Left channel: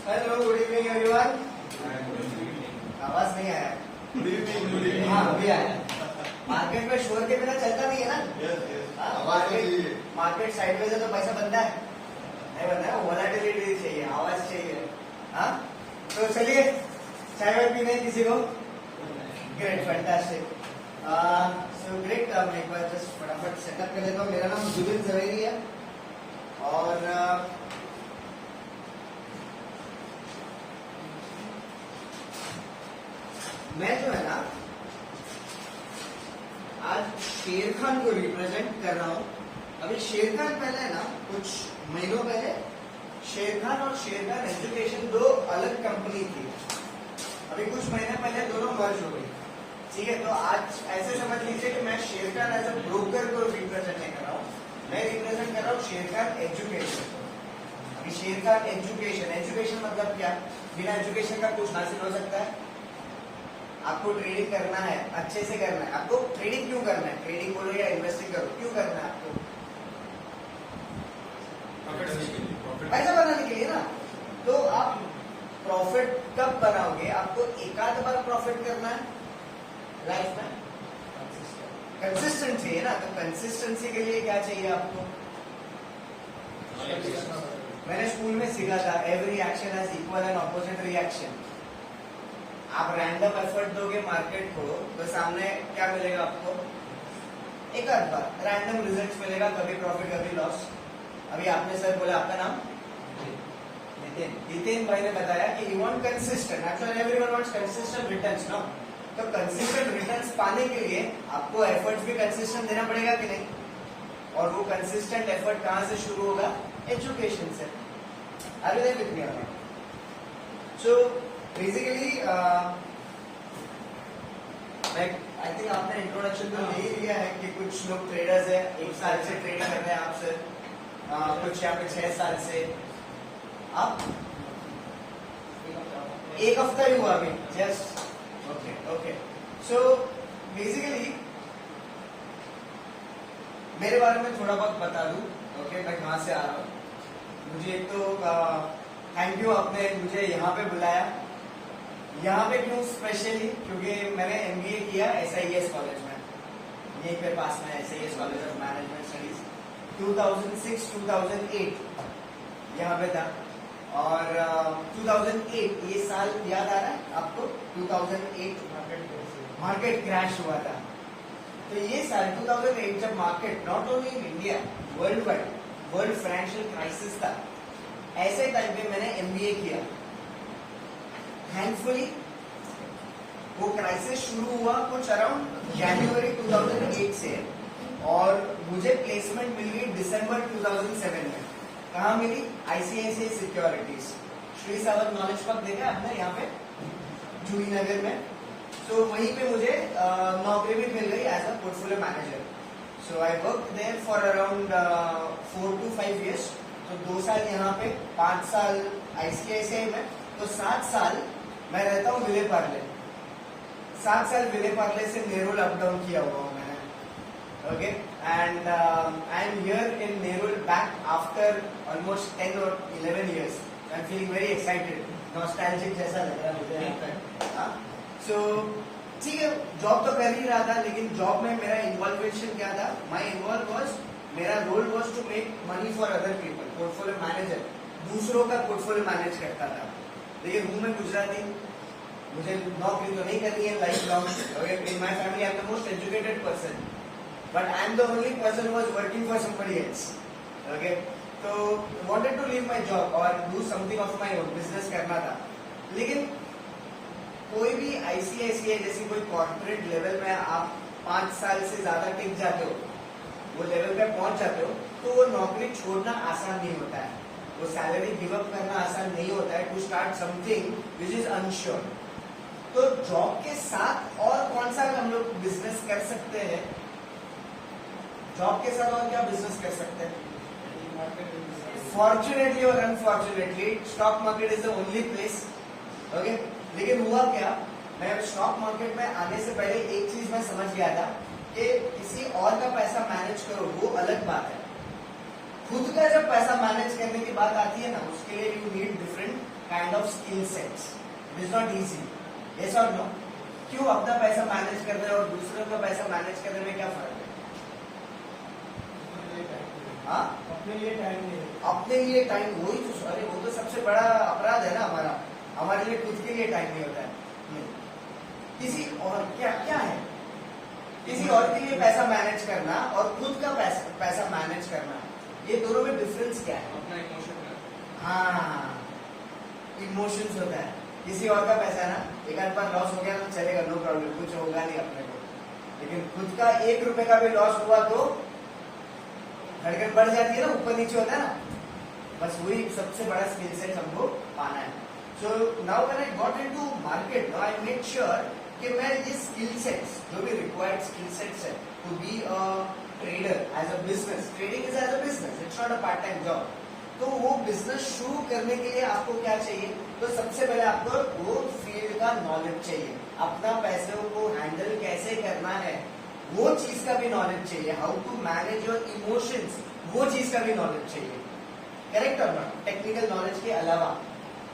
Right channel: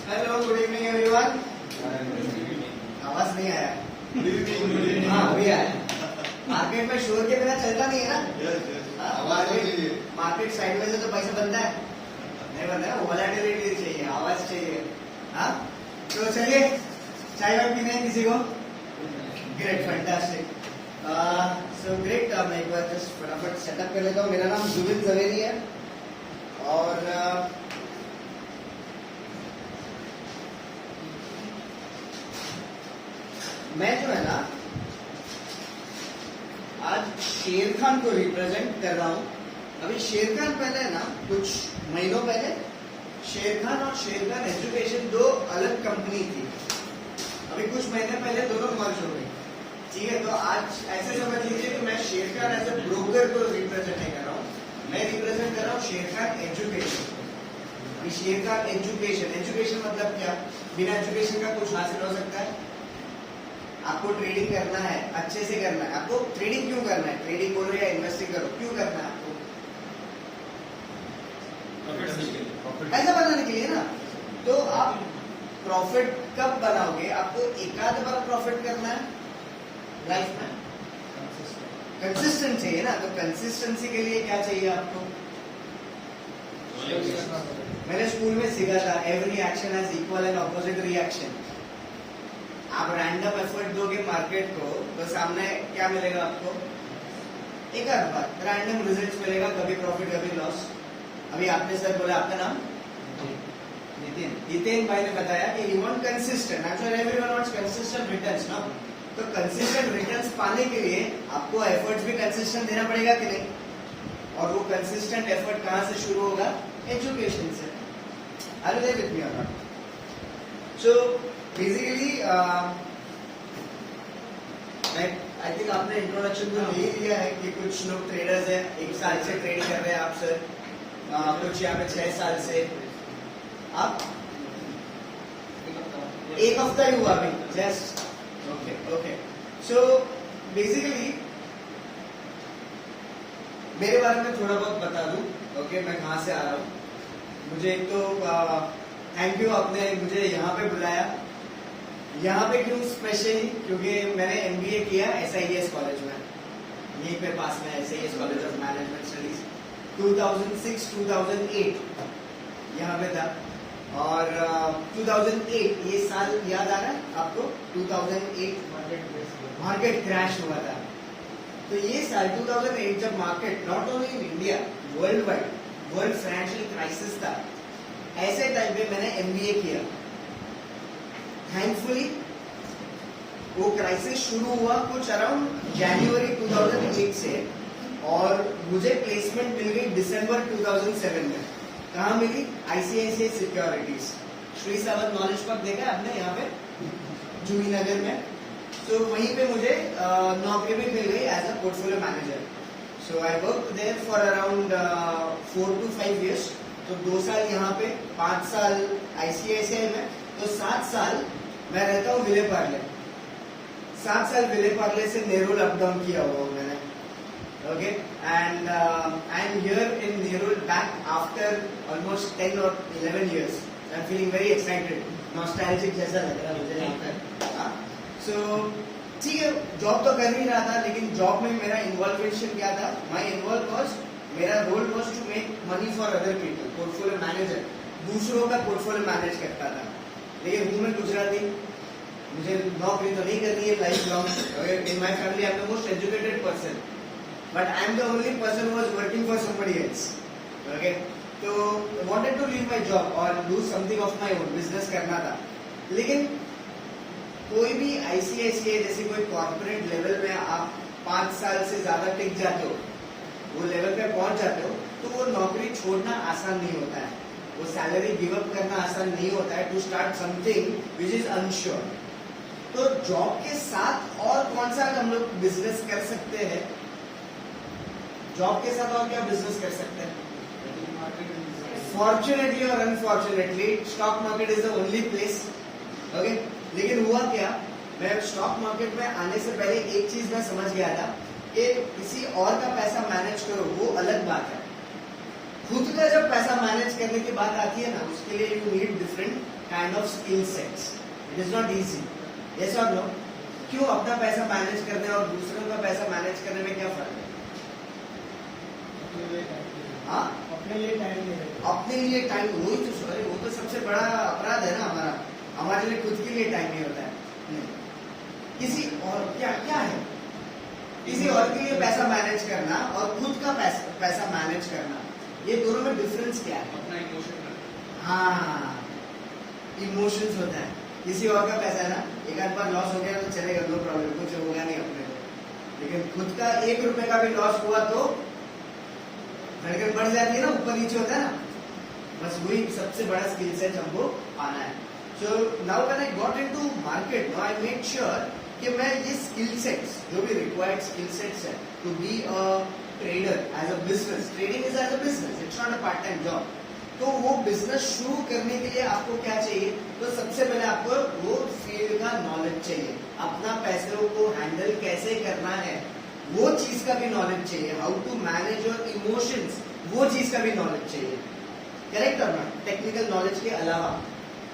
Hello, good evening everyone. आवाज नहीं आया? हाँ अभी आया। मार्केट में शोर के बिना चलता नहीं है ना। आवाज चाहिए। मार्केट साइडवेज है तो पैसा बनता है नहीं, बनता है। वोलेटिलिटी चाहिए, आवाज चाहिए। हाँ तो चलिए, चाय वाय पीना है किसी को? Great, fantastic. So great. मैं एक बार जस्ट फटाफट सेटअप कर लेता हूँ। मेरा नाम जुबिन जवेरी है और मैं जो है ना आज शेर खान को रिप्रेजेंट कर रहा हूँ। अभी शेर खान पहले है ना, कुछ महीनों पहले शेर खान और शेर खान एजुकेशन दो अलग कंपनी थी। अभी कुछ महीने पहले दोनों मर्ज हुए, ठीक है। तो आज ऐसे समझ लीजिए कि मैं शेर खान एज ए ब्रोकर को रिप्रेजेंट नहीं कर रहा हूँ, मैं रिप्रेजेंट कर रहा हूँ शेर खान एजुकेशन को। अभी शेर खान एजुकेशन, एजुकेशन मतलब क्या? बिना एजुकेशन का कुछ हासिल हो सकता है? आपको ट्रेडिंग करना है, अच्छे से करना है। आपको ट्रेडिंग क्यों करना है? ट्रेडिंग करो या इन्वेस्टिंग करो, क्यों करना है आपको? ऐसा बनाने के लिए ना। तो आप प्रॉफिट कब बनाओगे? आपको एकाध बार प्रॉफिट करना है लाइफ में। कंसिस्टेंट चाहिए ना। तो कंसिस्टेंसी के लिए क्या चाहिए आपको? मैंने स्कूल में सीखा था, every action has equal and opposite reaction. आप रैंडम एफर्ट दोगे मार्केट को तो सामने क्या मिलेगा आपको? एक आध बार रैंडम रिजल्ट मिलेगा, कभी प्रॉफिट कभी लॉस। अभी आपने सर बोला, आपका नाम नितिन भाई ने बताया कि you want consistent. Actually everyone wants consistent returns, no? तो कंसिस्टेंट रिटर्न्स पाने के लिए आपको एफर्ट्स भी कंसिस्टेंट देना पड़ेगा कि नहीं? और वो कंसिस्टेंट एफर्ट कहां से शुरू होगा? एजुकेशन से। आर यू विद मी और not? So basically I think आपने इंट्रोडक्शन तो यही दिया है कि कुछ लोग ट्रेडर्स है, 1 साल से ट्रेड कर रहे हैं आप सर, कुछ यहाँ पे 6 साल से। आप 1 हफ्ता ही हुआ अभी just. Okay okay. So basically मेरे बारे में थोड़ा बहुत बता दूं। ओके, मैं कहाँ से आ रहा हूँ। मुझे एक तो थैंक यू, आपने मुझे यहाँ पे बुलाया। यहाँ पे क्यों स्पेशली? क्योंकि मैंने एमबीए किया SIES कॉलेज में, यहीं पे पास में SIES college of management studies. 2006-2008 यहाँ पे था। और 2008 ये साल याद आ रहा है आपको? 2008 मार्केट क्रैश हुआ था। तो ये साल 2008 जब market not only in India, world wide, world financial crisis था, ऐसे टाइम पे मैंने एमबीए किया। थैंकफुली वो क्राइसिस शुरू हुआ कुछ अराउंड जनवरी 2008 से, और मुझे प्लेसमेंट मिल गई दिसंबर 2007 में। कहाँ मिली? ICICI securities. Shri Sawant knowledge park देखा है आपने यहाँ पे जूही नगर में? सो वहीं पे मुझे नौकरी भी मिल गई as a portfolio manager. So I work there for around 4 to 5 years। तो 2 साल यहाँ पे, 5 साल ICICI में, तो 7 साल मैं रहता हूँ विले पार्ले। 7 साल विले पार्ले से नेरुल अप डाउन किया हुआ हूँ मैंने। Okay, and I am here in Nerul back after almost 10 or 11 years। I am feeling very excited, nostalgic जैसा लग रहा है मुझे यहाँ पे। सो ठीक है, जॉब तो कर ही रहा था, लेकिन जॉब में मेरा इन्वॉल्वेशन क्या था? माई इन्वॉल्व वॉज, मेरा role was to make money for other people. Portfolio manager, दूसरों का पोर्टफोलियो मैनेज करता था। लेकिन हूँ मैं गुजराती, मुझे नौकरी तो नहीं करनी है life long. In my family I am the most educated person, but I am the only person who was working for somebody else. Okay, तो wanted to leave my job और do something of my own, business करना था। लेकिन कोई भी ICICI जैसे कोई corporate level में आप 5 साल से ज्यादा टिक जाते हो, वो लेवल पे पहुंच जाते हो, तो वो नौकरी छोड़ना आसान नहीं होता है, वो सैलरी गिव अप करना आसान नहीं होता है, to start something which is unsure. तो जॉब के साथ और कौन सा हम लोग बिजनेस कर सकते हैं? जॉब के साथ और क्या बिजनेस कर सकते हैं? फॉर्चुनेटली और unfortunately stock market is the only place. Okay, लेकिन हुआ क्या, मैं स्टॉक मार्केट में आने से पहले एक चीज मैं समझ गया था कि किसी और का पैसा मैनेज करो वो अलग बात है, खुद का जब पैसा मैनेज करने की बात आती है ना, उसके लिए you need different kind of skill sets. It is not easy. Yes और नो? क्यों? अपना पैसा मैनेज करने और दूसरों का पैसा मैनेज करने में क्या फर्क है? हाँ, अपने लिए टाइम नहीं है. अपने लिए टाइम, वही तो सॉरी, वो तो सबसे बड़ा अपराध है ना हमारा. हमारे लिए खुद के लिए टाइम नहीं होता है. नहीं. किसी और क्या क्या है? किसी और के लिए पैसा मैनेज करना और खुद का पैसा मैनेज करना, ये दोनों में डिफरेंस क्या है? अपना इमोशन. हाँ, इमोशंस होता है. किसी और का पैसा है ना, एक आध बार लॉस हो गया तो चलेगा, नो प्रॉब्लम, कुछ होगा नहीं अपने को. लेकिन खुद का 1 रुपए का भी लॉस हुआ तो धड़कन बढ़ जाती है ना, ऊपर नीचे होता है ना. बस वही सबसे बड़ा स्किल सेट हमको पाना है. So now when I got into market, now I make sure कि मैं ये स्किल सेट्स, जो भी रिक्वायर्ड स्किल सेट्स है to be a trader as a business. Trading is as a business, it's not a part time job. तो वो business शुरू करने के लिए आपको क्या चाहिए? तो सबसे पहले आपको वो फील्ड का नॉलेज चाहिए. अपना पैसे को हैंडल कैसे करना है, वो चीज का भी नॉलेज चाहिए. How to manage your emotions, वो चीज का भी नॉलेज चाहिए. करेक्ट और नॉट? टेक्निकल नॉलेज के अलावा.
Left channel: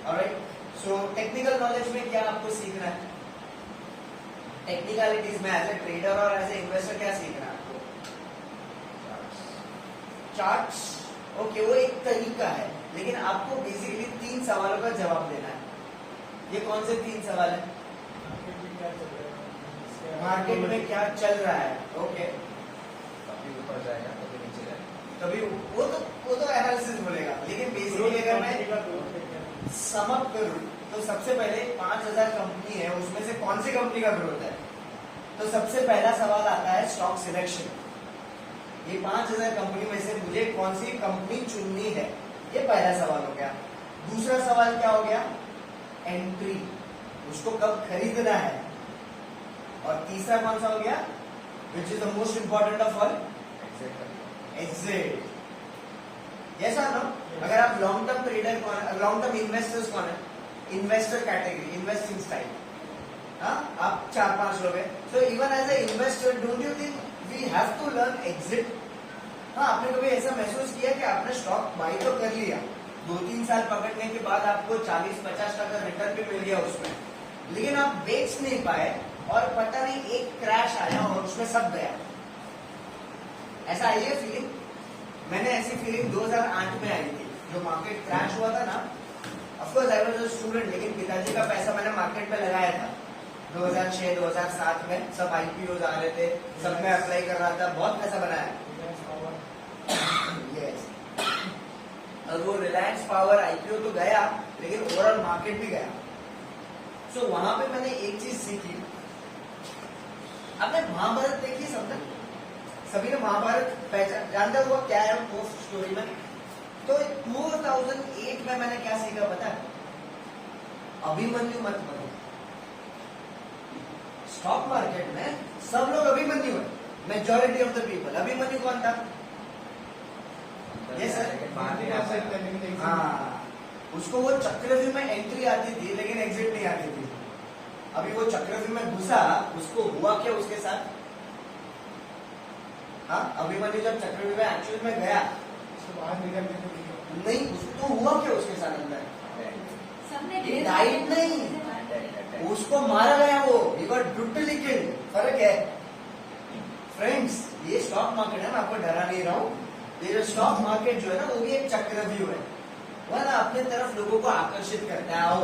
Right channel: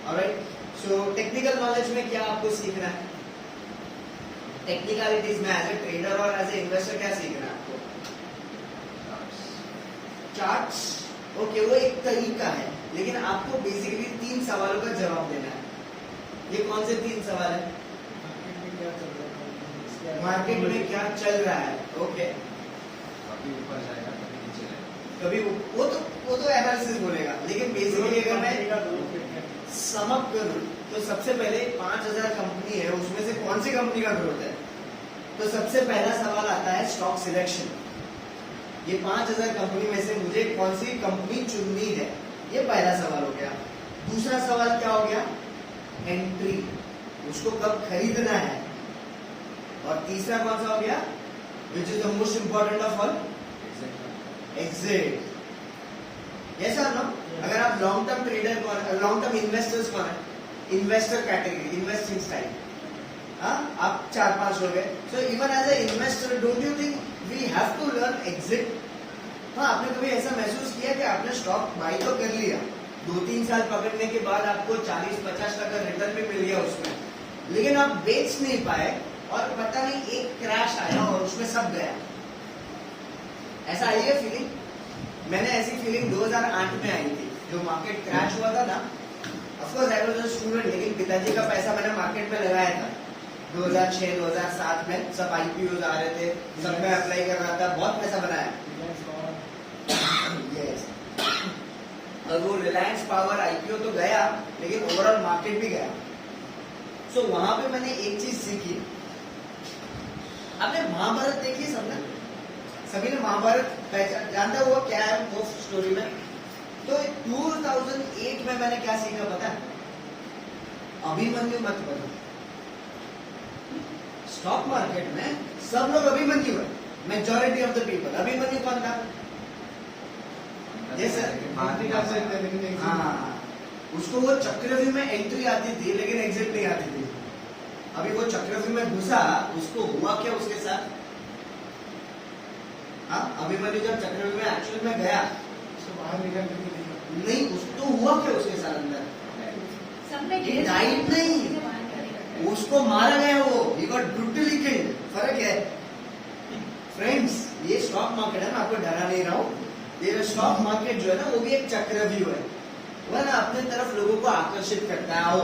ऑलराइट. सो टेक्निकल नॉलेज में क्या आपको सीखना है? टेक्निकलिटीज में एज ए ट्रेडर और एज ए इन्वेस्टर क्या सीखना है आपको? चार्ट्स. ओके, वो एक तरीका है, लेकिन आपको बेसिकली 3 सवालों का जवाब देना है. ये कौन से 3 सवाल है? मार्केट में क्या चल रहा है. ओके. कभी ऊपर जाएगा, कभी नीचे जाएगा. कभी वो तो एनालिसिस बोलेगा, लेकिन बेसिकली अगर मैं समअप करूं तो सबसे पहले 5000 कंपनी है, उसमें से कौन सी कंपनी का ग्रोथ है? तो सबसे पहला सवाल आता है स्टॉक सिलेक्शन. ये 5000 कंपनी में से मुझे कौन सी कंपनी चुननी है, ये पहला सवाल हो गया. दूसरा सवाल क्या हो गया? एंट्री, उसको कब खरीदना है. और तीसरा कौन सा हो गया, which is the most important of all? Exit. Yes और नो? अगर आप लॉन्ग टर्म ट्रेडर कौन, लॉन्ग टर्म इन्वेस्टर्स कौन है? Investor category, investing style. हाँ, आप 4-5 लोग हैं. So even as a investor, don't you think we have to learn exit? हाँ, आपने कभी ऐसा महसूस किया कि आपने स्टॉक बाय तो कर लिया, 2-3 साल पकड़ने के बाद आपको 40-50% रिटर्न भी मिल गया उसमें, लेकिन आप बेच नहीं पाए और पता नहीं एक क्रैश आया और उसमें सब गया. ऐसा आई है फीलिंग? मैंने ऐसी फीलिंग 2008 में आई थी, जो मार्केट क्रैश हुआ था ना. Of course I was a student, लेकिन पिताजी का पैसा मैंने मार्केट में लगाया था 2006-2007 में. सब आईपीओ आ रहे थे, सब में अप्लाई कर रहा था, बहुत पैसा बनाया. yes. और वो रिलायंस पावर आईपीओ तो गया, लेकिन ओवरऑल मार्केट भी गया. सो वहां पे मैंने एक चीज सीखी. आपने महाभारत देखी? सबने, सभी ने महाभारत पहचान जानते हो वो क्या है वो स्टोरी में? तो 2008 में मैंने क्या सीखा पता है? अभिमन्यु मत बनो. स्टॉक मार्केट में सब लोग अभिमन्यु है, majority of the people. Abhimanyu कौन था? ये सर, हाँ, उसको वो चक्रव्यूह में एंट्री आती थी, लेकिन एग्जिट नहीं आती थी. अभी वो चक्रव्यूह में घुसा, उसको हुआ क्या उसके साथ? हाँ, अभिमन्यु जब चक्रव्यूह में एक्चुअल में गया, बाहर निकल नहीं, तो हुआ क्या उसके साथ अंदर? डाइट नहीं, उसको मारा गया. वो ही गॉट ब्रूटली किल्ड. फर्क है फ्रेंड्स. ये स्टॉक मार्केट है, मैं आपको डरा नहीं रहा हूँ. ये जो स्टॉक मार्केट जो है ना, वो भी एक चक्रव्यूह है. वो ना अपने तरफ लोगों को आकर्षित करता है. आओ,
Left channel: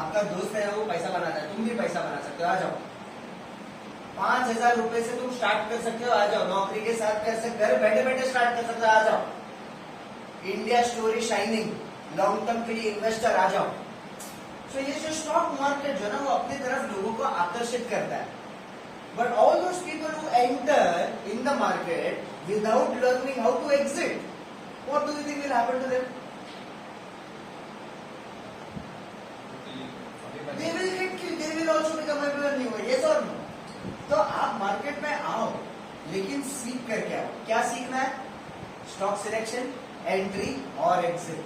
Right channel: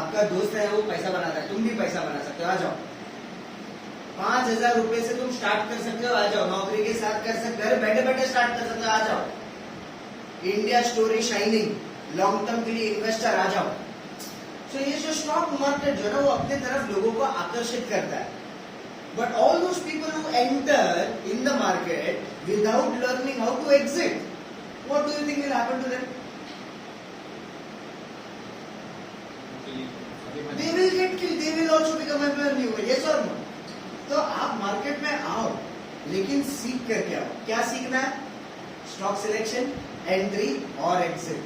आपका दोस्त है वो पैसा बनाता है, तुम भी पैसा बना सकते हो, आ जाओ. 5000 रुपए से तुम स्टार्ट कर सकते हो, आ जाओ. नौकरी के साथ कर सकते, घर बैठे बैठे स्टार्ट कर सकते हो, आ जाओ. India story shining, long term के लिए इन्वेस्टर, आ जाओ. तो ये जो स्टॉक मार्केट जो है ना, वो अपने तरफ लोगों को आकर्षित करता है. But all those people who enter in the market without learning how to exit, what do you think will happen to them? They will get killed. They will also become Abhimanyu. Yes or no? तो आप market में आओ, लेकिन सीख करके आओ. क्या सीखना है? स्टॉक सिलेक्शन, एंट्री और एग्जिट.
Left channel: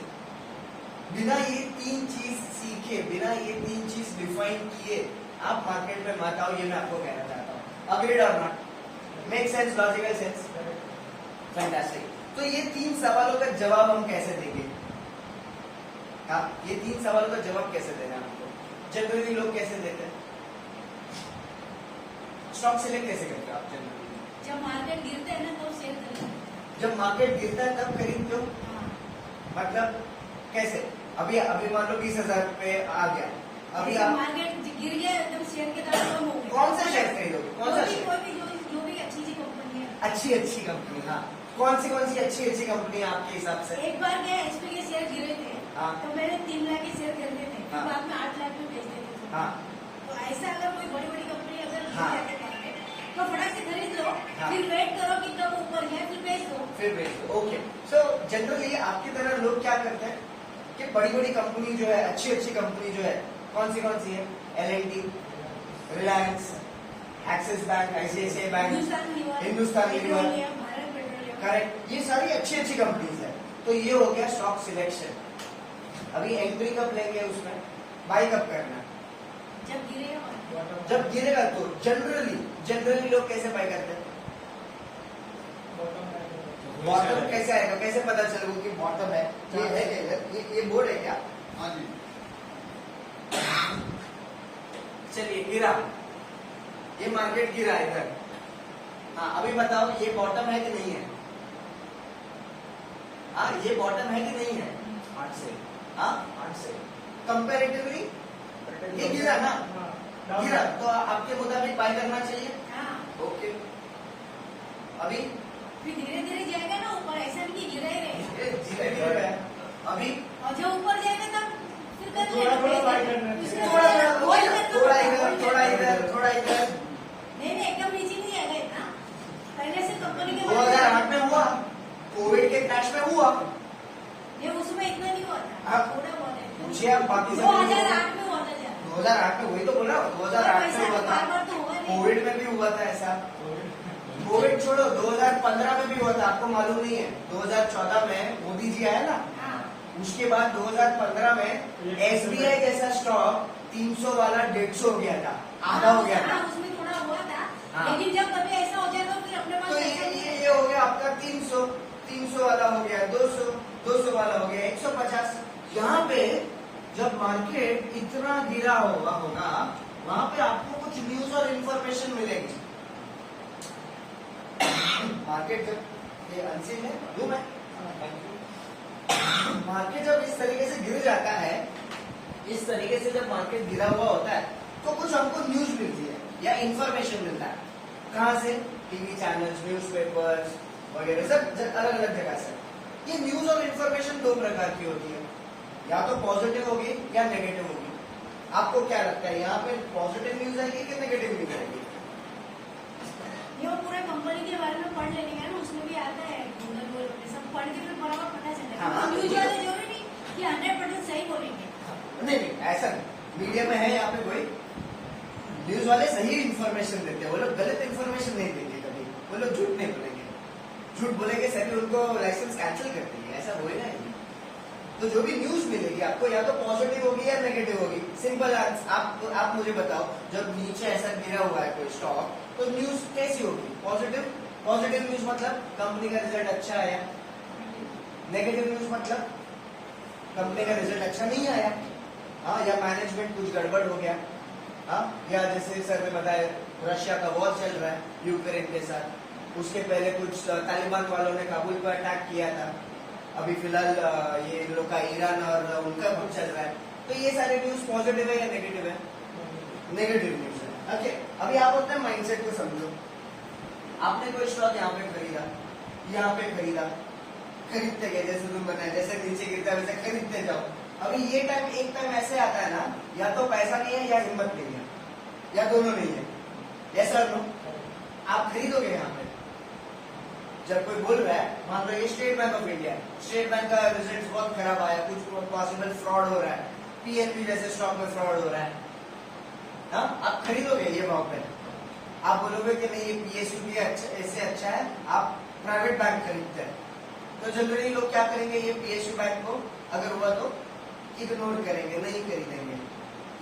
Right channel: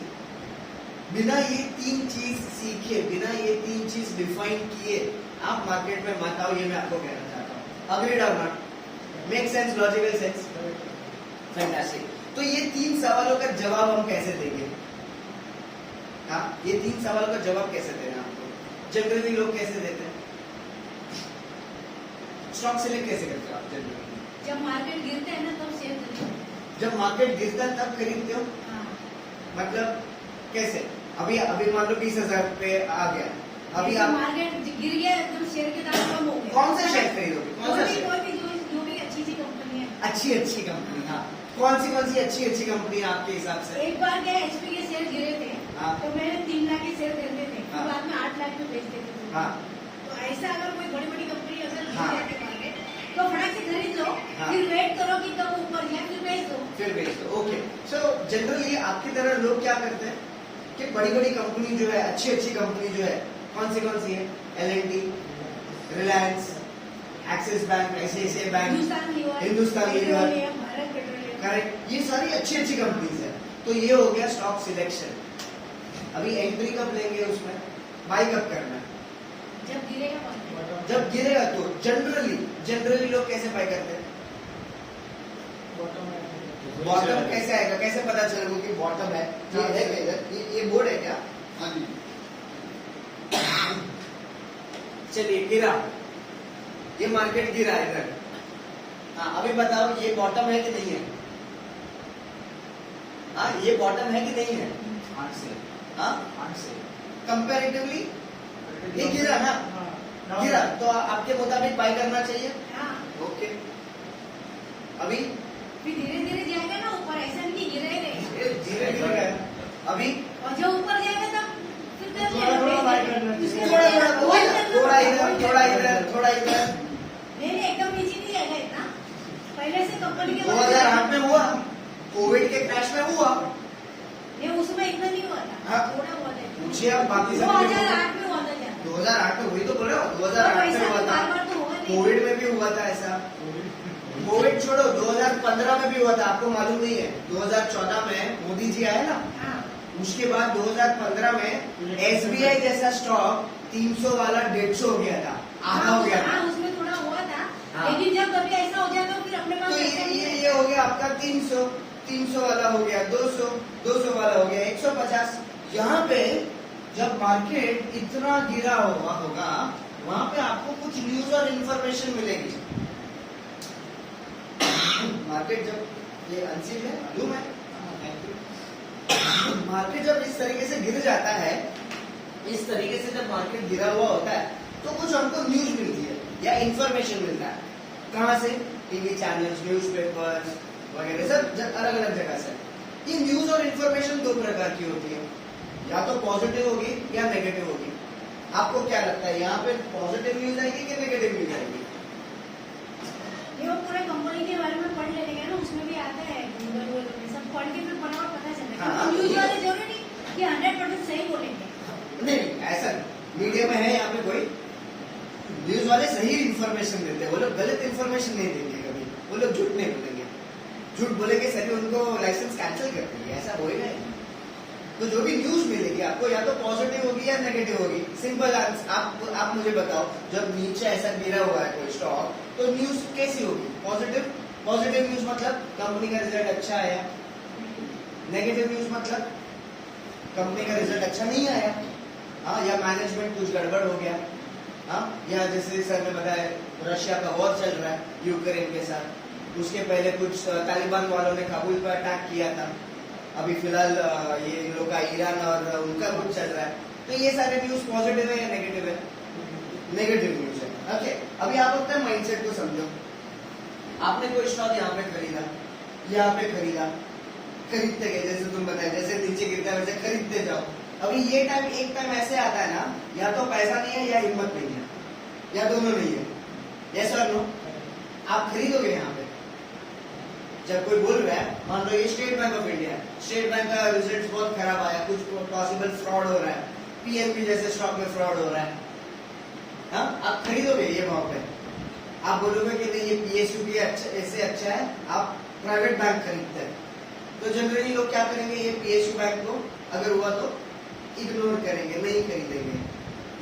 बिना ये 3 चीज सीखे, बिना ये 3 चीज डिफाइन किए आप मार्केट में मत आओ. ये मैं आपको कहना चाहता हूँ. अग्रीड और not? Make sense? Logical sense? Fantastic. तो ये 3 सवालों का जवाब हम कैसे देंगे? हाँ, ये 3 सवालों का जवाब कैसे देना है आपको? जनरली लोग कैसे देते हैं? स्टॉक सिलेक्ट कैसे करते हो आप जनरली? जब मार्केट गिरते हैं ना तो शेयर करें। जब मार्केट गिरता है तब खरीदते हो? हाँ, मतलब कैसे? अभी अभी मान लो 20,000 पे आ गया, अभी जब आप मार्केट गिर गया तो शेयर के दाम कम हो गए। कौन सा शेयर खरीदोगे? कौन सा शेयर? कोई भी जो भी अच्छी कंपनी है। अच्छी कंपनी, हाँ। कौन सी अच्छी कंपनी है आपके हिसाब से? एक बार क्या एचपी के शेयर गिरे थे, हाँ। तो मैंने 3 लाख के शेयर खरीदे थे, फिर हाँ। बाद में 8 लाख में बेच देते थे। हाँ, तो ऐसा अगर कोई बड़ी बड़ी कंपनी अगर गिर हाँ। जाए मार्केट, तो फटाक से खरीद लो, हाँ। फिर वेट करो कि कब ऊपर जाए, फिर बेच दो। फिर बेच दो। ओके, सो जनरली आपकी तरह लोग क्या करते हैं कि बड़ी कंपनी जो है, अच्छी कंपनी जो है, कौन सी है? L&T, Reliance, Axis bank, ICICI bank, Hindustan Lever, petroleum, Bharat Petroleum. Correct, ये सारी अच्छी कंपनीज है। तो ये हो गया स्टॉक सिलेक्शन। अभी एंट्री कब लेंगे उसमें? बाय कब करना है? जब गिरेगा मार्केट, जब गिरेगा। तो जनरली लोग कैसे बाय करते हैं? बॉटम कैसे आएगा? कैसे पता चलेगा कि बॉटम है? ये है क्या इधर? ये बोर्ड है क्या? हाँ जी। चलिए, गिरा, ये मार्केट गिरा इधर। हाँ, अभी बताओ ये बॉटम है कि नहीं है? हाँ, ये बॉटम है कि नहीं है? 8 से हाँ, 8 से कंपैरेटिवली ये गिरा ना? गिरा, तो आपके मुताबिक बाय करना चाहिए। हाँ, ओके, अभी फिर धीरे धीरे जाएगा ना ऊपर, ऐसा नहीं गिरा ही रहेगा। धीरे गया। अभी और जब ऊपर जाएगा तब फिर कर थोड़ा बाय करना चाहिए। थोड़ा इधर, थोड़ा इधर। नहीं, एकदम नीचे नहीं जाएगा इतना। पहले से कंपनी के 2008 में हुआ, कोविड के क्रैश में हुआ। नहीं, उसमें इतना नहीं हुआ था, हाँ। थोड़ा बहुत है। मुझे आप बाकी सब 2008 में हुआ था जब। 2008 में हुई तो बोल रहा हूँ, 2008 में हुआ था। बार तो हुआ नहीं। कोविड में भी हुआ था ऐसा। कोविड छोड़ो, 2015 में भी हुआ था, आपको मालूम नहीं है? 2014 में मोदी जी आए ना, हाँ, उसके बाद 2015 में SBI जैसा स्टॉक 300 वाला 150 हो गया था, आधा हो गया था। हाँ, उसमें थोड़ा हुआ था। हाँ। लेकिन जब कभी ऐसा हो जाता फिर अपने पास तो पैसा नहीं ये हो गया आपका 300 वाला हो गया, 200 वाला हो गया, 150। यहाँ पे जब मार्केट इतना गिरा होगा वहां पे आपको कुछ न्यूज और इंफॉर्मेशन मिलेगी। मार्केट जब ये अनसीन है, लूं मैं? मार्केट जब इस तरीके से गिर जाता है, इस तरीके से जब मार्केट गिरा हुआ होता है, तो कुछ हमको न्यूज मिलती है या इंफॉर्मेशन मिलता है। कहाँ से? टीवी चैनल्स, न्यूज़पेपर्स वगैरह सब अलग अलग जगह से। ये न्यूज और इंफॉर्मेशन 2 प्रकार की होती है, या तो पॉजिटिव होगी या नेगेटिव होगी। आपको क्या लगता है, यहाँ पे पॉजिटिव न्यूज आएगी कि नेगेटिव न्यूज आएगी? ये वो पूरे कंपनी के बारे में पढ़ लेने का ना, उसमें भी आता है, सब पढ़ के फिर बराबर पता चलता है। हाँ। न्यूज वाले जरूरी नहीं कि 100% सही बोलेंगे। नहीं, ऐसा मीडिया में है यहाँ पे कोई न्यूज वाले सही इंफॉर्मेशन देते हैं, वो लोग गलत इंफॉर्मेशन नहीं देंगे कभी, वो लोग झूठ नहीं बोलेंगे। झूठ बोलेंगे सभी उनको लाइसेंस कैंसिल कर देंगे, ऐसा होएगा ही। तो जो भी न्यूज मिलेगी आपको, या तो पॉजिटिव होगी या नेगेटिव होगी। सिंपल, आप मुझे बताओ, जब नीचे ऐसा गिरा हुआ है कोई स्टॉक, तो न्यूज कैसी होगी? पॉजिटिव न्यूज मतलब कंपनी का रिजल्ट अच्छा आया। नेगेटिव न्यूज मतलब कंपनी का रिजल्ट अच्छा नहीं आया, हाँ, या मैनेजमेंट कुछ गड़बड़ हो गया, हाँ, या जैसे सर ने बताया रशिया का वॉर चल रहा है यूक्रेन के साथ, उसके पहले कुछ तालिबान वालों ने काबुल पर अटैक किया था, अभी फिलहाल ये इन लोग का ईरान और उनका कुछ चल रहा है। तो ये सारे न्यूज पॉजिटिव है या नेगेटिव है? नेगेटिव न्यूज है। ओके, अभी आप अपने माइंडसेट को समझो। आपने कोई स्टॉक यहाँ पे खरीदा, यहाँ पे खरीदते गए, जैसे तुम बताया, जैसे नीचे गिरता है वैसे खरीदते जाओ। अभी ये टाइम, एक टाइम ऐसे आता है ना, या तो पैसा नहीं है या हिम्मत नहीं है, या दोनों नहीं है। यस और नो? आप खरीदोगे यहाँ पे। जब कोई बोल रहा है, मान लो ये state bank of India, state bank का रिजल्ट बहुत खराब आया, कुछ पॉसिबल फ्रॉड हो रहा है, PNB जैसे स्टॉक में फ्रॉड हो रहा है, हाँ, आप खरीदोगे ये वहां पे? आप बोलोगे कि नहीं, ये PSU भी इससे अच्छा है, आप प्राइवेट बैंक खरीदते हैं। तो जनरली लोग क्या करेंगे, ये PSU बैंक को अगर हुआ तो इग्नोर करेंगे, नहीं खरीदेंगे।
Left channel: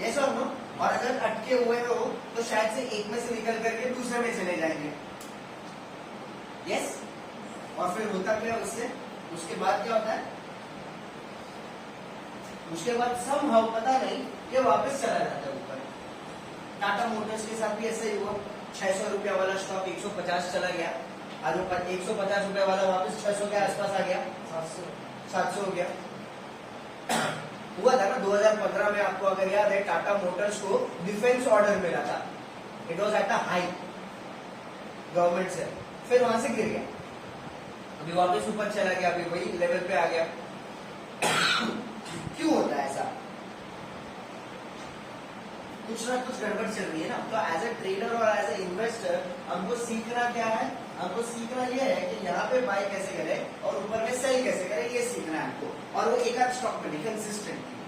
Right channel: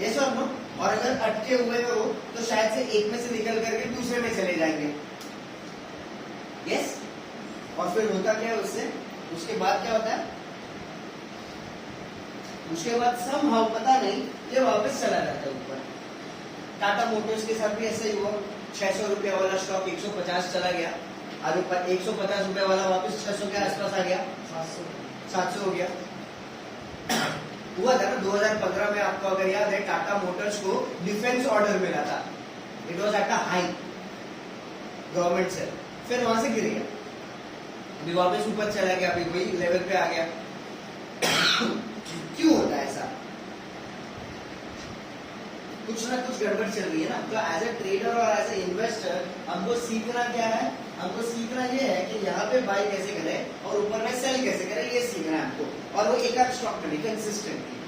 यस और नो? और अगर अटके हुए तो शायद से एक में से निकल करके दूसरे में चले जाएंगे। यस? और फिर होता क्या है उससे? उसके बाद क्या होता है? उसके बाद somehow पता नहीं ये वापस चला जाता है ऊपर। टाटा मोटर्स के साथ भी ऐसा ही हुआ, 600 रुपया वाला स्टॉक 150 चला गया, आगे 150 रुपया वाला वापस 600 के आसपास आ गया, 700 हो गया। हुआ था ना 2015 में, आपको अगर याद है, टाटा मोटर्स को डिफेंस ऑर्डर मिला था, it was at a high government से, फिर वहां से गिर गया, अभी वापस ऊपर चला गया, अभी वही लेवल पे आ गया। क्यों होता है ऐसा? कुछ ना कुछ गड़बड़ चल रही है ना। तो एज ए ट्रेडर और एज ए इन्वेस्टर हमको सीखना क्या है? हमको सीखना ये है कि यहाँ पे बाय कैसे करें और ऊपर में सेल कैसे करें, ये सीखना है हमको। और वो एक आध स्टॉक में नहीं, कंसिस्टेंटली,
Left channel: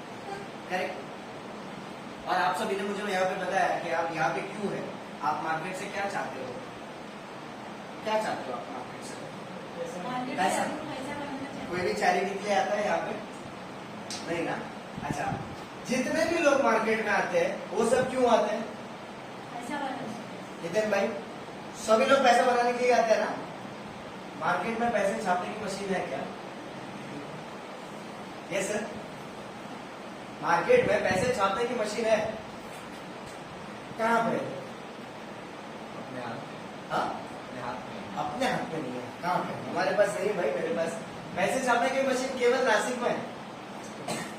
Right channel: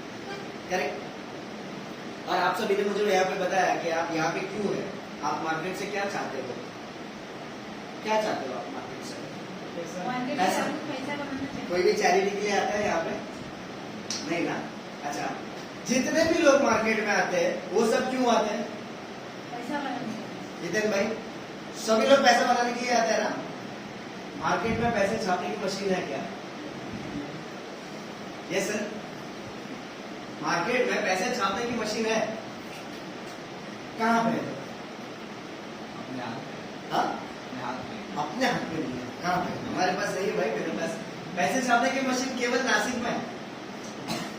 करेक्ट। और आप सभी ने मुझे यहाँ पे बताया कि आप यहाँ पे क्यों है, आप मार्केट से क्या चाहते हो, क्या चाहते हो आप मार्केट से? मार्केट पैसा। से आपको पैसा बनाना चाहिए। कोई भी चैरिटी के लिए आता है यहाँ पे? नहीं ना। अच्छा, जितने भी लोग मार्केट में आते हैं वो सब क्यों आते हैं? पैसा बनाना चाहिए। जितेन भाई, सभी लोग पैसा बनाने के लिए आते हैं ना। मार्केट में पैसे छापने की मशीन है क्या? यस सर, मार्केट में पैसे छापने की मशीन है, कहाँ पे है? हाँ? अपने हाथ में नहीं है, कहाँ पे? हमारे पास नहीं भाई, मेरे पास पैसे छापने की मशीन केवल नासिक में है।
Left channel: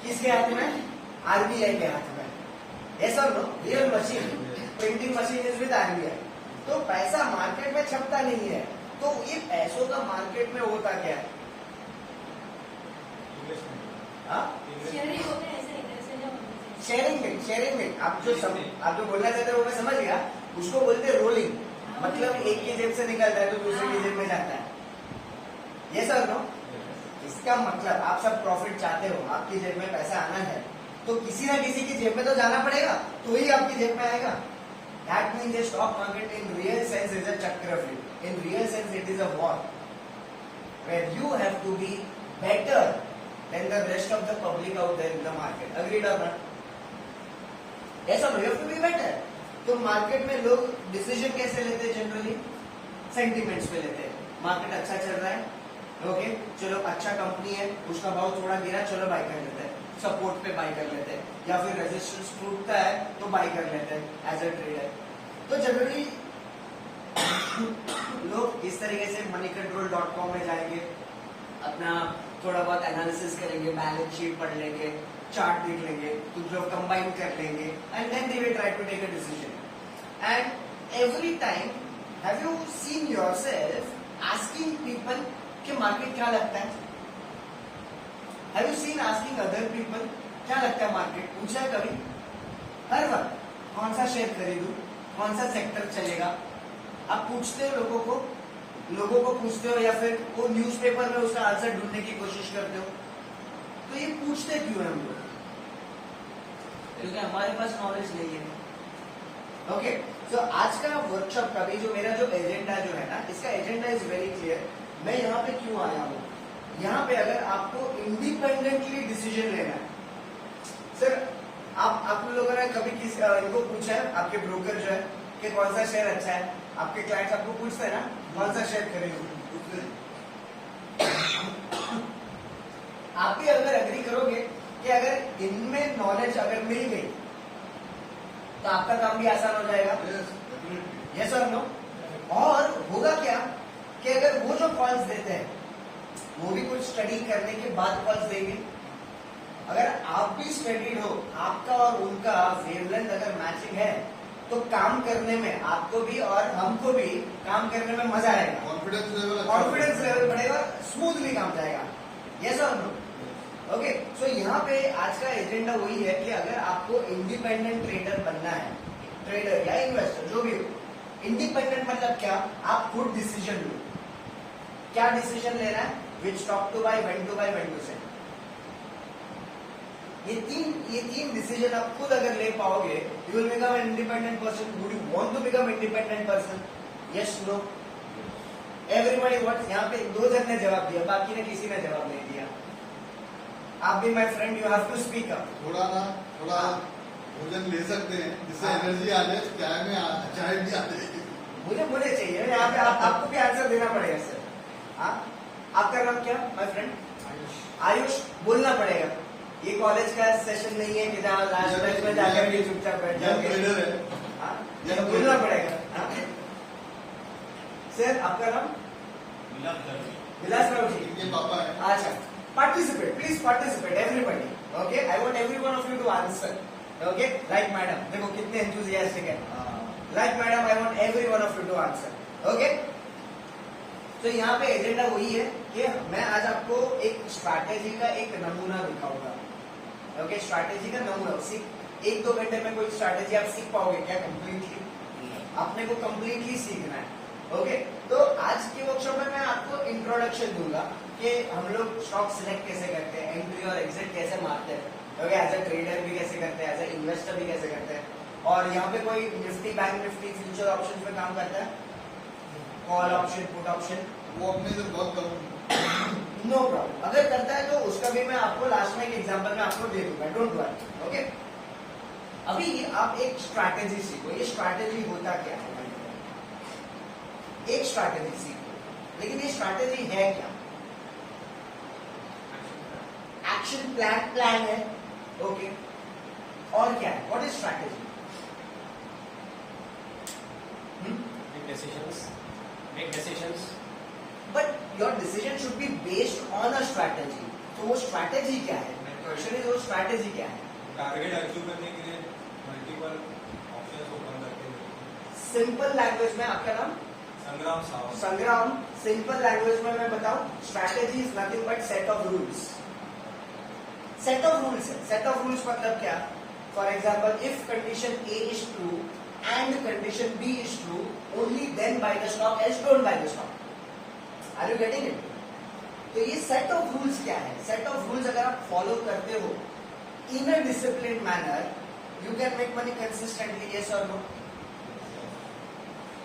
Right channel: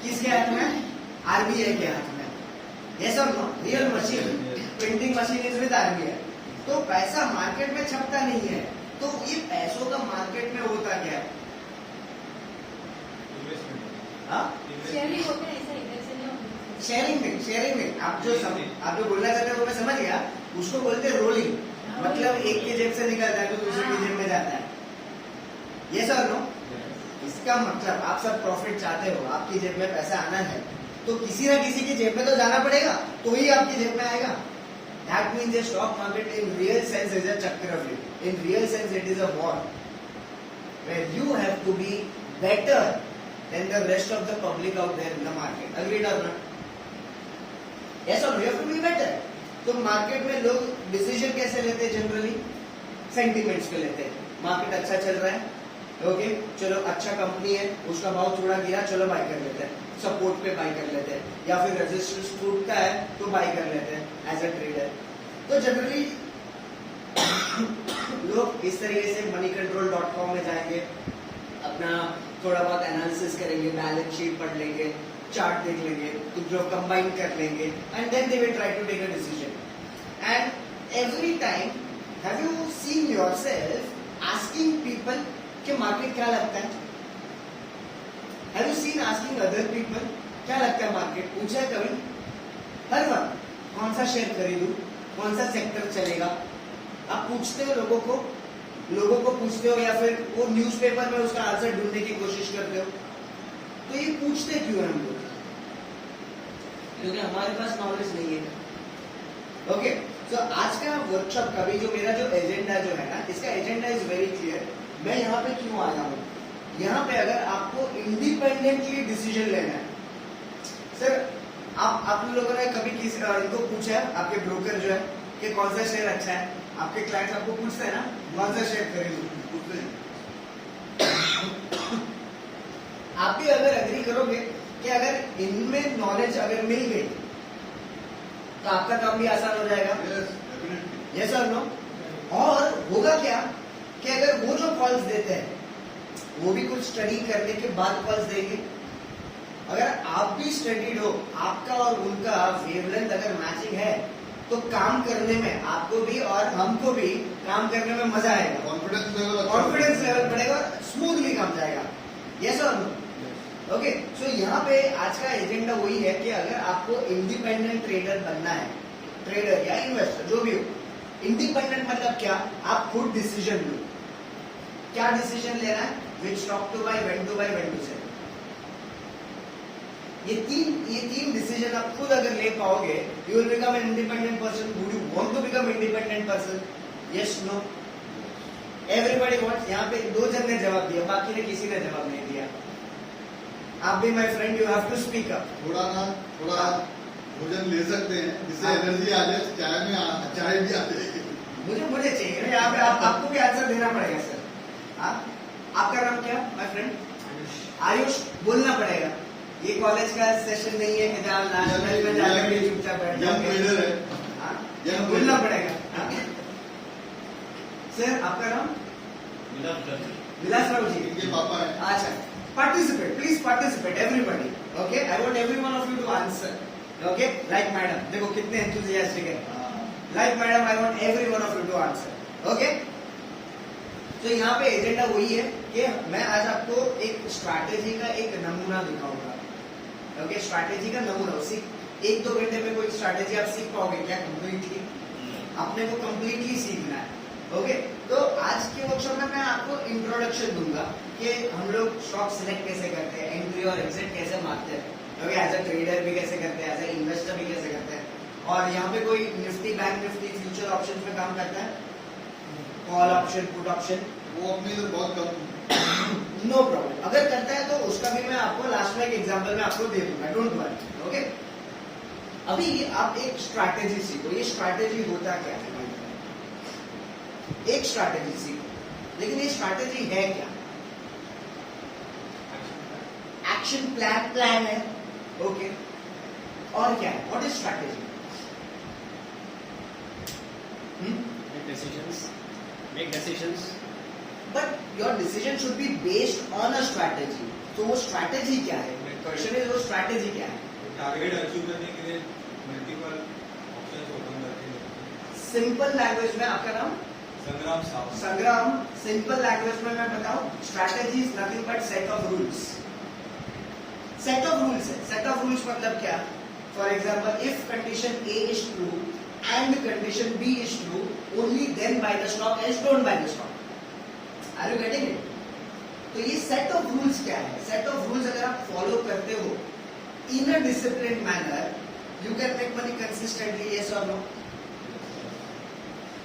किसके हाथ में? आरबीआई के हाथ में। यस और no? Real machine, printing machine is with RBI. तो पैसा मार्केट में छपता नहीं है, तो ये पैसों का मार्केट में होता क्या है? हाँ? शेयरिंग होते हैं, ऐसा ऐसे नहीं होता। शेयरिंग में आप जो बोलना चाहते हैं वो मैं समझ गया, उसको बोलते हैं रोलिंग, मतलब एक की जेब से निकलता है तो दूसरे की जेब में जाता है। ये सर नो, इसका मतलब आप सब प्रॉफिट चाहते हो, आपकी जेब में पैसा आना है तो किसी ना किसी की जेब में तो जाना पड़ेगा, तो ही आपकी जेब में आएगा। That means the stock market in real sense is a chakravarti. In real sense it is a war where you have to be better than the rest of the public out there in the market. Agreed or not? Yes or no? You have to be better. तो market में लोग decision कैसे लेते हैं? Generally sentiments पे लेते हैं। Market अच्छा चल रहा है, ओके, चलो अच्छा कंपनी है, उसका भाव थोड़ा गिरा, चलो बाय कर लेते हैं, सपोर्ट पे बाय कर लेते हैं, या फिर रेजिस्टेंस टूटता है तो बाय कर लेते हैं एज अ ट्रेडर। तो जनरली लोग इस तरीके से moneycontrol.com में जाएंगे, अपना थोड़ा बहुत एनालिसिस करेंगे, बैलेंस शीट पढ़ लेंगे, चार्ट देख लेंगे, कुछ जो कंबाइन कर लेंगे, and then they will try to take a decision. And every time have you seen yourself asking people कि मार्केट क्या लगता है? Have you seen asking other people क्या लगता है मार्केट? पूछा है कभी? हर वक्त कौन सा शेयर खरीदूं, कौन सा सेक्टर चलेगा? आप पूछते हो लोगों को पूछते हो, या फिर वो न्यूज़पेपर में उसका आंसर ढूंढने की कोशिश करते हो? तो ये पूछते क्यों है हम लोग? क्योंकि हमारे पास नॉलेज नहीं है। ओके, तो आज का वर्कशॉप का भी जो मेरा जो एजेंडा जो है ना, इसका एजेंडा इज वेरी क्लियर। मैं यहाँ पे क्यों आया हूँ? यहाँ पे अगर आपको इंडिपेंडेंटली डिसीजन लेना है, सर आप लोगों ने कभी किसी इनको पूछा है, आपके ब्रोकर जो है, कि कौन सा शेयर अच्छा है? आपके क्लाइंट्स आपको पूछते हैं ना, कौन सा शेयर खरीदूं? आप भी अगर एग्री करोगे कि अगर इनमें नॉलेज अगर मिल गई तो आपका काम भी आसान हो जाएगा। यस और नो? और होगा क्या कि अगर वो जो कॉल्स देते हैं वो भी कुछ स्टडी करने के बाद कॉल्स देंगे। अगर आप भी स्टडीड हो, आपका और उनका वेवलेंथ अगर मैचिंग है, तो काम करने में आपको भी और हमको भी काम करने में मजा आएगा, कॉन्फिडेंस लेवल बढ़ेगा, स्मूथली काम जाएगा। यस और नो? ओके, सो यहाँ पे आज का एजेंडा वही है कि अगर आपको इंडिपेंडेंट ट्रेडर बनना है, ट्रेडर या इन्वेस्टर जो भी हो, इंडिपेंडेंट मतलब क्या? आप खुद डिसीजन लो, क्या डिसीजन लेना है, which stock to buy, when to buy, when to sell. ये तीन डिसीजन आप खुद अगर ले पाओगे, you will become an independent person. Would you want to become independent person? Yes, no? Everybody wants. यहाँ पे 2 जन ने जवाब दिया, बाकी ने किसी ने जवाब नहीं दिया। आप भी my friend, you have to speak up. थोड़ा भोजन ले सकते हैं, जिससे एनर्जी आ जाए, चाय भी आ जाएगी। मुझे चाहिए यहाँ पे, आपको भी आंसर देना पड़ेगा सर। आपका नाम क्या माय फ्रेंड? आयुष। बोलना पड़ेगा, ये कॉलेज का सेशन नहीं है कि जहाँ लास्ट बेंच में जाकर भी चुपचाप बैठ यंग जाओगे। ट्रेडर है। हाँ, ये ये बोलना पड़ेगा। हाँ। सर आपका नाम विलास राव जी। इनके पापा है। अच्छा, participate, please participate, everybody. Okay, I want every one of you to answer. Okay, like madam, देखो कितने enthusiastic है। Like madam, I want every one of you to answer. Okay? तो यहाँ पे एजेंडा वही है कि मैं आज आपको एक स्ट्रैटेजी का एक नमूना दिखाऊंगा। ओके, स्ट्रैटेजी का नमूना, उसी 1-2 घंटे में कोई स्ट्रैटेजी आप सीख पाओगे क्या कंप्लीटली? आपने को कंप्लीटली सीखना है। ओके, तो आज के वर्कशॉप में मैं आपको इंट्रोडक्शन दूंगा कि हम लोग स्टॉक सिलेक्ट कैसे करते हैं, एंट्री और एग्जिट कैसे मारते हैं, ओके, एज अ ट्रेडर भी कैसे करते हैं, एज अ इन्वेस्टर भी कैसे करते हैं, और यहाँ पे कोई Nifty bank Nifty future option पे काम करता है, कॉल ऑप्शन पुट ऑप्शन, वो अपनी इधर बहुत कम। नो प्रॉब्लम, अगर करता है तो उसका भी मैं आपको लास्ट में एक एग्जांपल में आपको दे दूंगा, डोंट वरी। ओके, अभी आप एक स्ट्रैटेजी सीखो, ये स्ट्रैटेजी होता क्या है? एक स्ट्रैटेजी सीखो, लेकिन ये स्ट्रैटेजी है क्या? एक्शन प्लान है। ओके, और क्या है? What is strategy? Make decisions. But your decision should be based on a strategy. तो वो स्ट्रैटेजी क्या है? क्वेश्चन इज वो स्ट्रैटेजी क्या है? टारगेट अचीव करने के लिए मल्टीपल ऑप्शंस ओपन करके। सिंपल लैंग्वेज में आपका नाम संग्राम साहब। संग्राम, सिंपल लैंग्वेज में मैं बताऊं, strategy is nothing but set of rules. Set of rules है। सेट ऑफ रूल्स मतलब क्या? For example, if condition A is true and condition B is true, only then buy the stock, else don't buy the stock. Are you getting it? तो ये set of rules क्या है? Set of rules अगर आप follow करते हो in a discipline manner, you can make money consistently, yes और no?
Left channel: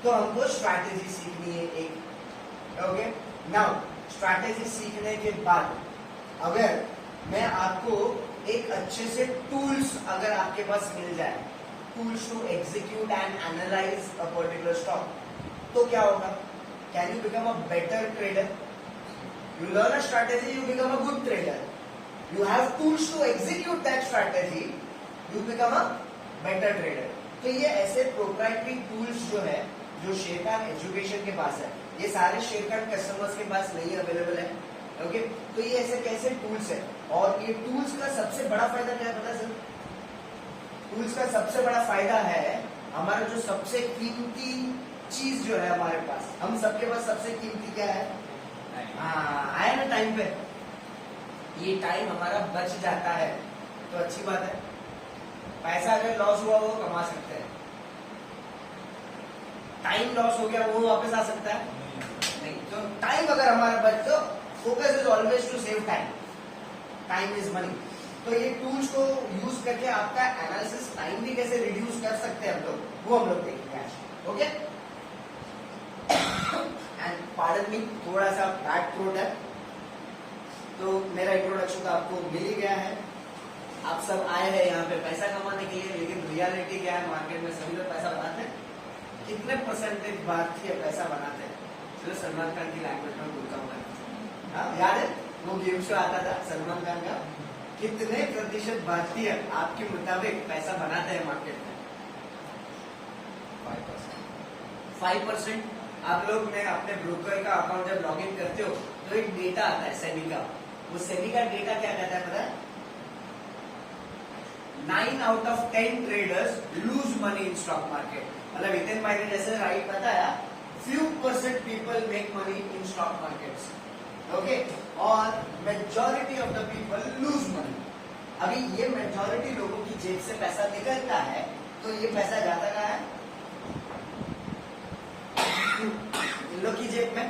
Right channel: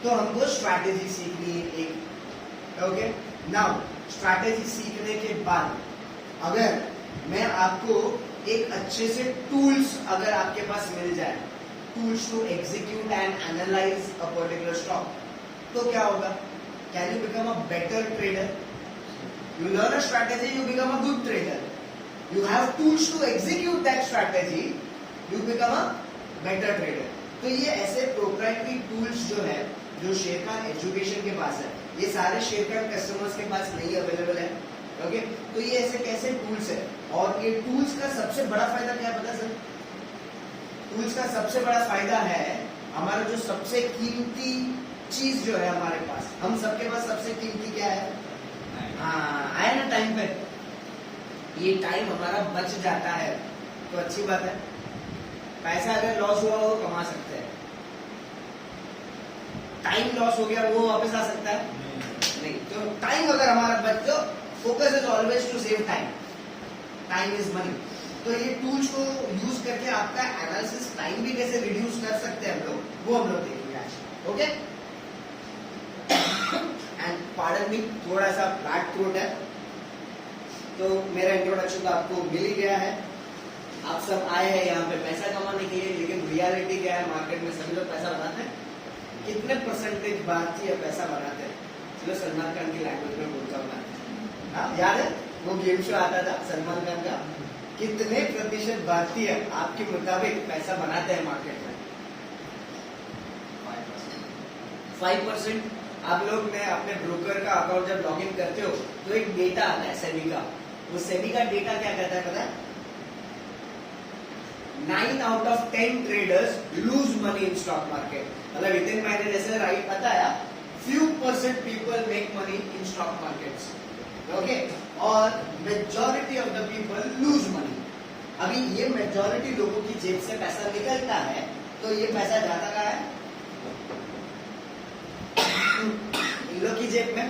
तो हमको स्ट्रैटेजी सीखनी है एक। ओके, नाउ स्ट्रैटेजी सीखने के बाद अगर मैं आपको एक अच्छे से टूल्स अगर आपके पास मिल जाए, tools to execute and analyze a particular stock, तो क्या होगा? Can you become a better trader? You learn a strategy, you become a good trader. You have tools to execute that strategy, you become a better trader. तो ये ऐसे proprietary tools जो है, जो Sharekhan education के पास है, ये सारे शेरखान कस्टमर्स के पास नहीं अवेलेबल है। ओके, तो ये ऐसे कैसे टूल्स है, और ये टूल्स का सबसे बड़ा फायदा क्या है पता है सर? टूल्स का सबसे बड़ा फायदा है हमारा जो सबसे कीमती चीज जो है हमारे पास, हम सबके पास सबसे कीमती क्या है? हाँ, आया ना टाइम पे, ये टाइम हमारा बच जाता है, तो अच्छी बात है। पैसा अगर लॉस हुआ वो कमा सकते हैं, टाइम लॉस हो गया वो वापस आ सकता है नहीं। तो टाइम अगर हमारा बच, तो focus is always to save time, time is money. तो ये टूल्स को यूज करके आपका एनालिसिस टाइम भी कैसे रिड्यूस कर सकते हैं हम लोग, वो हम लोग देखेंगे आज। ओके, एंड पार्डन मी, थोड़ा सा ब्लैक थ्रोट है, तो मेरा इंट्रोडक्शन तो आपको मिल ही गया है। आप सब आए हैं यहाँ पे पैसा कमाने के लिए, लेकिन रियलिटी क्या है? मार्केट में सभी लोग पैसा बनाते हैं। कितने परसेंटेज भारतीय पैसा बनाते हैं? चलो सलमान खान की लैंग्वेज में बोलता हूँ मैं। हाँ, याद है वो गेम शो आता था सलमान खान का? कितने प्रतिशत भारतीय आपके मुताबिक पैसा बनाते हैं मार्केट में? 5%। आप लोग ने अपने ब्रोकर का अकाउंट जब लॉग इन करते हो तो एक डेटा आता है सेबी का। वो सेबी का डेटा क्या कहता है पता है? 9 out of 10 traders lose money in stock market। मतलब विदिन माइनस जैसे राइट बताया, few % people make money in stock markets। Okay, और majority of the people lose money. अभी ये मेजॉरिटी लोगों की जेब से पैसा निकलता है, तो ये पैसा जाता कहाँ है? इन लोग की जेब में।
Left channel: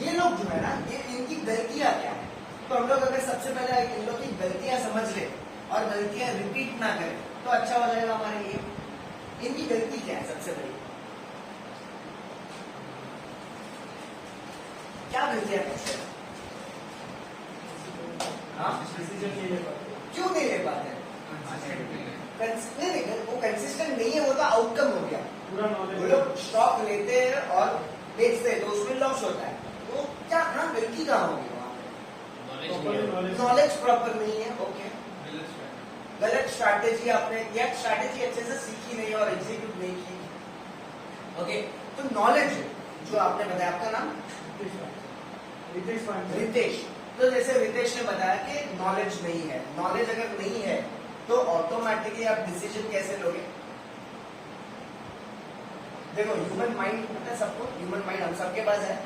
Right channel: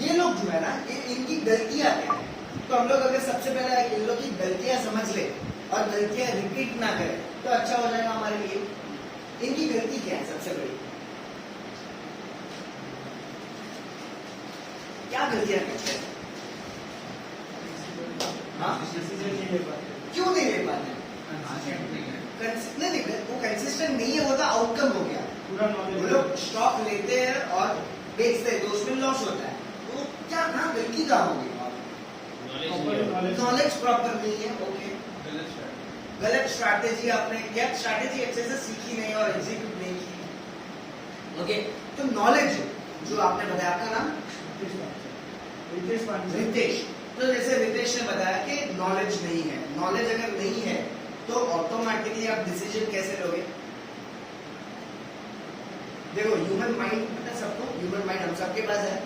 ये लोग जो है ना, ये इनकी गलतियां क्या है? तो हम लोग अगर सबसे पहले इन लोग की गलतियां समझ ले और गलतियां रिपीट ना करें, तो अच्छा हो जाएगा हमारे लिए। इनकी गलती क्या है सबसे बड़ी? क्या गलतियां करते हैं? हाँ? क्यों नहीं ले पाते? नहीं, वो कंसिस्टेंट नहीं है, वो तो आउटकम हो गया। वो लोग स्टॉक लेते हैं और बेचते हैं, तो उसमें लॉस होता है। तो क्या ना गलती कहाँ होगी? नॉलेज प्रॉपर नहीं है, गलत स्ट्रैटेजी आपने या स्ट्रैटेजी अच्छे से सीखी नहीं और एग्जीक्यूट नहीं की। ओके, तो नॉलेज जो आपने बताया, आपका नाम रितेश। तो जैसे रितेश ने बताया कि नॉलेज नहीं है, नॉलेज अगर नहीं है तो ऑटोमेटिकली आप डिसीजन कैसे लोगे? देखो ह्यूमन माइंड पता है सबको, ह्यूमन माइंड हम सबके पास है।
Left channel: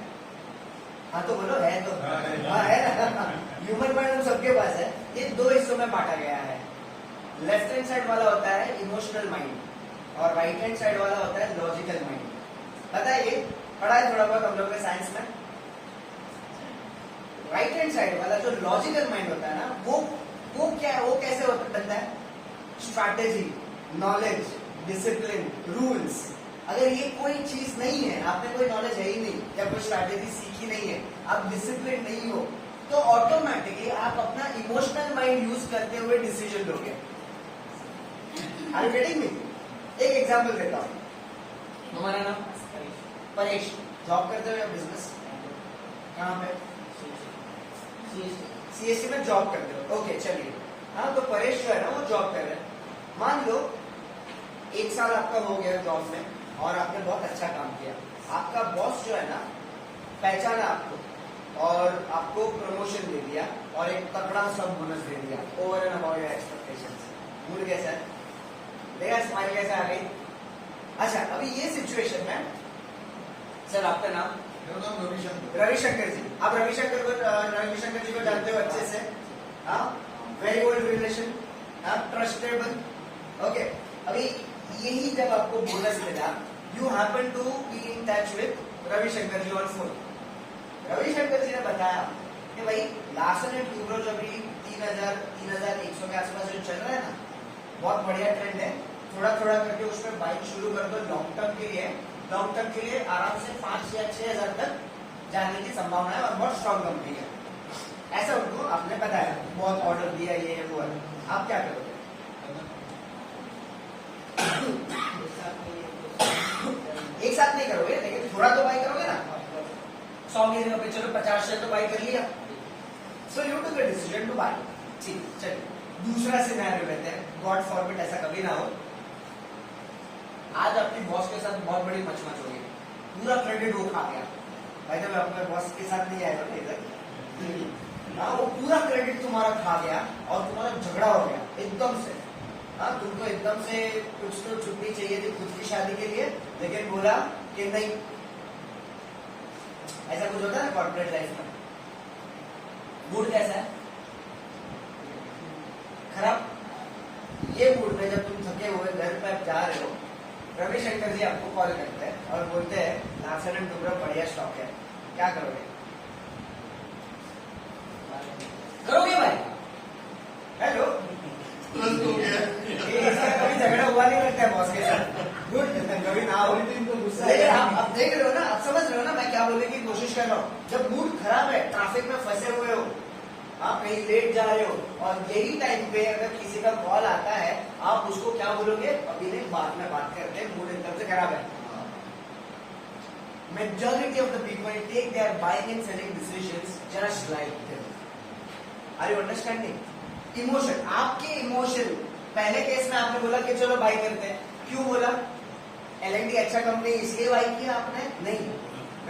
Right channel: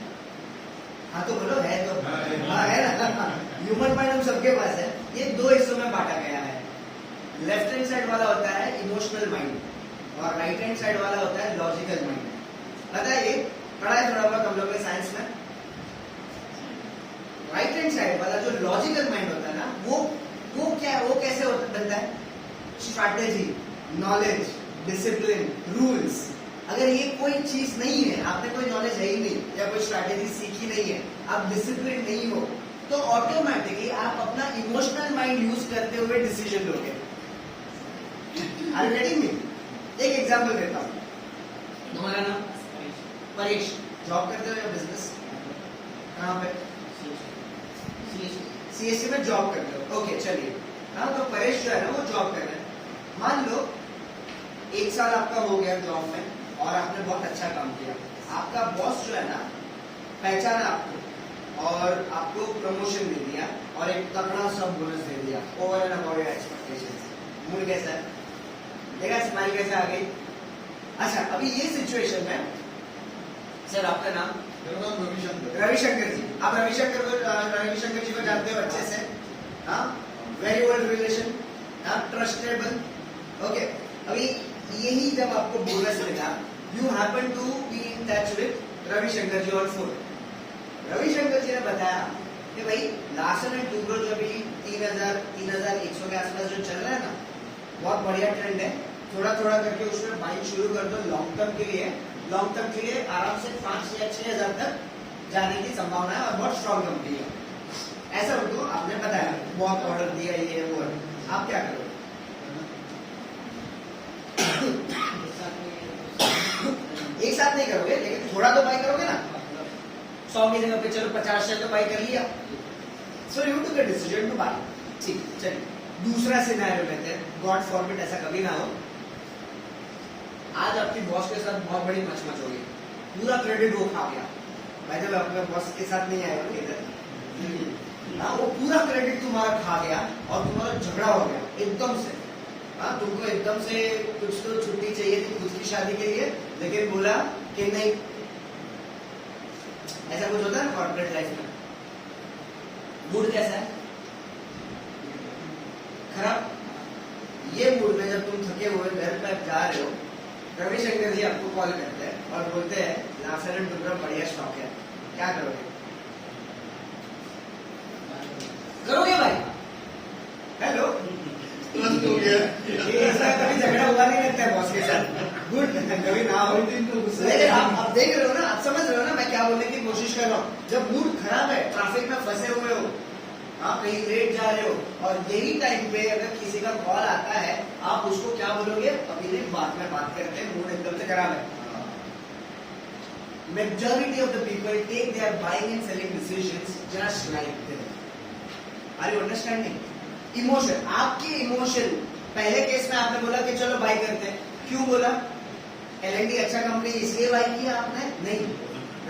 हाँ तो बोलो है तो हाँ है ना, ह्यूमन माइंड हम सबके पास है। ये दो हिस्सों में बांटा गया है। लेफ्ट हैंड साइड वाला होता है इमोशनल माइंड और राइट हैंड साइड वाला होता है लॉजिकल माइंड। पता है ये पढ़ा है थोड़ा बहुत हम लोगों ने साइंस में। राइट हैंड साइड वाला जो लॉजिकल माइंड होता है ना, वो कैसे बनता है? Strategy, knowledge, discipline, rules. अगर ये कोई चीज नहीं है, आपने कोई नॉलेज है ही नहीं या कोई स्ट्रैटेजी सीखी नहीं है, आप डिसिप्लिन नहीं हो, तो ऑटोमेटिकली आप अपना इमोशनल माइंड यूज करते हुए डिसीजन लोगे। Are you getting me? एक एग्जांपल देता हूं। तुम्हारा नाम परेश, जॉब करते हो या बिजनेस? कहाँ पे? सीएससी में जॉब करते हो। ओके चलिए, हाँ तो परेश जो है ना वो जॉब कर रहे हैं। मान लो 1 साल आपका हो गया जॉब में और आपने बहुत अच्छा काम किया। आपका बॉस जो है ना पहचाना आपको और आपको प्रमोशन दे दिया और एक तगड़ा सब बोनस दे दिया over and about your expectations. Mood कैसा है? देखा स्माइल कैसा आ गई? अच्छा अभी ये सिचुएशन है। सर आपका नाम? मेरा नाम रविशंकर। रविशंकर जी। आप रविशंकर जी को जानते हो अच्छे से? हाँ, very old relation, trustable. Okay, अभी यही जब आपको बोनस मिला, you happen to be in touch with Ravishankar ji on phone. Ravishankar ji ने बताया कि भाई लार्सन एंड टूब्रो जो अभी 3100 के आसपास जो चल रहा है ना, बहुत बढ़िया ट्रेंड है। थोड़ा थोड़ा करके उसमें बाइंग शुरू कर दो। लॉन्ग टर्म के लिए आराम से 5 या 6 हजार तक जाने की संभावना है और बहुत स्ट्रॉन्ग कंपनी है। ऐसा उनको आपने बताया, बहुत ऑर्डर दिया, ये वो है। आप क्या करोगे? एक साथ नहीं करोगे, लेकिन थोड़ा तो बाई करोगे ना। 100 की जगह पे चलो 50 से तो बाई कर लिया। So you took a decision two by. ठीक, चलिए दूसरा सिनेरियो लेते हैं। गॉड फॉरबिड ऐसा कभी ना हो। आज आपकी बॉस के साथ बहुत बड़ी मचमच हो गई, पूरा क्रेडिट वो खा गया। भाई जब अपने बॉस के साथ नहीं आया ना इधर, हाँ वो पूरा क्रेडिट तुम्हारा खा गया और तुम्हारा झगड़ा हो गया एकदम से। हाँ तुमको एकदम से कुछ तो छुट्टी चाहिए थी खुद की शादी के लिए, लेकिन बोला कि नहीं। ऐसा कुछ होता है ना कॉर्पोरेट लाइफ में। मूड कैसा है? खराब। ये मूड में जब तुम थके हुए घर पे जा रहे हो, रविशंकर जी आपको कॉल करते हैं और बोलते हैं लार्सन एंड टूब्रो बढ़िया स्टॉक है, क्या करोगे? करोगे भाई? हेलो, तुरंत हो गया। ऐसा कभी झगड़ा हुआ नहीं लगता है बॉस के साथ? गुड, कभी ना हो। लेकिन आप देख रहे हो ना, आप समझ रहे हो ना मैं क्या बोलने की कोशिश कर रहा हूँ। जब मूड खराब है, ट्रैफिक में फंसे हुए हो, आप कहीं लेट जा रहे हो और यही टाइम पे अगर किसी का कॉल आता है, आप उसको क्या बोलोगे? अभी नहीं, बाद में बात करते हैं, मूड एकदम से खराब है। Majority of the people take their buying and selling decisions just like this. Are you understanding? Emotion, आपके इमोशन। पहले केस में आपने बोला कि चलो बाई करते हैं, क्यों बोला? L&T अच्छा कंपनी इसलिए बाई किया आपने? नहीं।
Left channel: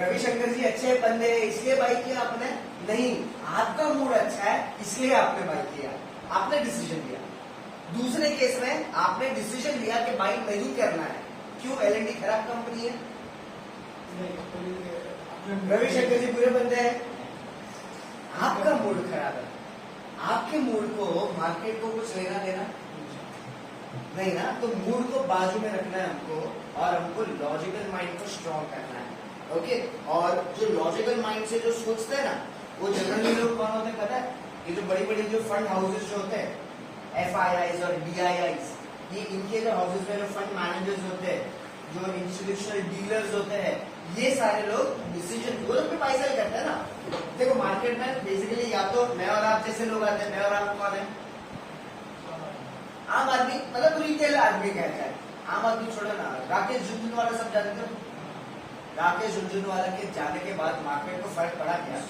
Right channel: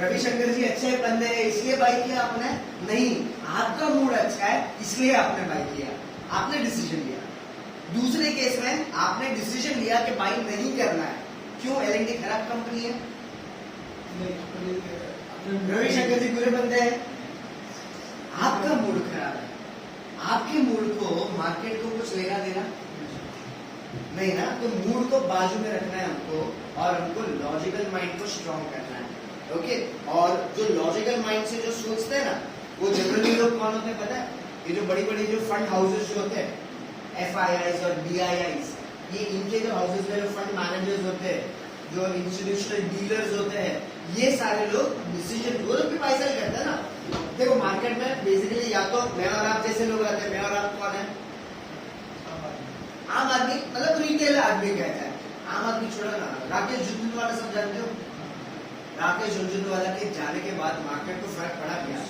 रविशंकर जी अच्छे बंदे हैं इसलिए बाई किया आपने? नहीं। आपका मूड अच्छा है इसलिए आपने बाई किया, आपने डिसीजन लिया। दूसरे केस में आपने डिसीजन लिया कि बाई नहीं करना है, क्यों? L&T खराब कंपनी है, रविशंकर जी बुरे बंदे हैं, आपका मूड खराब है। आपके मूड को मार्केट को कुछ लेना देना नहीं ना, तो मूड को बाजू में रखना है हमको और हमको लॉजिकल माइंड को स्ट्रॉन्ग करना है। ओके, और जो लॉजिकल माइंड से जो सोचते हैं ना, वो जनरली लोग कौन होते हैं पता है? ये जो बड़ी बड़ी जो फंड हाउसेस जो होते हैं, FIIs और DIIs, ये इनके जो हाउसेस में जो फंड मैनेजर्स होते हैं, जो इंस्टीट्यूशनल डीलर्स होते हैं, ये सारे लोग डिसीजन वो लोग भी पैसा करते हैं ना। देखो मार्केट में बेसिकली या तो मैं और आप जैसे लोग आते हैं। मैं और आप कौन है? आम आदमी, मतलब रिटेल आदमी कहता है। आम आदमी छोड़ा ना, राकेश झुंझुनवाला सब जानते हो? राकेश झुंझुनवाला के जाने के बाद मार्केट को फर्क पड़ा क्या?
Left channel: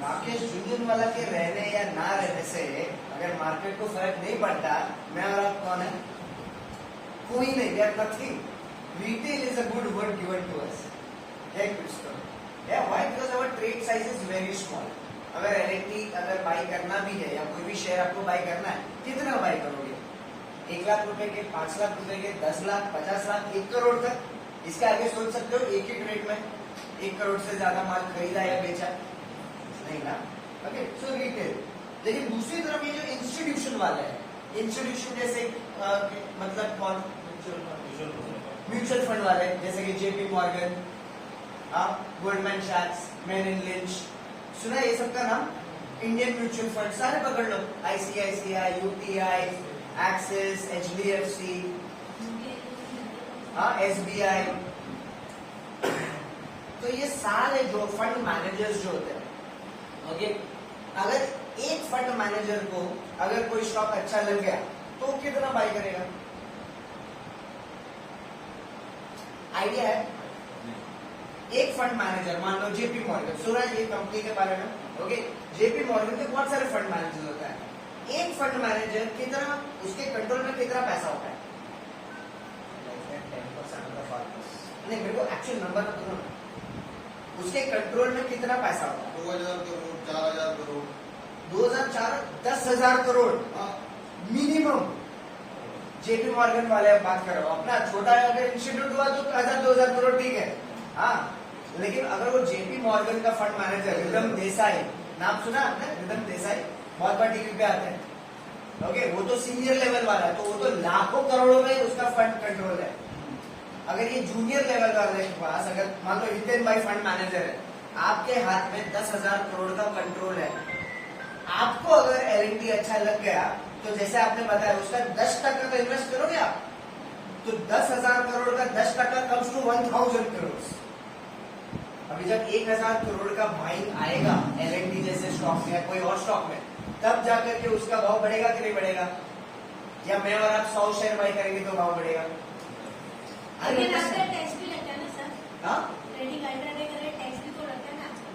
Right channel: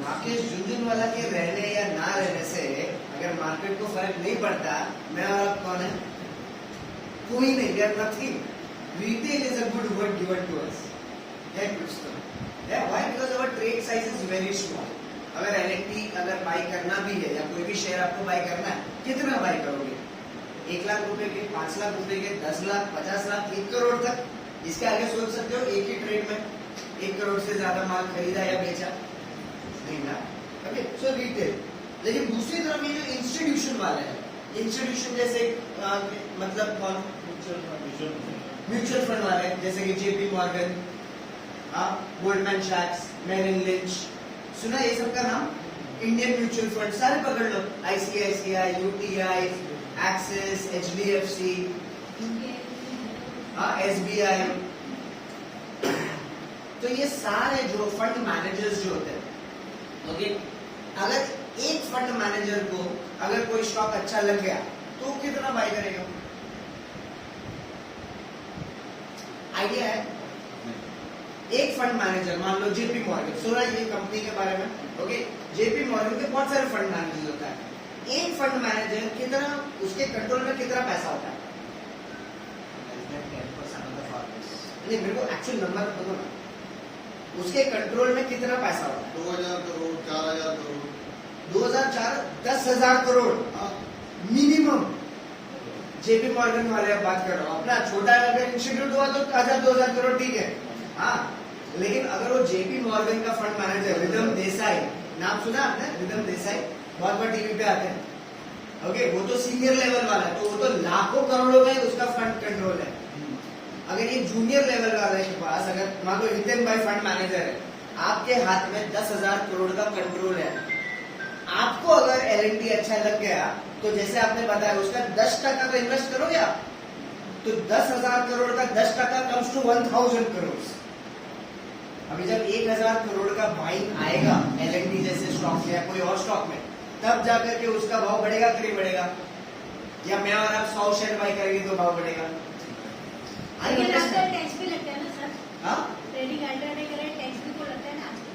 राकेश झुंझुनवाला के रहने या ना रहने से अगर मार्केट को फर्क नहीं पड़ता, मैं और आप कौन है? कोई नहीं, we are nothing. Retail is a good word given to us, है कुछ तो है। Why? Because our trade size is very small. अगर एलएनटी अगर बाय करना भी है या कोई भी शेयर आपको बाय करना है, कितना बाय करोगे? 1 लाख रुपए के, 5 लाख रुपए के, 10 लाख, 50 लाख, 1 करोड़ तक? इसके आगे सोच सकते हो एक ही ट्रेड में 1 करोड़ से ज्यादा माल खरीदा या बेचा? नहीं ना। ओके, सो रिटेल। लेकिन दूसरी तरफ ये जो इंस्टीट्यूशन वाले हैं, इंस्टीट्यूशन जैसे मतलब कौन? म्यूचुअल फंड वाले, जैसे कि जेपी मॉर्गन, गोल्डमैन सैक्स, मेरिल लिंच, सुना ये सब का नाम? इंडियन म्यूचुअल फंड सारे पकड़ लो, ICICI, UTI, Axis, HDFC, SBI. तो ये सारे जो फंड मैनेजर्स जो होते हैं, ओके, अगर एक फंड मैनेजर को अगर कोई स्टॉक अच्छा लग गया तो कितना बाय करेगा? आइडिया है? एक फंड मैनेजर, मान लो जेपी मॉर्गन, सुना है ये कंपनी के बारे में? ओके, जेपी मॉर्गन के बहुत सारे फंड मैनेजर होता है। एक फंड मैनेजर कितना, उसके कंट्रोल में कितना पैसा होता है? नहीं, मेरे को एक्चुअल नंबर बताओ ना, उसके कंट्रोल में कितना पैसा होता है? 2000 crore, 4000 crore, 2004, 10,000 crore minimum. JP Morgan वाले आप बात कर रहे हो, अपना छोटा अगर इंस्टीट्यूट हुआ तो 1000-2000 करोड़ ठीक है, हाँ। लेकिन अगर वो जेपी मॉर्गन का फंड मैनेजर रिदम देसाई, नाम सुना आपने? रिदम देसाई बहुत बार टीवी पे आते हैं। ओके, वो तो सीनियर लेवल वाला है, तो वो तो लाखों करोड़ों में उसका फंड कंट्रोल है। अगर ये जूनियर लेवल वाले के पास, अगर मान लो हितेन भाई फंड मैनेजर है, आपके हाथ में 10,000 करोड़ का कंट्रोल है। आपको अगर एलएनटी अच्छा लग गया तो जैसे आपने बताया उसका 10% का इन्वेस्ट करोगे आप, तो 10,000 करोड़ का 10% कम्स टू 1,000 करोड़। अभी जब 1,000 करोड़ का बाइंग आएगा एलएनटी जैसे स्टॉक या कोई और स्टॉक में, तब जाकर के उसका भाव बढ़ेगा कि नहीं बढ़ेगा? या मैं और आप 100 शेयर बाय करेंगे तो भाव बढ़ेगा? लेकिन आजकल टैक्स भी लगता है ना सर? हाँ, ट्रेडिंग अल्टरनेट करें, टैक्स भी तो लगता है ना आजकल?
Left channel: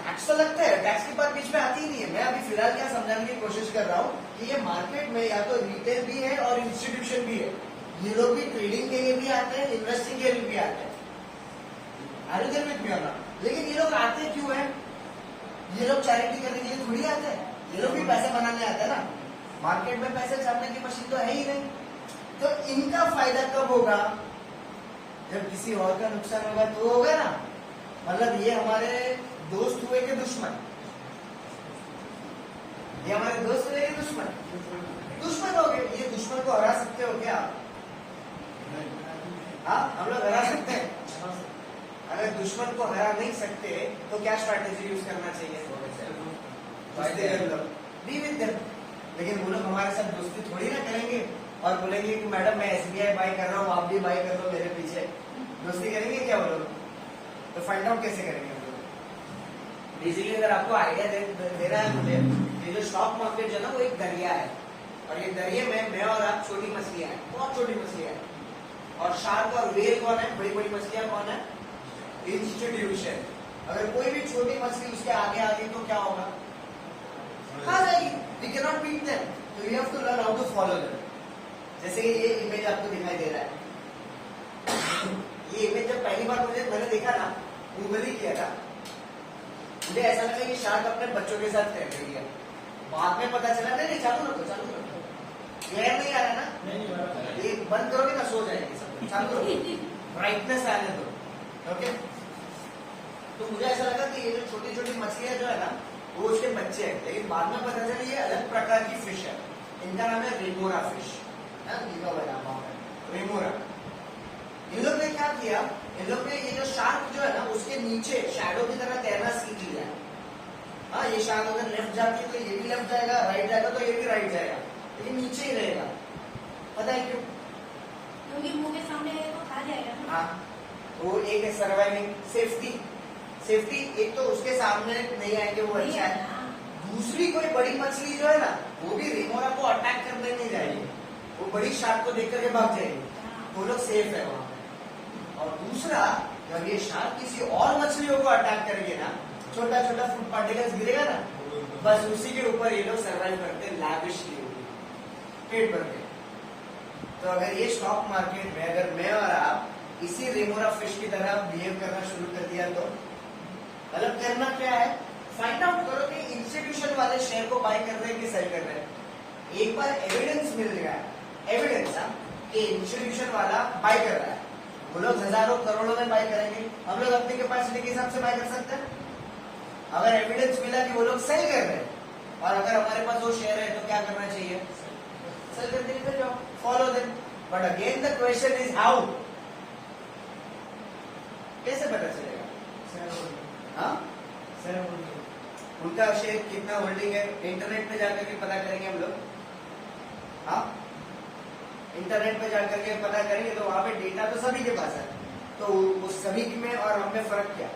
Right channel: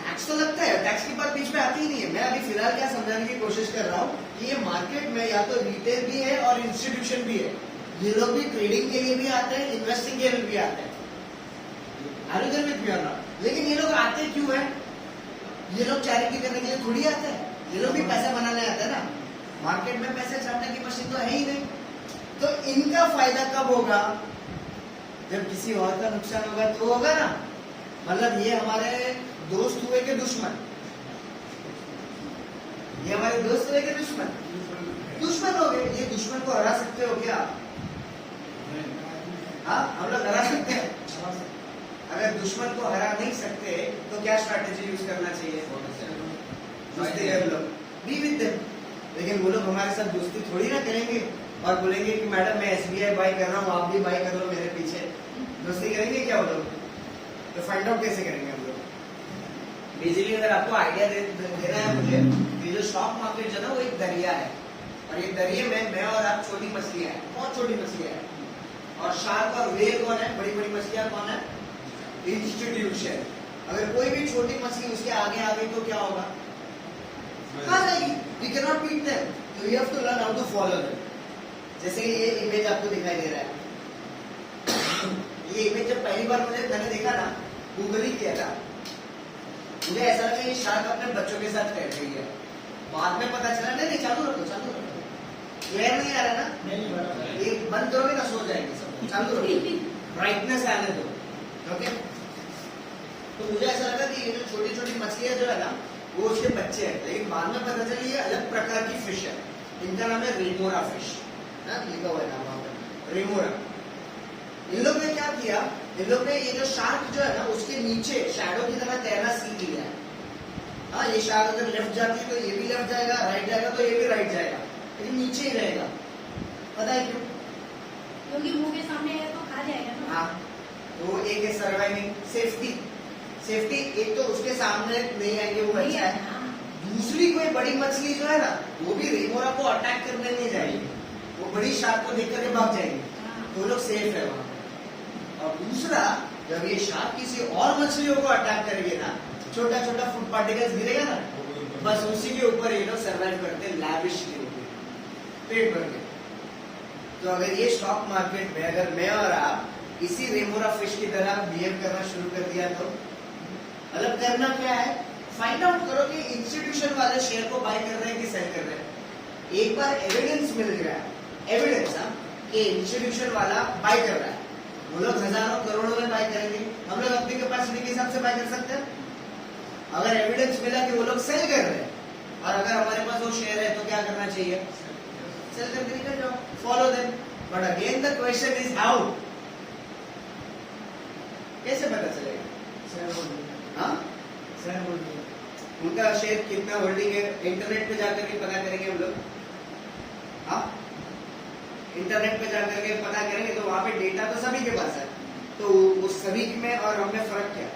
टैक्स तो लगता है, टैक्स की बात बीच में आती ही नहीं है। मैं अभी फिलहाल क्या समझाने की कोशिश कर रहा हूँ कि ये मार्केट में या तो रिटेल भी है और इंस्टीट्यूशन भी है। ये लोग भी ट्रेडिंग के लिए भी आते हैं, इन्वेस्टिंग के लिए भी आते हैं। आगे में भी आना, लेकिन ये लोग आते क्यों है? ये लोग चैरिटी करने के लिए थोड़ी आते हैं, ये लोग भी पैसा बनाने आते हैं ना। मार्केट में पैसे छापने की मशीन तो है ही नहीं। तो इनका फायदा कब होगा? जब किसी और का नुकसान होगा तो होगा ना। मतलब ये हमारे दोस्त हुए के दुश्मन? ये हमारे दोस्त हुए के दुश्मन? दुश्मन हो गए। ये दुश्मन को हरा सकते हो क्या? हाँ, हम लोग हरा सकते हैं। अगर दुश्मन को हरा नहीं सकते तो क्या स्ट्रैटेजी यूज करना चाहिए? Be with them. लेकिन वो लोग हमारे साथ दोस्ती थोड़ी ना करेंगे और बोलेंगे कि मैडम मैं एसबीआई बाय कर रहा हूँ, आप भी बाय कर लो मेरे पीछे। दोस्ती करेंगे क्या वो लोग? तो फाइंड आउट कैसे करेंगे हम लोग? बेसिकली अगर आपको आइडिया देना है मुझे, ये जो स्टॉक मार्केट जो है ना वो एक दरिया है, और ये दरिया में मैं और आप छोटी मछलियां हैं, बहुत छोटी मछलियां हैं। और शार्क और व्हेल कौन है? बड़ी बड़ी मछलियां कौन है? इंस्टीट्यूशन। अगर कोई भी छोटी मछली उसके आगे आ गई तो क्या होगा? कहाँ जाएगी? We cannot beat them. So we have to learn how to follow them. जैसे कि ये इमेज आपको दिखाई दे रहा है, ये इमेज जब पहली बार मैंने देखा ना, गूगल ही किया था, मुझे ऐसा लगा ये शार्क अपने बच्चों के साथ बैठ गई है। बाद में पता चला नहीं, चालू रखो चालू रखो, क्लियर नहीं आ रहा ना? नहीं, ये बंद करोगे ना सो जाएंगे सब। चालू रखो, ब्राइटनेस आने दो। ओके, तो मुझे ऐसा लगा कि ये जो छोटी छोटी मछलियां जो है ना वो उसके बच्चे हैं, लेकिन बाद में पता चला ये अलग प्रकार की फिश है। इनका नाम है रेमोरा फिश, लिखा हुआ नाम रेमोरा। इन लोग ने क्या किया, इन लोग ने ये जो शार्क जो है ना उसके नीचे शैडो की तरह तैरना सीख लिया है। हाँ, ये शार्क अगर लेफ्ट जाती है तो ये भी लेफ्ट जाएगा, राइट जाएगा तो ये भी राइट जाएगा, लेकिन नीचे ही रहेगा। पता है क्यों? क्योंकि मुंह के सामने आएगा तो खा जाएगा ना। हाँ, वो एक है सर्वाइविंग, सेफ्टी। सेफ्टी एक तो उसके सामने नहीं आएंगे, वो अच्छा है। दूसरी कोई बड़ी मछली जो है ना वो भी रेमोरा को अटैक करने नहीं जाएगी, वो बड़ी शार्क को देख करके भाग जाएगी, तो लोग सेफ है वहां पे। और दूसरा, जब ये शार्क किसी और मछलियों को अटैक करेगी ना, छोटा छोटा फूड पार्टिकल्स गिरेगा ना, बस उसी के ऊपर ये लोग सर्वाइव करते हैं लैविशली, पेट भर के। तो अगर ये स्टॉक मार्केट में अगर मैं और आप इसी रेमोरा फिश की तरह बिहेव करना शुरू कर दिया तो मतलब करना क्या है, फाइंड आउट करो कि इंस्टीट्यूशन वाले शेयर को बाय कर रहे हैं कि सेल कर रहे हैं। एक बार एविडेंस मिल गया है, एविडेंस कि इंस्टीट्यूशन वाला बाय कर रहा है, वो लोग हजारों करोड़ों में बाय करेंगे, हम लोग अपने कैपेसिटी के हिसाब से बाय कर सकते हैं। अगर एविडेंस मिला कि वो लोग सेल कर रहे हैं और अगर हमारे पास वो शेयर है तो क्या करना चाहिए, सेल करके निकल जाओ, follow them. But again the question is how, कैसे पता चलेगा? हाँ, उनका शेयर कितना होल्डिंग है इंटरनेट पे जाकर के पता करेंगे हम लोग। हाँ, इंटरनेट पे जाकर के पता करेंगे तो वहां पे डेटा तो सभी के पास है, तो उस सभी में और हम में फर्क क्या?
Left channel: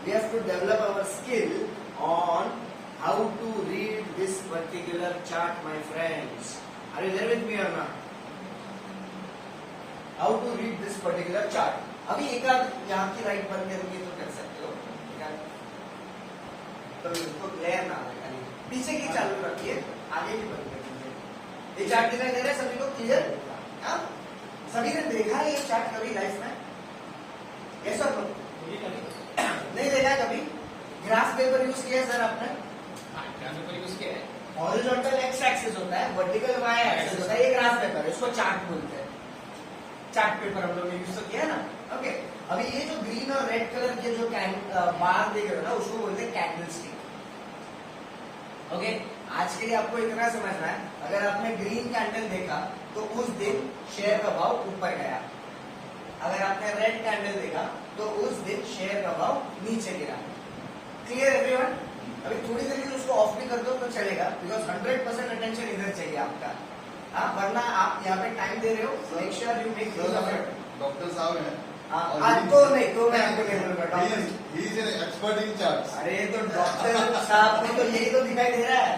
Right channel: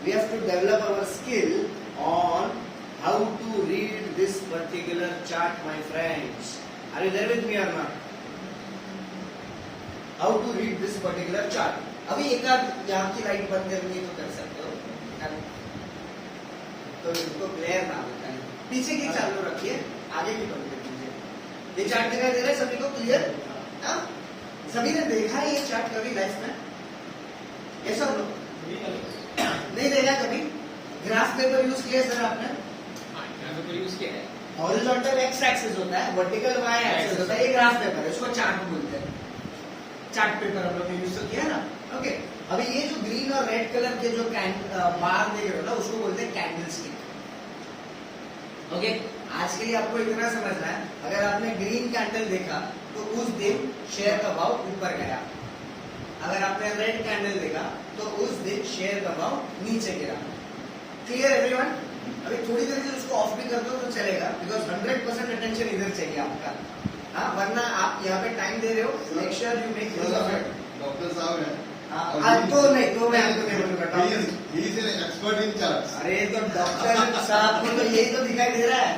We have to develop our skill on how to read this particular chart, my friends. Are you there with me or not? How to read this particular chart? अभी एक आध यहाँ की लाइट बंद करनी तो कर सकते हो, तो इसको क्लियर ना पीछे की चालू रखिए, आगे की बंद कर दीजिए। ये चार्ट दिखाई दे रहा है सभी को क्लियर? सभी ने देखा है ये चार्ट कभी लाइफ में? ये सब लोग नहीं देखा कभी? ग्राफ पेपर यूज किया है सर आपने? ग्राफ पेपर यूज किया है। हॉरिजॉन्टल एक्स एक्सिस होता है, वर्टिकल वाई एक्सिस होता है, ये ग्राफ पेपर है, इसको चार्ट बोलते हैं। चार्ट पेपर हम लोग ने यूज तो किया ना। ओके, अभी ये जो ग्रीन और रेड कलर के जो बार देख रहे हो ना, उसको बोलते हैं कैंडल स्टिक। ओके, आज के लिए आपको इतना समझना है, अगर आपने ग्रीन कैंडल देखा तो उस दिन शेयर का भाव ऊपर गया, अगर आपने रेड कैंडल देखा तो उस दिन शेयर का भाव नीचे गिरा। Clear everyone? अभी थोड़ी देर के लिए उसको ऑफ भी कर दो तो चलेगा, बिकॉज 100% अटेंशन इधर चाहिए आपका। हाँ, वरना आप यहाँ पे टाइम दे रहे हो, make sure you make use of it. Doctor साहब है तो नहीं, तो मैं आपको नहीं बोलूंगा एक्सपर्ट इन चार्ट्स। अरे तो डॉक्टर साहब को तो यही तो दिखाई दे रहा है।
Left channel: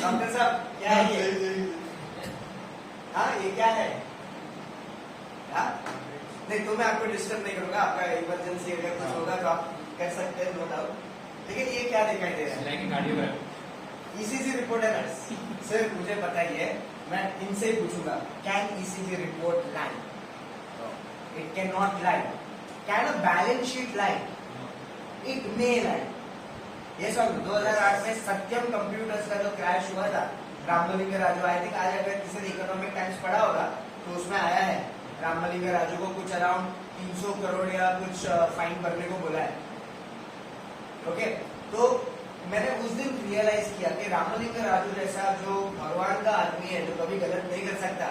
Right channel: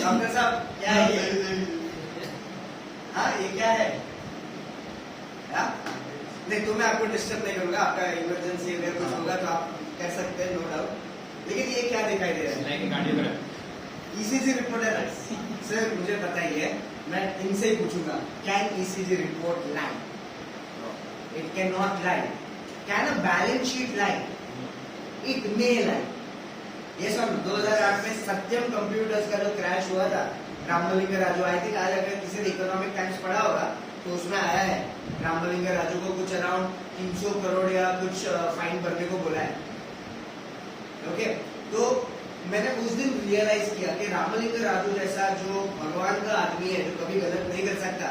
डॉक्टर साहब क्या है ये? हाँ, ये क्या है? नहीं, तो मैं आपको डिस्टर्ब नहीं करूंगा, आपका इमरजेंसी अगर कुछ होगा तो आप कर सकते हैं, नो डाउट। लेकिन ये क्या दिखाई दे रहा है? Like cardiograph. ईसीजी रिपोर्ट है ना सर, मुझे बताइए, मैं इनसे ही पूछूंगा, can ECG report lie? It can not lie. Can a balance sheet lie? It may lie. ये सब 2008 में सत्यम कंप्यूटर्स का जो क्रैश हुआ था, रामलिंग राजू, आई थिंक आज अगर किसी ने इकोनॉमिक टाइम्स पढ़ा होगा तो उसमें आया है रामलिंग राजू को कुछ अराउंड 300 करोड़ या कुछ फाइन भरने को बोला है। ओके, तो मैंने उस दिन रियलाइज किया कि रामलिंग राजू जैसा जो भगवान का आदमी है, जो कभी गलत नहीं कर सकता,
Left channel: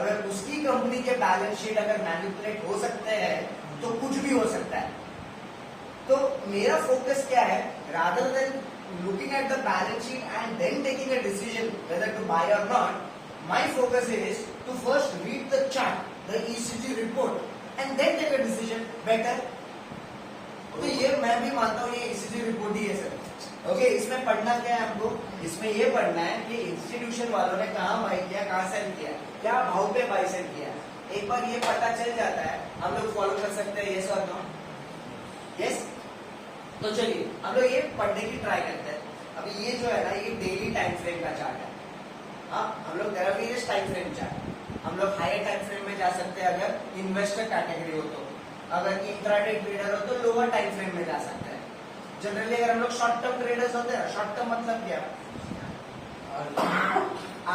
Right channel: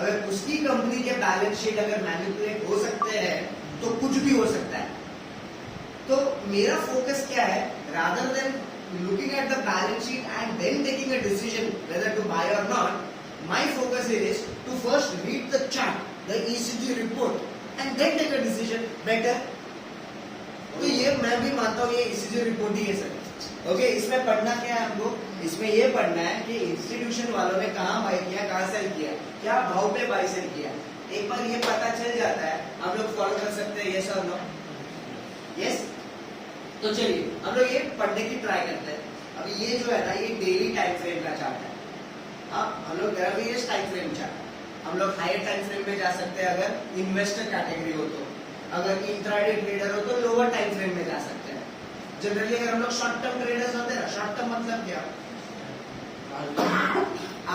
अगर उसकी कंपनी के बैलेंस शीट अगर मैनिपुलेट हो सकते हैं तो कुछ भी हो सकता है। तो मेरा फोकस क्या है, rather than looking at the balance sheet and then taking a decision whether to buy or not, my focus is to first read the chart, the ECG report, and then take a decision better. तो ये मैं भी मानता हूँ ये ECG report ही है sir. Okay, इसमें पढ़ना क्या है हमको? इसमें ये पढ़ना है कि इंस्टीट्यूशन वालों ने कहाँ बाय किया, कहाँ सेल किया, क्या भाव पे बाय सेल किया। एक बार ये पता चल जाता है, हम लोग फॉलो कर सकते हैं, यस और नो? यस। तो चलिए हम लोग ये पढ़ने की ट्राई करते हैं। अभी ये जो है ना, ये डेली टाइम फ्रेम का चार्ट है। हाँ, हम लोग वेरियस टाइम फ्रेम चार्ट, हम लोग हायर टाइम फ्रेम में जा सकते हैं अगर इन्वेस्टर कैटेगरी हो तो, अगर इंट्राडे ट्रेडर हो तो लोअर टाइम फ्रेम में जा सकते हैं। जनरली अगर हम लोग शॉर्ट टर्म ट्रेडर्स होते हैं, शॉर्ट टर्म मतलब क्या,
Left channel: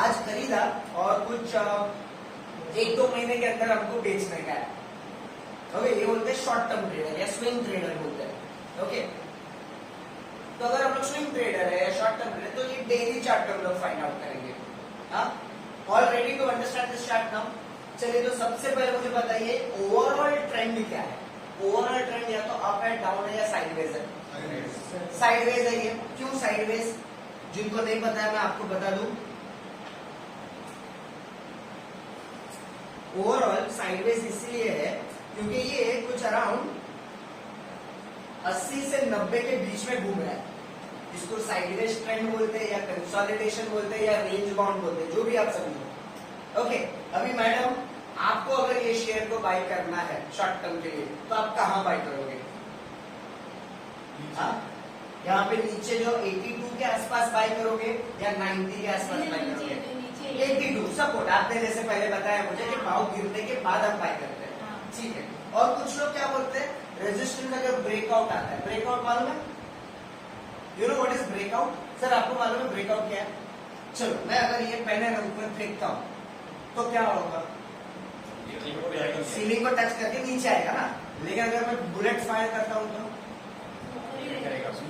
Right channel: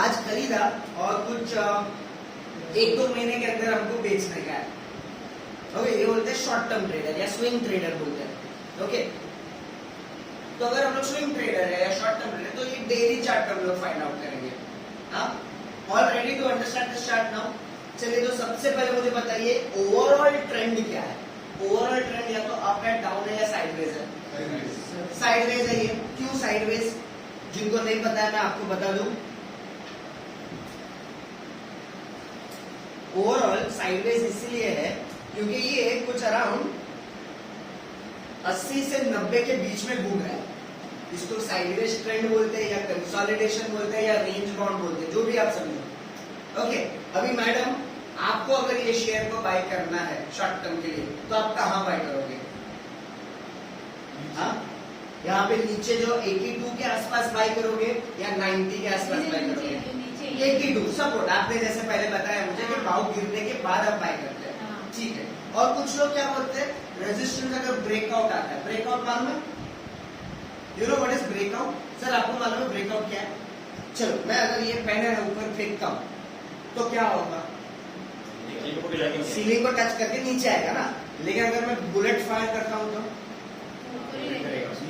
आज खरीदा और कुछ 1-2 महीने के अंदर हमको बेचने का है। ओके, ये बोलते हैं शॉर्ट टर्म ट्रेडर या स्विंग ट्रेडर बोलते हैं। ओके, तो अगर हम लोग स्विंग ट्रेडर है या शॉर्ट टर्म ट्रेडर, तो ये डेली चार्ट हम लोग फाइंड आउट करेंगे। All ready to understand this chart now? चलिए, तो सबसे पहले मुझे बताइए ओवरऑल ट्रेंड क्या है। ओवरऑल ट्रेंड या तो अप है, डाउन है या साइडवेज है? साइडवेज है। ये क्यों साइडवेज? जिनको नहीं पता है मैं आपको बता दूं। ओवरऑल साइडवेज इसलिए है क्योंकि ये कुछ अराउंड 80 से 90 के बीच में घूम रहा है। इसको साइडवेज ट्रेंड बोलते हैं या कंसोलिडेशन बोलते हैं या रेंज बाउंड बोलते हैं, जो भी आप समझो। ओके, अभी मैडम आपको अगर ये शेयर को बाय करना है शॉर्ट टर्म के लिए, तो आप कहाँ बाय करोगे? यहाँ पे नीचे जो 82 के आसपास बाय करोगे या 90 के आसपास बाय करोगे? नीचे 82 सपोर्ट। आपने जैसे पहले बताया मुझे कि भाव गिरने के बाद आप बाय करते हैं, हाँ। ठीक है। और कुछ लोग क्या बोलते हैं, रेजिस्टेंस अगर ब्रेकआउट आता है, ब्रेकआउट मालूम है? You know what is breakout? Sir आपको मालूम है ब्रेकआउट क्या है? चलो मैं अगर ये पेन है ऊपर फेंकता हूँ तो क्या होगा? सीलिंग को टच करके नीचे आएगा ना, लेकिन अगर मैं बुलेट फायर करता हूँ तो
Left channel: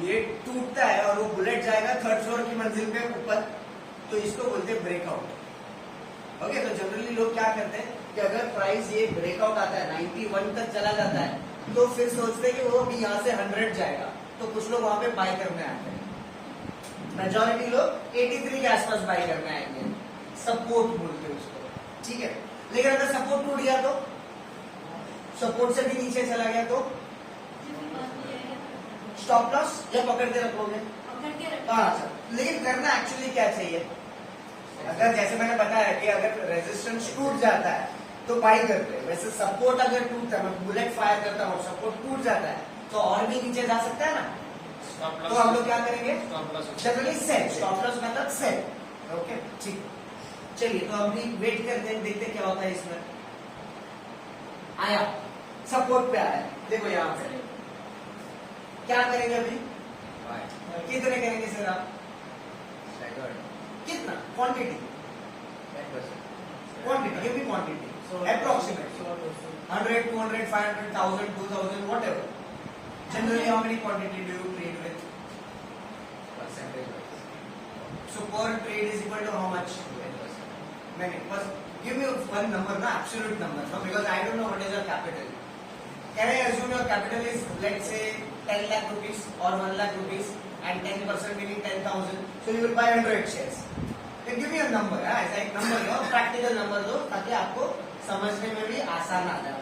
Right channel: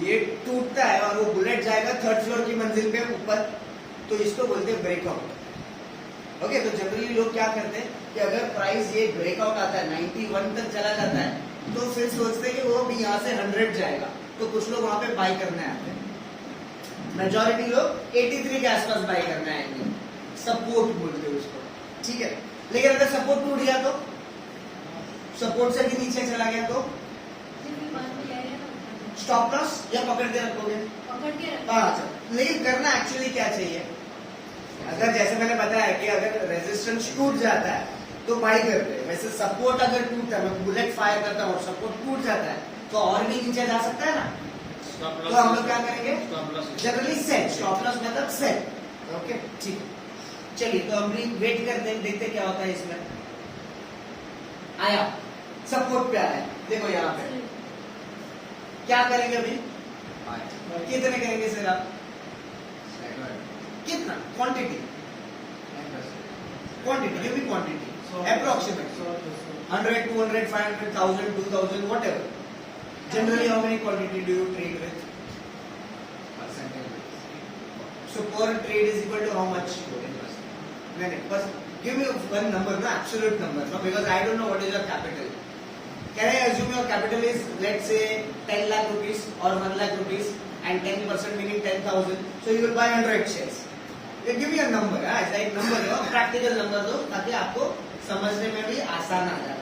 ये टूटता है और वो बुलेट जाएगा थर्ड फ्लोर की मंजिल पे ऊपर, तो इसको बोलते हैं ब्रेकआउट। ओके, तो जनरली लोग क्या करते हैं कि अगर प्राइस ये ब्रेकआउट आता है 91 तक चला जाता है तो फिर सोचते हैं कि वो भी यहाँ से 100 जाएगा, तो कुछ लोग वहां पे बाय करने आते हैं। मेजॉरिटी लोग 83 के आसपास बाय करने आएंगे, सपोर्ट बोलते हैं उसको, ठीक है। लेकिन अगर सपोर्ट टूट गया तो, सपोर्ट से भी नीचे चला गया तो स्टॉप लॉस या पकड़ के रखोगे? पकड़ के रखो। हाँ, अच्छा। लेकिन करना एक्चुअली क्या चाहिए? अगर जैसे मैंने बताया कि अगर रेजिस्टेंस टूट जाता है तो बाय करते हैं, वैसे सपोर्ट अगर टूटता है, मैं बुलेट फायर करता हूँ और सपोर्ट टूट जाता है तो और भी नीचे जा सकता है ना, तो हम लोग क्या करेंगे? जनरली सेल, स्टॉप लॉस मतलब सेल। ओके, ठीक। चलिए तो हम भी वेट करते हैं, देखते क्या होता है इसमें। आया, सपोर्ट पे आया, देखो यहाँ पे क्या करेंगे अभी? कितने करेंगे सर आप? कितना? Quantity, quantity, give me quantity, approximate 100, 200, 500, 1000, 2000, whatever. Generally, how many quantity do you trade with? So per trade is equal to how much? Give me one number, na absolute number, because I don't know what is your capital. Can I assume your capital is, let's say, 10 lakh rupees or 1 lakh rupees, and 10% meaning 10,000. So you will buy 100 shares. You give me a number, ऐसा एक number दो, practical number दो, ताकि आपको समझने में भी आसान आ जाए।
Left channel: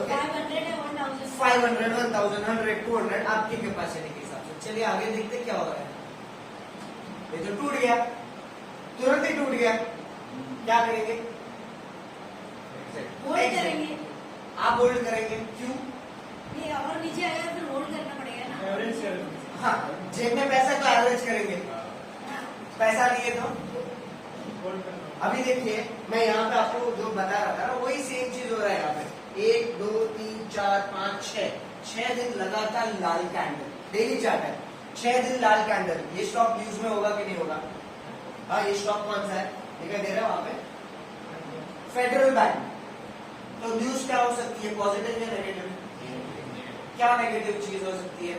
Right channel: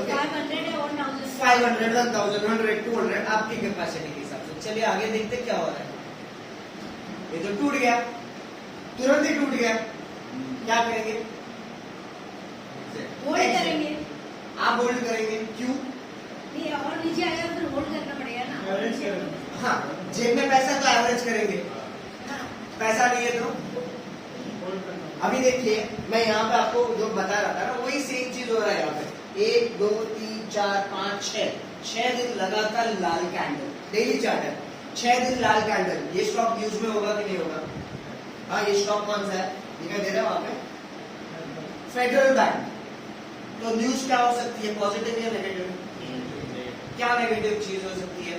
Okay? 500 या 1000? 500, 1000, 100, 200 आपकी कैपेसिटी के हिसाब से। चलिए आगे देखते क्या हो रहा है। ये तो टूट गया, तुरंत ही टूट गया, क्या करेंगे? होल्ड करेंगे। आप होल्ड करेंगे, क्यों? नहीं, और नीचे आएगा तो फिर होल्ड करना पड़ेगा ना। हाँ, जेब में पैसा का एवरेज करेंगे, हाँ। पैसा नहीं है तो अभी देखिए मैं यहाँ पे आपको जो बता रहा था ना, वही सेम चीज हो रहा है यहाँ पे। 1, 2, 3, 4, 5, 6 दिन लगातार लाल कैंडल, डेली चार्ट है, 6 दिन लाल कैंडल। ये स्टॉक न्यूज में होगा कि नहीं होगा? हाँ, ये स्टॉक कौन सा है दिखाई दे रहा है वहां पे? Federal bank. तो न्यूज क्या हो सकती है, पॉजिटिव या नेगेटिव? क्या नेगेटिव चीज हो सकती है?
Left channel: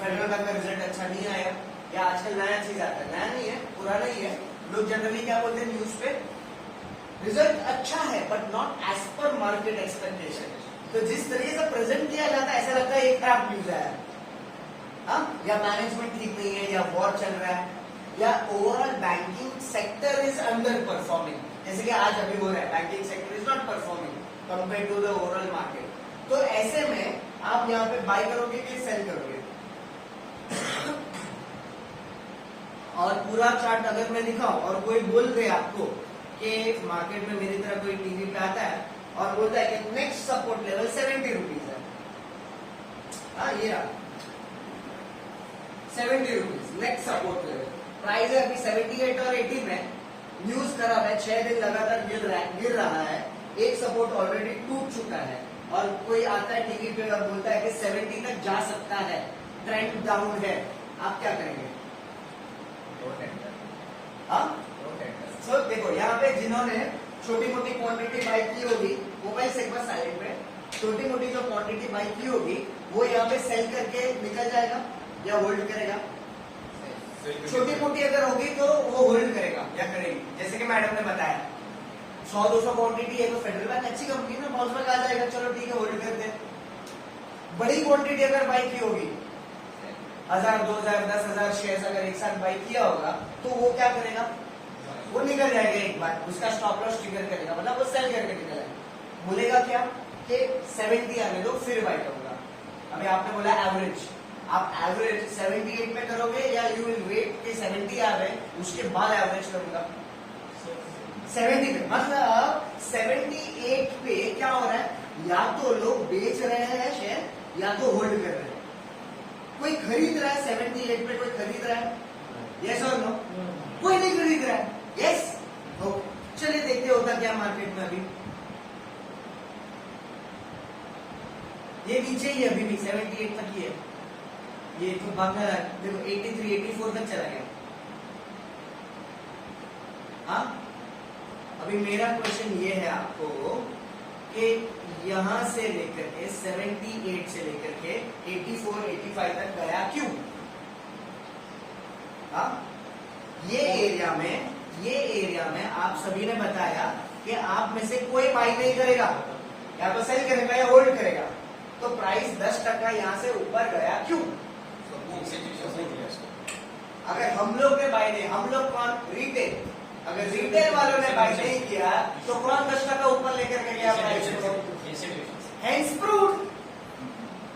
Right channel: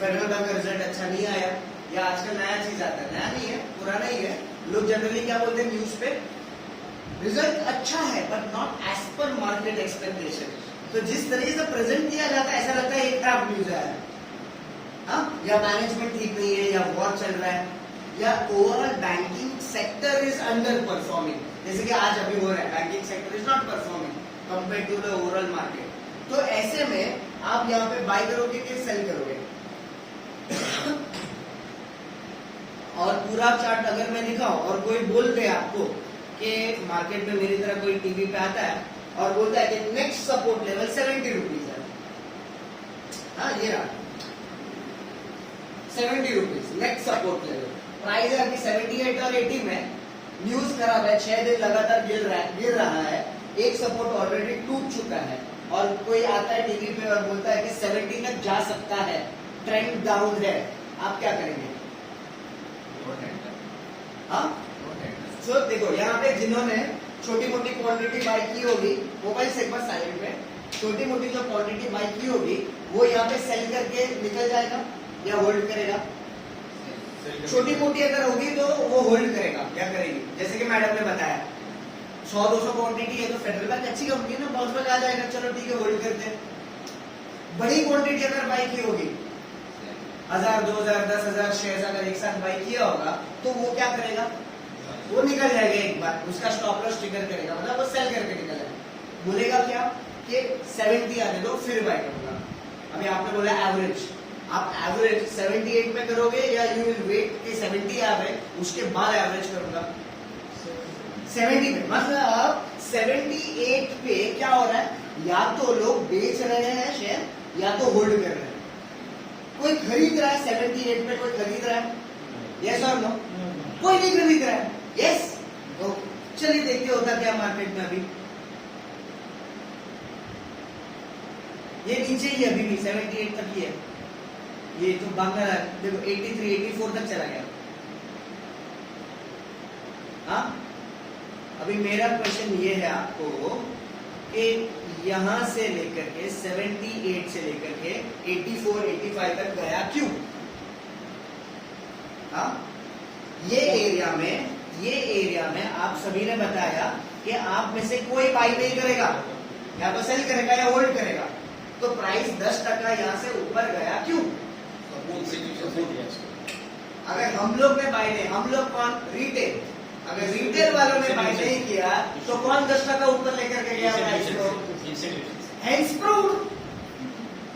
फेडरल बैंक का रिजल्ट अच्छा नहीं आया, या आजकल नया चीज आता है, नया नहीं है, पुराना ही है। लोग जनरली क्या बोलते हैं न्यूज पे? रिजल्ट अच्छा है but not as per market expectation. तो जिस तरीके से प्रेजेंट किया जाता है ऐसा लगता है एक खराब न्यूज है, हाँ? या मैनेजमेंट ठीक नहीं है, या वॉर चल रहा है, या overall banking sector is under performing, जैसे कि आज अभी हो रहा है, banking sector is not performing compare to the overall market. तो ऐसे में आप यहाँ पे बाय करोगे कि सेल करोगे? और पूरा चार्ट अगर मैं दिखाऊं और कोई बोल दे आपको कि मार्केट में मेरी तरह कोई टीवी पे आता है और बोलता है कि नेक्स्ट सपोर्ट लेवल 70 रुपीज है, हाँ ये रहा 70 rupees next support level, price है अभी 78 और 80 में, न्यूज खराब है, 6 दिन लगातार गिर रहा है, एक सपोर्ट ऑलरेडी टूट चुका है, और कोई आता है टीवी पे और बोलता है कि 70 तक जा सकता है, ट्रेंड डाउन है, आप क्या करेंगे? हाँ, सो देखो यहाँ पे जिन्होंने छोटी मोटी क्वांटिटी बाई की होगी, मोबाइल से एक बार साइलेंट में, छोटी मोटी जो क्वांटिटी बाई की होगी वो यहाँ पे सेल करके निकल जाएगा या होल्ड करेगा? छोटी मोटी अगर होगी तो वो होल्ड करेगा या करेगी। जैसे कि मैडम ने बताया 100-200 क्वांटिटी है तो फेडरल बैंक अच्छी कंपनी है, बाउंस बैक आ जाएगा, चलो ठीक है होल्ड करते हैं। बड़ी क्वांटिटी अगर बाई की होगी 1000, 2000, 10,000 शेयर अगर एक साथ बाई किया होगा तो वो क्या करेगा? वो निकल जाएगा एक बार, उसका स्टॉप लॉस ट्रिगर करेगा, मतलब वो सेल करके निकलेगा, बोलेगा क्या कि 70 आने दो फिर बाय करूंगा। अभी आपने बोला एवरेज, आप एवरेज 78 में करोगे या यू विल वेट कि 70 आ गए उसके बाद एवरेज करूंगा? 70 पे, मतलब 78 पे क्या हो रहा है, या तो लोग बेच रहे हैं शेयर या तो होल्ड कर रहे हैं। कोई खरीद रहा है 78 पे, कोई खरीद रहा है? यस और नो? कोई नहीं खरीद रहा है। यस, तो चलिए देखते होता क्या मार्केट में अभी। ये नीचे ही अभी भी 78 तक ही है, ये जो भागना रहा है देखो 83 84 तक चला गया। हाँ, अभी मेरा क्वेश्चन ये है आपको कि यहां से लेकर के 78 से लेकर के 84 85 तक गया क्यों? हाँ, ये एरिया में आप सभी ने बताया कि आप में से कोई बाई नहीं करेगा, या तो सेल करेगा या होल्ड करेगा, तो प्राइस 10% यहां से ऊपर गया क्यों? इंस्टीट्यूशन ने दिया इसको। अगर हम लोग ने बाई नहीं, हम लोग कौन? रिटेल। अगर रिटेल वालों ने बाई नहीं किया तो कौन 10% ऊपर लेकर के गया प्राइस को?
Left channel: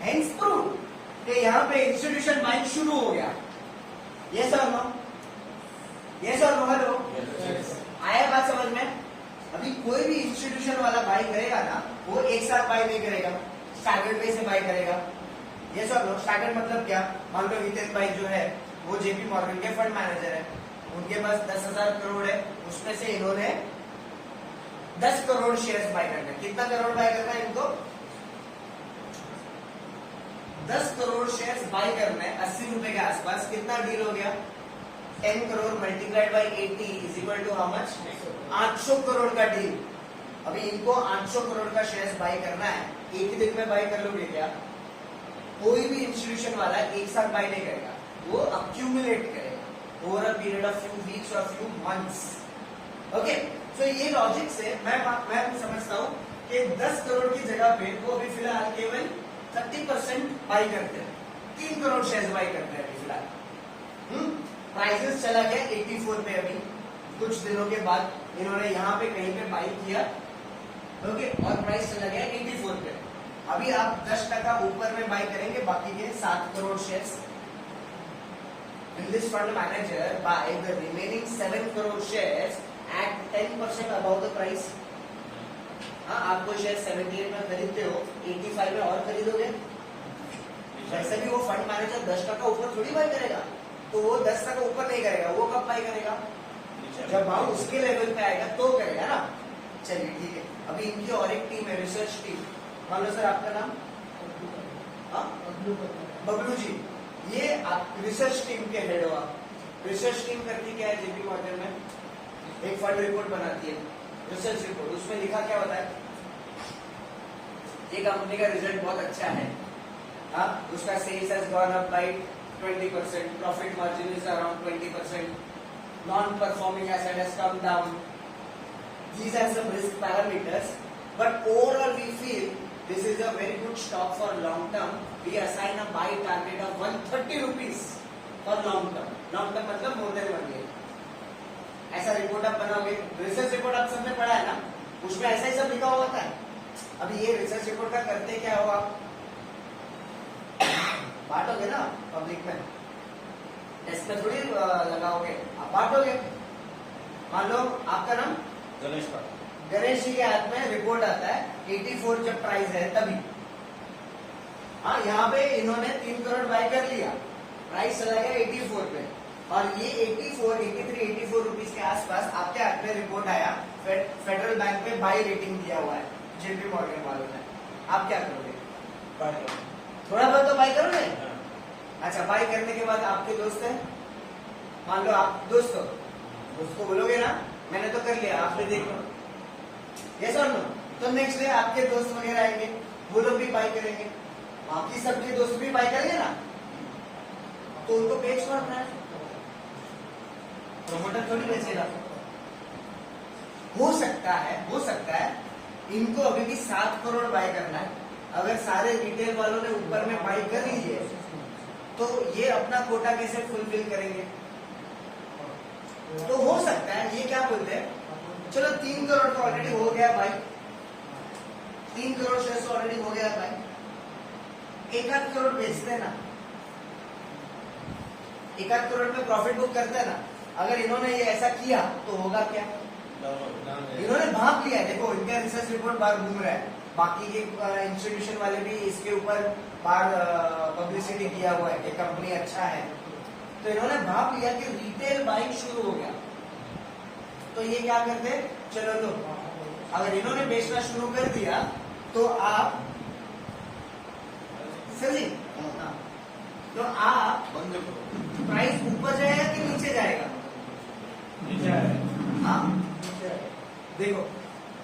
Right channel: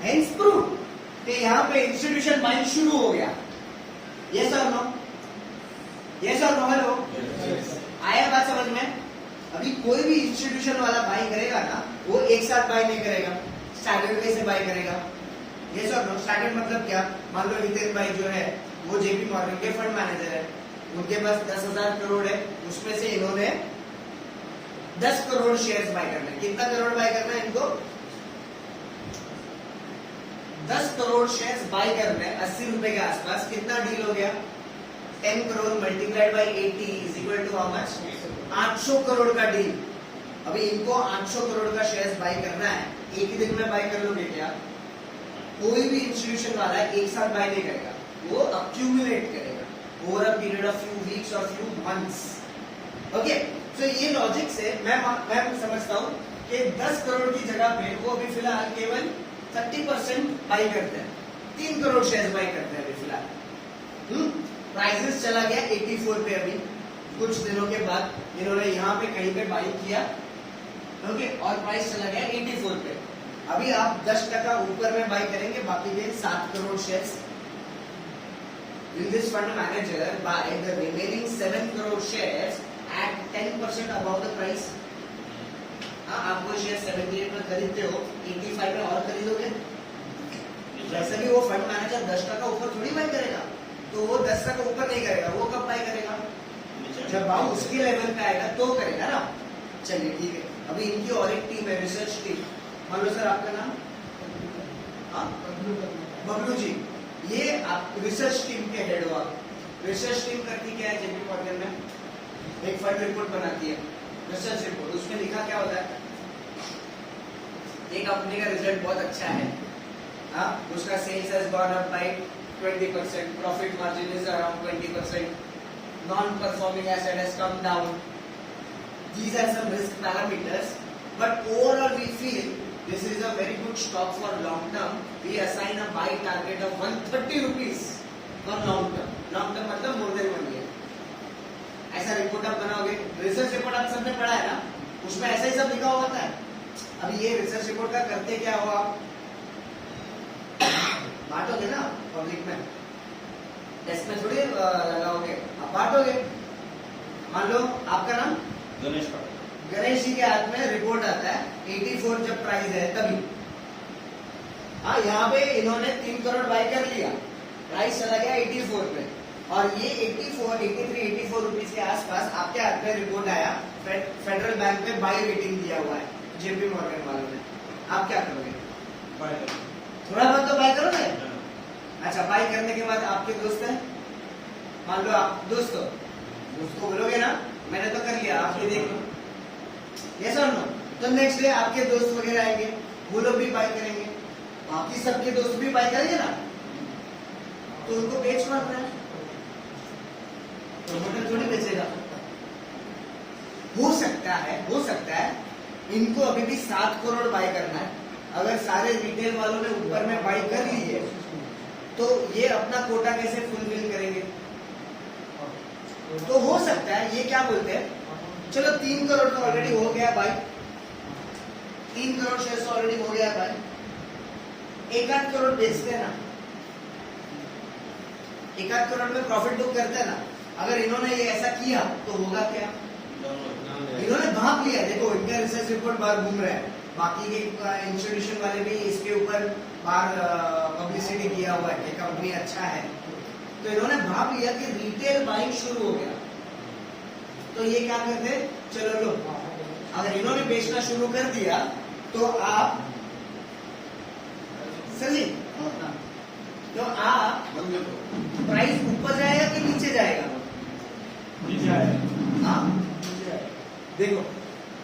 हेंस प्रूव कि यहाँ पे इंस्टीट्यूशन बाइंग शुरू हो गया। यस और नो? यस और नो? हेलो, आया बात समझ में? अभी कोई भी इंस्टीट्यूशन वाला बाई करेगा ना, वो एक साथ बाई नहीं करेगा, स्टैगर्ड वे से बाई करेगा। यस और नो? स्टैगर्ड मतलब क्या? मान लो हितेन भाई जो है वो जेपी मॉर्गन के फंड मैनेजर है, उनके पास 10,000 करोड़ है, उसमें से इन्होंने 10 करोड़ शेयर्स बाय करना है। कितना करोड़ बाय करना है इनको? 10 करोड़ शेयर्स बाय करना है 80 रुपए के आसपास। कितना डील हो गया? 10 crore multiplied by 80 is equal to how much? 800 crore का डील। अभी इनको 800 करोड़ का शेयर्स बाय करना है, एक ही दिन में बाय कर लोगे क्या? कोई भी इंस्टीट्यूशन वाला एक साथ बाय नहीं करेगा, वो अक्यूमुलेट करेगा over a period of few weeks और फ्यू मंथ्स। ओके, सो ये लॉजिक से मैं समझता हूँ कि 10 करोड़ की जगह पे वो अभी फिलहाल केवल 30% बाई करते हैं, 3 करोड़ शेयर बाई करते हैं अभी फिलहाल। प्राइसेस चला गया 84 पे, अभी कुछ दिनों के बाद इन्होंने यहाँ पे कहीं पे बाई किया, ओके, और प्राइस चला गया 84 पे। अभी आप 10% ऊपर में बाई करेंगे, बाकी के 7 crore shares. Will this fund manager buy the remaining 7 crore shares at 10% above the price? हाँ, आप कोई शेयर 78 में खरीदते हो, 85 में और खरीदोगे? वैसे भी वो फंड मैनेजर 10% ऊपर थोड़ी बाई करेगा, तो वो 10% ऊपर नहीं करेगा, वो कब बाई करेगा? जब भाव उसके लेवल पे आएगा तो करेगा ना। चलिए ठीक है, अभी इनकी और एक टीम है, रिसर्च टीम। मान लो सर आपका नाम? हाँ, बबलू जी। ये आप रिसर्च टीम के हेड हो आप। रिसर्च टीम करती क्या है जेपी मॉर्गन में? एक फंड रिपोर्ट बनाती है, रिसर्च रिपोर्ट। उसमें लिखा क्या होता है? एक कंपनी का रिजल्ट बहुत अच्छा है, हाँ, उसका sales has gone up by 20%, profit margin is around 20%, non performing asset has come down. These are some risk parameters, but overall we feel this is a very good stock for long term. We assign a buy target of 130 rupees for long term. Long term मतलब more than 1 year. ऐसा report आप बनाओगे, research report आप सबने पढ़ा है ना, उसमें ऐसा ही सब लिखा हुआ था। अब ये रिसर्च रिपोर्ट का करते क्या हो आप? बांटोगे ना पब्लिक में, डेस्क में थोड़ी लगाओगे, आप बांटोगे। मान लो आपका नाम गणेश जी के हाथ में रिपोर्ट आता है 84 जब प्राइस है तभी। हाँ, यहाँ पे इन्होंने 3 करोड़ बाय कर लिया, प्राइस चला गया 84 पे, और ये 84, 83, 84 रुपीज के आसपास आपके हाथ में रिपोर्ट आया, फेडरल बैंक में बाय रेटिंग दिया हुआ है जेपी मॉर्गन वालों ने। आप क्या करोगे? थोड़ा बहुत तो बाय करोगे। अच्छा, बाय करने के बाद आपके दोस्त हैं, मान लो आप दोस्त हो, उसको बोलोगे ना मैंने तो कर लिया, आपने देख लो। यस और नो? तो नेक्स्ट डे आपके दोस्त वगैरह आएंगे, वो लोग भी बाय करेंगे, बाकी सबके दोस्त भी बाय करेंगे ना, तो उनको बेच मारना है, प्रमोटर थोड़ी बेचेगा। हो सकता है इनको अभी भी 7 करोड़ बाय करना है। अगर सारे रिटेल वालों ने ऊपर में बाय कर ली है, तो ये अपना कोटा कैसे फुलफिल करेंगे? तो हो सकता है ये क्या बोलते हैं, चलो 3 करोड़ तो ऑलरेडी हो गया भाई, 3 करोड़ शेयर ऑलरेडी हो गया भाई, 1-8 करोड़ बेचते हैं ना, 1-8 करोड़ में प्रॉफिट बुक करते हैं ना। अगर इन्होंने ये ऐसा किया तो होगा क्या? इन्होंने भाग लिया, देखो इनका रिसर्च रिपोर्ट बाहर घूम रहा है, बाकी के इंस्टीट्यूशन वाले भी इसके ऊपर बार पब्लिसिटी किया हुआ है कि कंपनी अच्छा है, तो इन्होंने भाप लिया कि रिटेल बाइंग शुरू हो गया। तो ये क्या करते, चलो लो, अगर इन्होंने बेचना शुरू कर दिया तो आप सही, तो आप बंद करो। प्राइस ऊपर जाएगा कि नीचे जाएगा? हाँ, देखो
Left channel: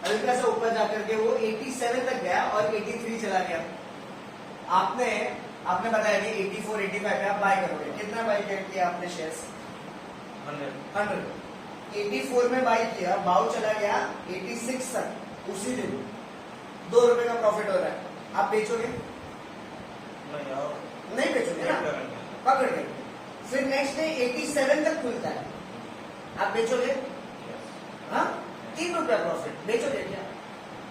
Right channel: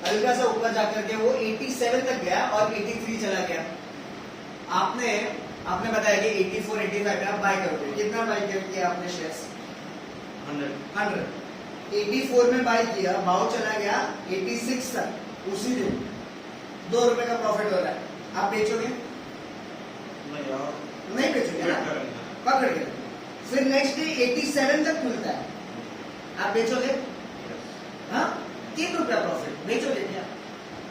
हल्का सा ऊपर जाकर के वो 87 तक गया और 83 चला गया। आपने बताया कि 84, 85 पे आप बाय करोगे। कितना बाय किया आपने शेयर्स? 100। 84 में बाय किया, भाव चला गया 86 तक, उसी दिन 2 रुपए का प्रॉफिट हो रहा है, आप बेचोगे? नहीं बेचोगे ना, पकड़ के। फिर नेक्स्ट डे 87 तक खुलता है, आप बेचोगे? हाँ, 3 रुपया प्रॉफिट, बेचोगे क्या?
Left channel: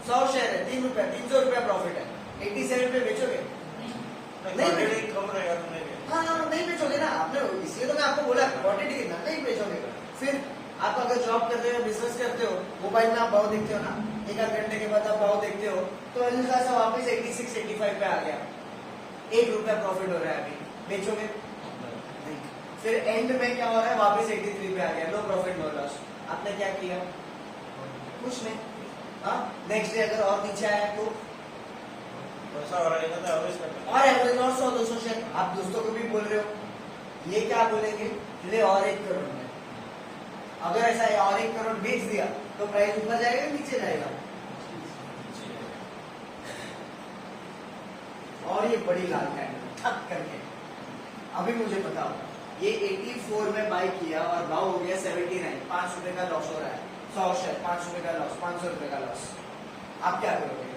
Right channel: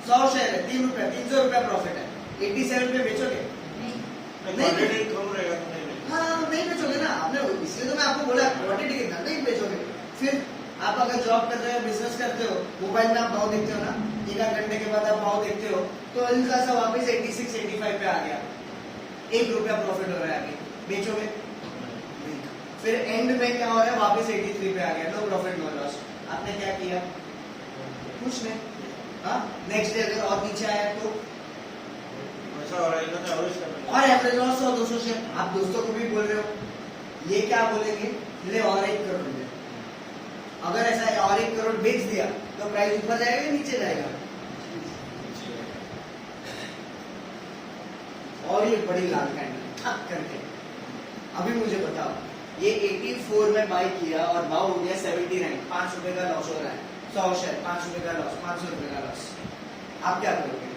100 शेयर है, 3 रुपया, 300 रुपया प्रॉफिट है, 87 में बेचोगे? नहीं, हाँ नहीं बेचोगे ना आपने, इसलिए तो मैं आपको बोला क्वांटिटी कितना, नहीं बेचोगे। फिर आप अगर जॉब करते हो, बिजनेस करते हो, मोबाइल में आप भाव देखते हो ना, 1 घंटे के बाद आप भाव देखते हो, तो हल्का सा वापस 86, 85 पे आ गया, 1 रुपया प्रॉफिट हो रहा है, अभी बेचोगे? नहीं। फिर एंड में क्या हो रहा है, वापस 83 पे आ गया, नो प्रॉफिट नो लॉस, आपने क्या किया? कुछ नहीं। हाँ, नेक्स्ट डे अगर और नीचे आया तो और एवरेज लॉस 100-200 शेयर, आप दोस्तों को भी बोल रहे हो, ये क्या बोलेंगे, ले और 1 करोड़ में। अगर ऐसा है और 1 करोड़ बेच दिया तो प्राइस ऊपर जाएगा या नीचे जाएगा? और ये बड़ी लाल कैंडल ठक करके, अभी मुझे बताओ, ये 84 में बाय किया और भाव हो गया 79, 5 रुपए का लॉस हो रहा है, 100 शेयर 5 रुपए का लॉस, 500 रुपए का लॉस, आप क्या करोगे?